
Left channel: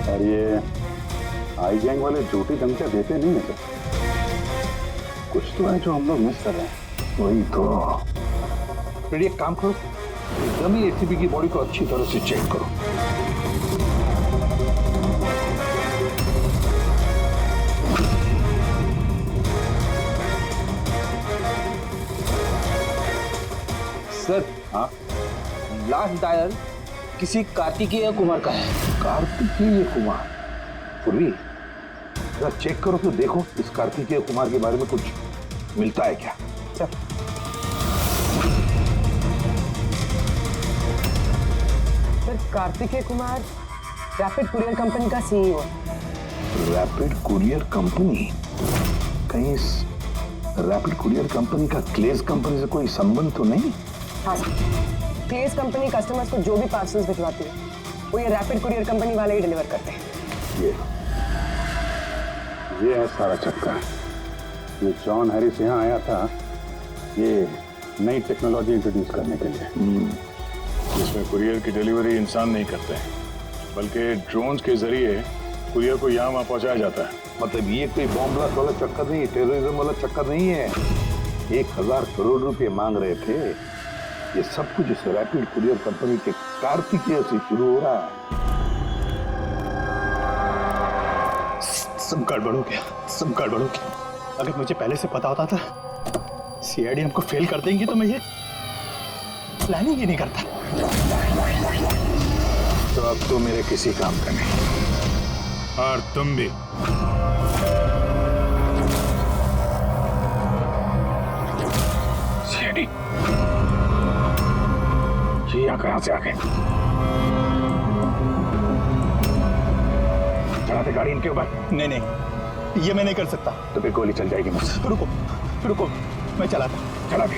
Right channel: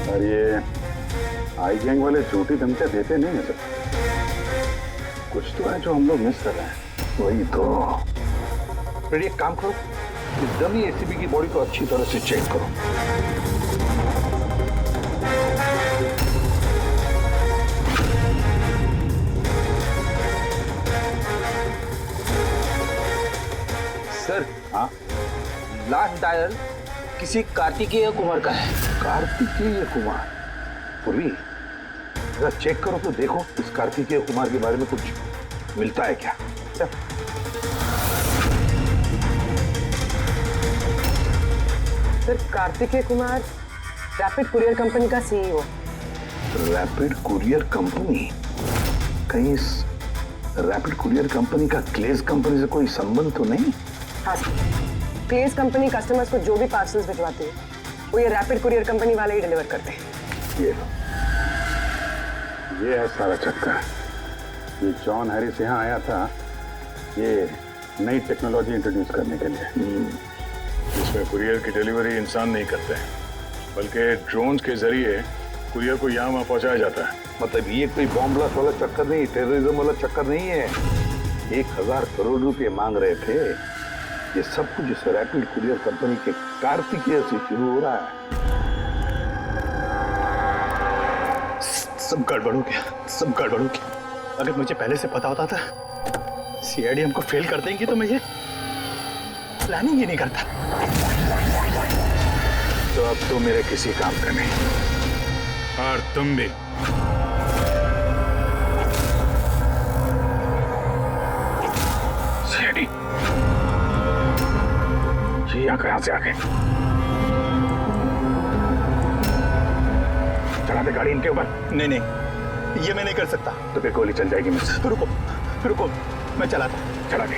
और ये आई गैंग वाले झूठी धमकियां देते नहीं है सर। कुछ तो है जो हम लोग मिस कर रहे हैं। वही तो। फिर एक काम करो, इस डमी एसीबी की बॉडी को अच्छी तरह से चेक करो। सर हाँ, लास्ट डायल किसी कार्तिकेय कुमार का है। कार्तिकेय कुमार? पूर्वी जरा चेक करो तो देखो इस कार्तिकेय कुमार के बारे में कुछ मिलता है क्या। Sir Kartikeya Kumar rapid courier company का सीईओ। Rapid courier company? कहीं इस रैपिड कुरियर कंपनी का क्लेज कंपनी से कोई संबंध तो नहीं? हाँ सर, क्लेज कंपनी कस्टमर्स को जो भी पार्सल्स भिजवाती है वो ये रैपिड कुरियर कंपनी वाले ही डिलीवर करते हैं। ये है सारा चक्कर। ये जॉन हैरिस यहाँ आया था ये नई टेक्नोलॉजी इंट्रोड्यूस करने के लिए, जिसमें कुरियर की डिलीवरी इंसान नहीं करते हैं बल्कि ड्रोन्स के जरिए कुरियर को यहाँ वहाँ पहुँचाया जाता है। मतलब ये कोई बॉम्ब ब्लास्ट वाला चक्कर नहीं, टेररिज्म वाला चक्कर नहीं है। 1000 करोड़ रुपए मांग रहे थे। ये सब कुछ इस रैपिड कुरियर कंपनी के कार्तिकेय से शुरू हो रहा है। सब गड़बड़ हो गया, सब गड़बड़ हो गया। अगर मुझे पहले से पता होता था सीआईडी हमको फेल कर देंगी तो मैं ये प्लानिंग ही नहीं करता। तो अब तो मेरे किसी काम का नहीं, और तुम भी। सीआईडी ये यहाँ कहां से आ गए? चला दे गाड़ी इनके ऊपर। नहीं नहीं, ये मैं नहीं कर सकता। तो फिर गोली चल जाएगी मुझसे। रुको रुको, मैं चलाता। चला दे।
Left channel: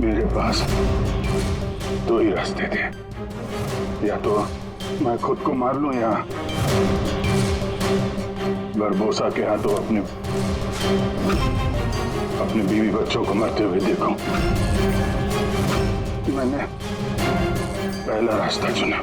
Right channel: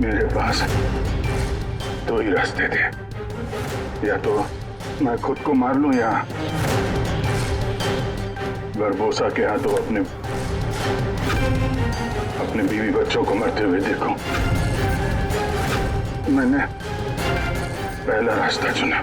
मेरे पास दो ही रास्ते थे, या तो मैं खुद को मार लूं या बरबोसा के हाथों अपने बीवी बच्चों को मरते हुए देखूं। मैंने पहला रास्ता चुना।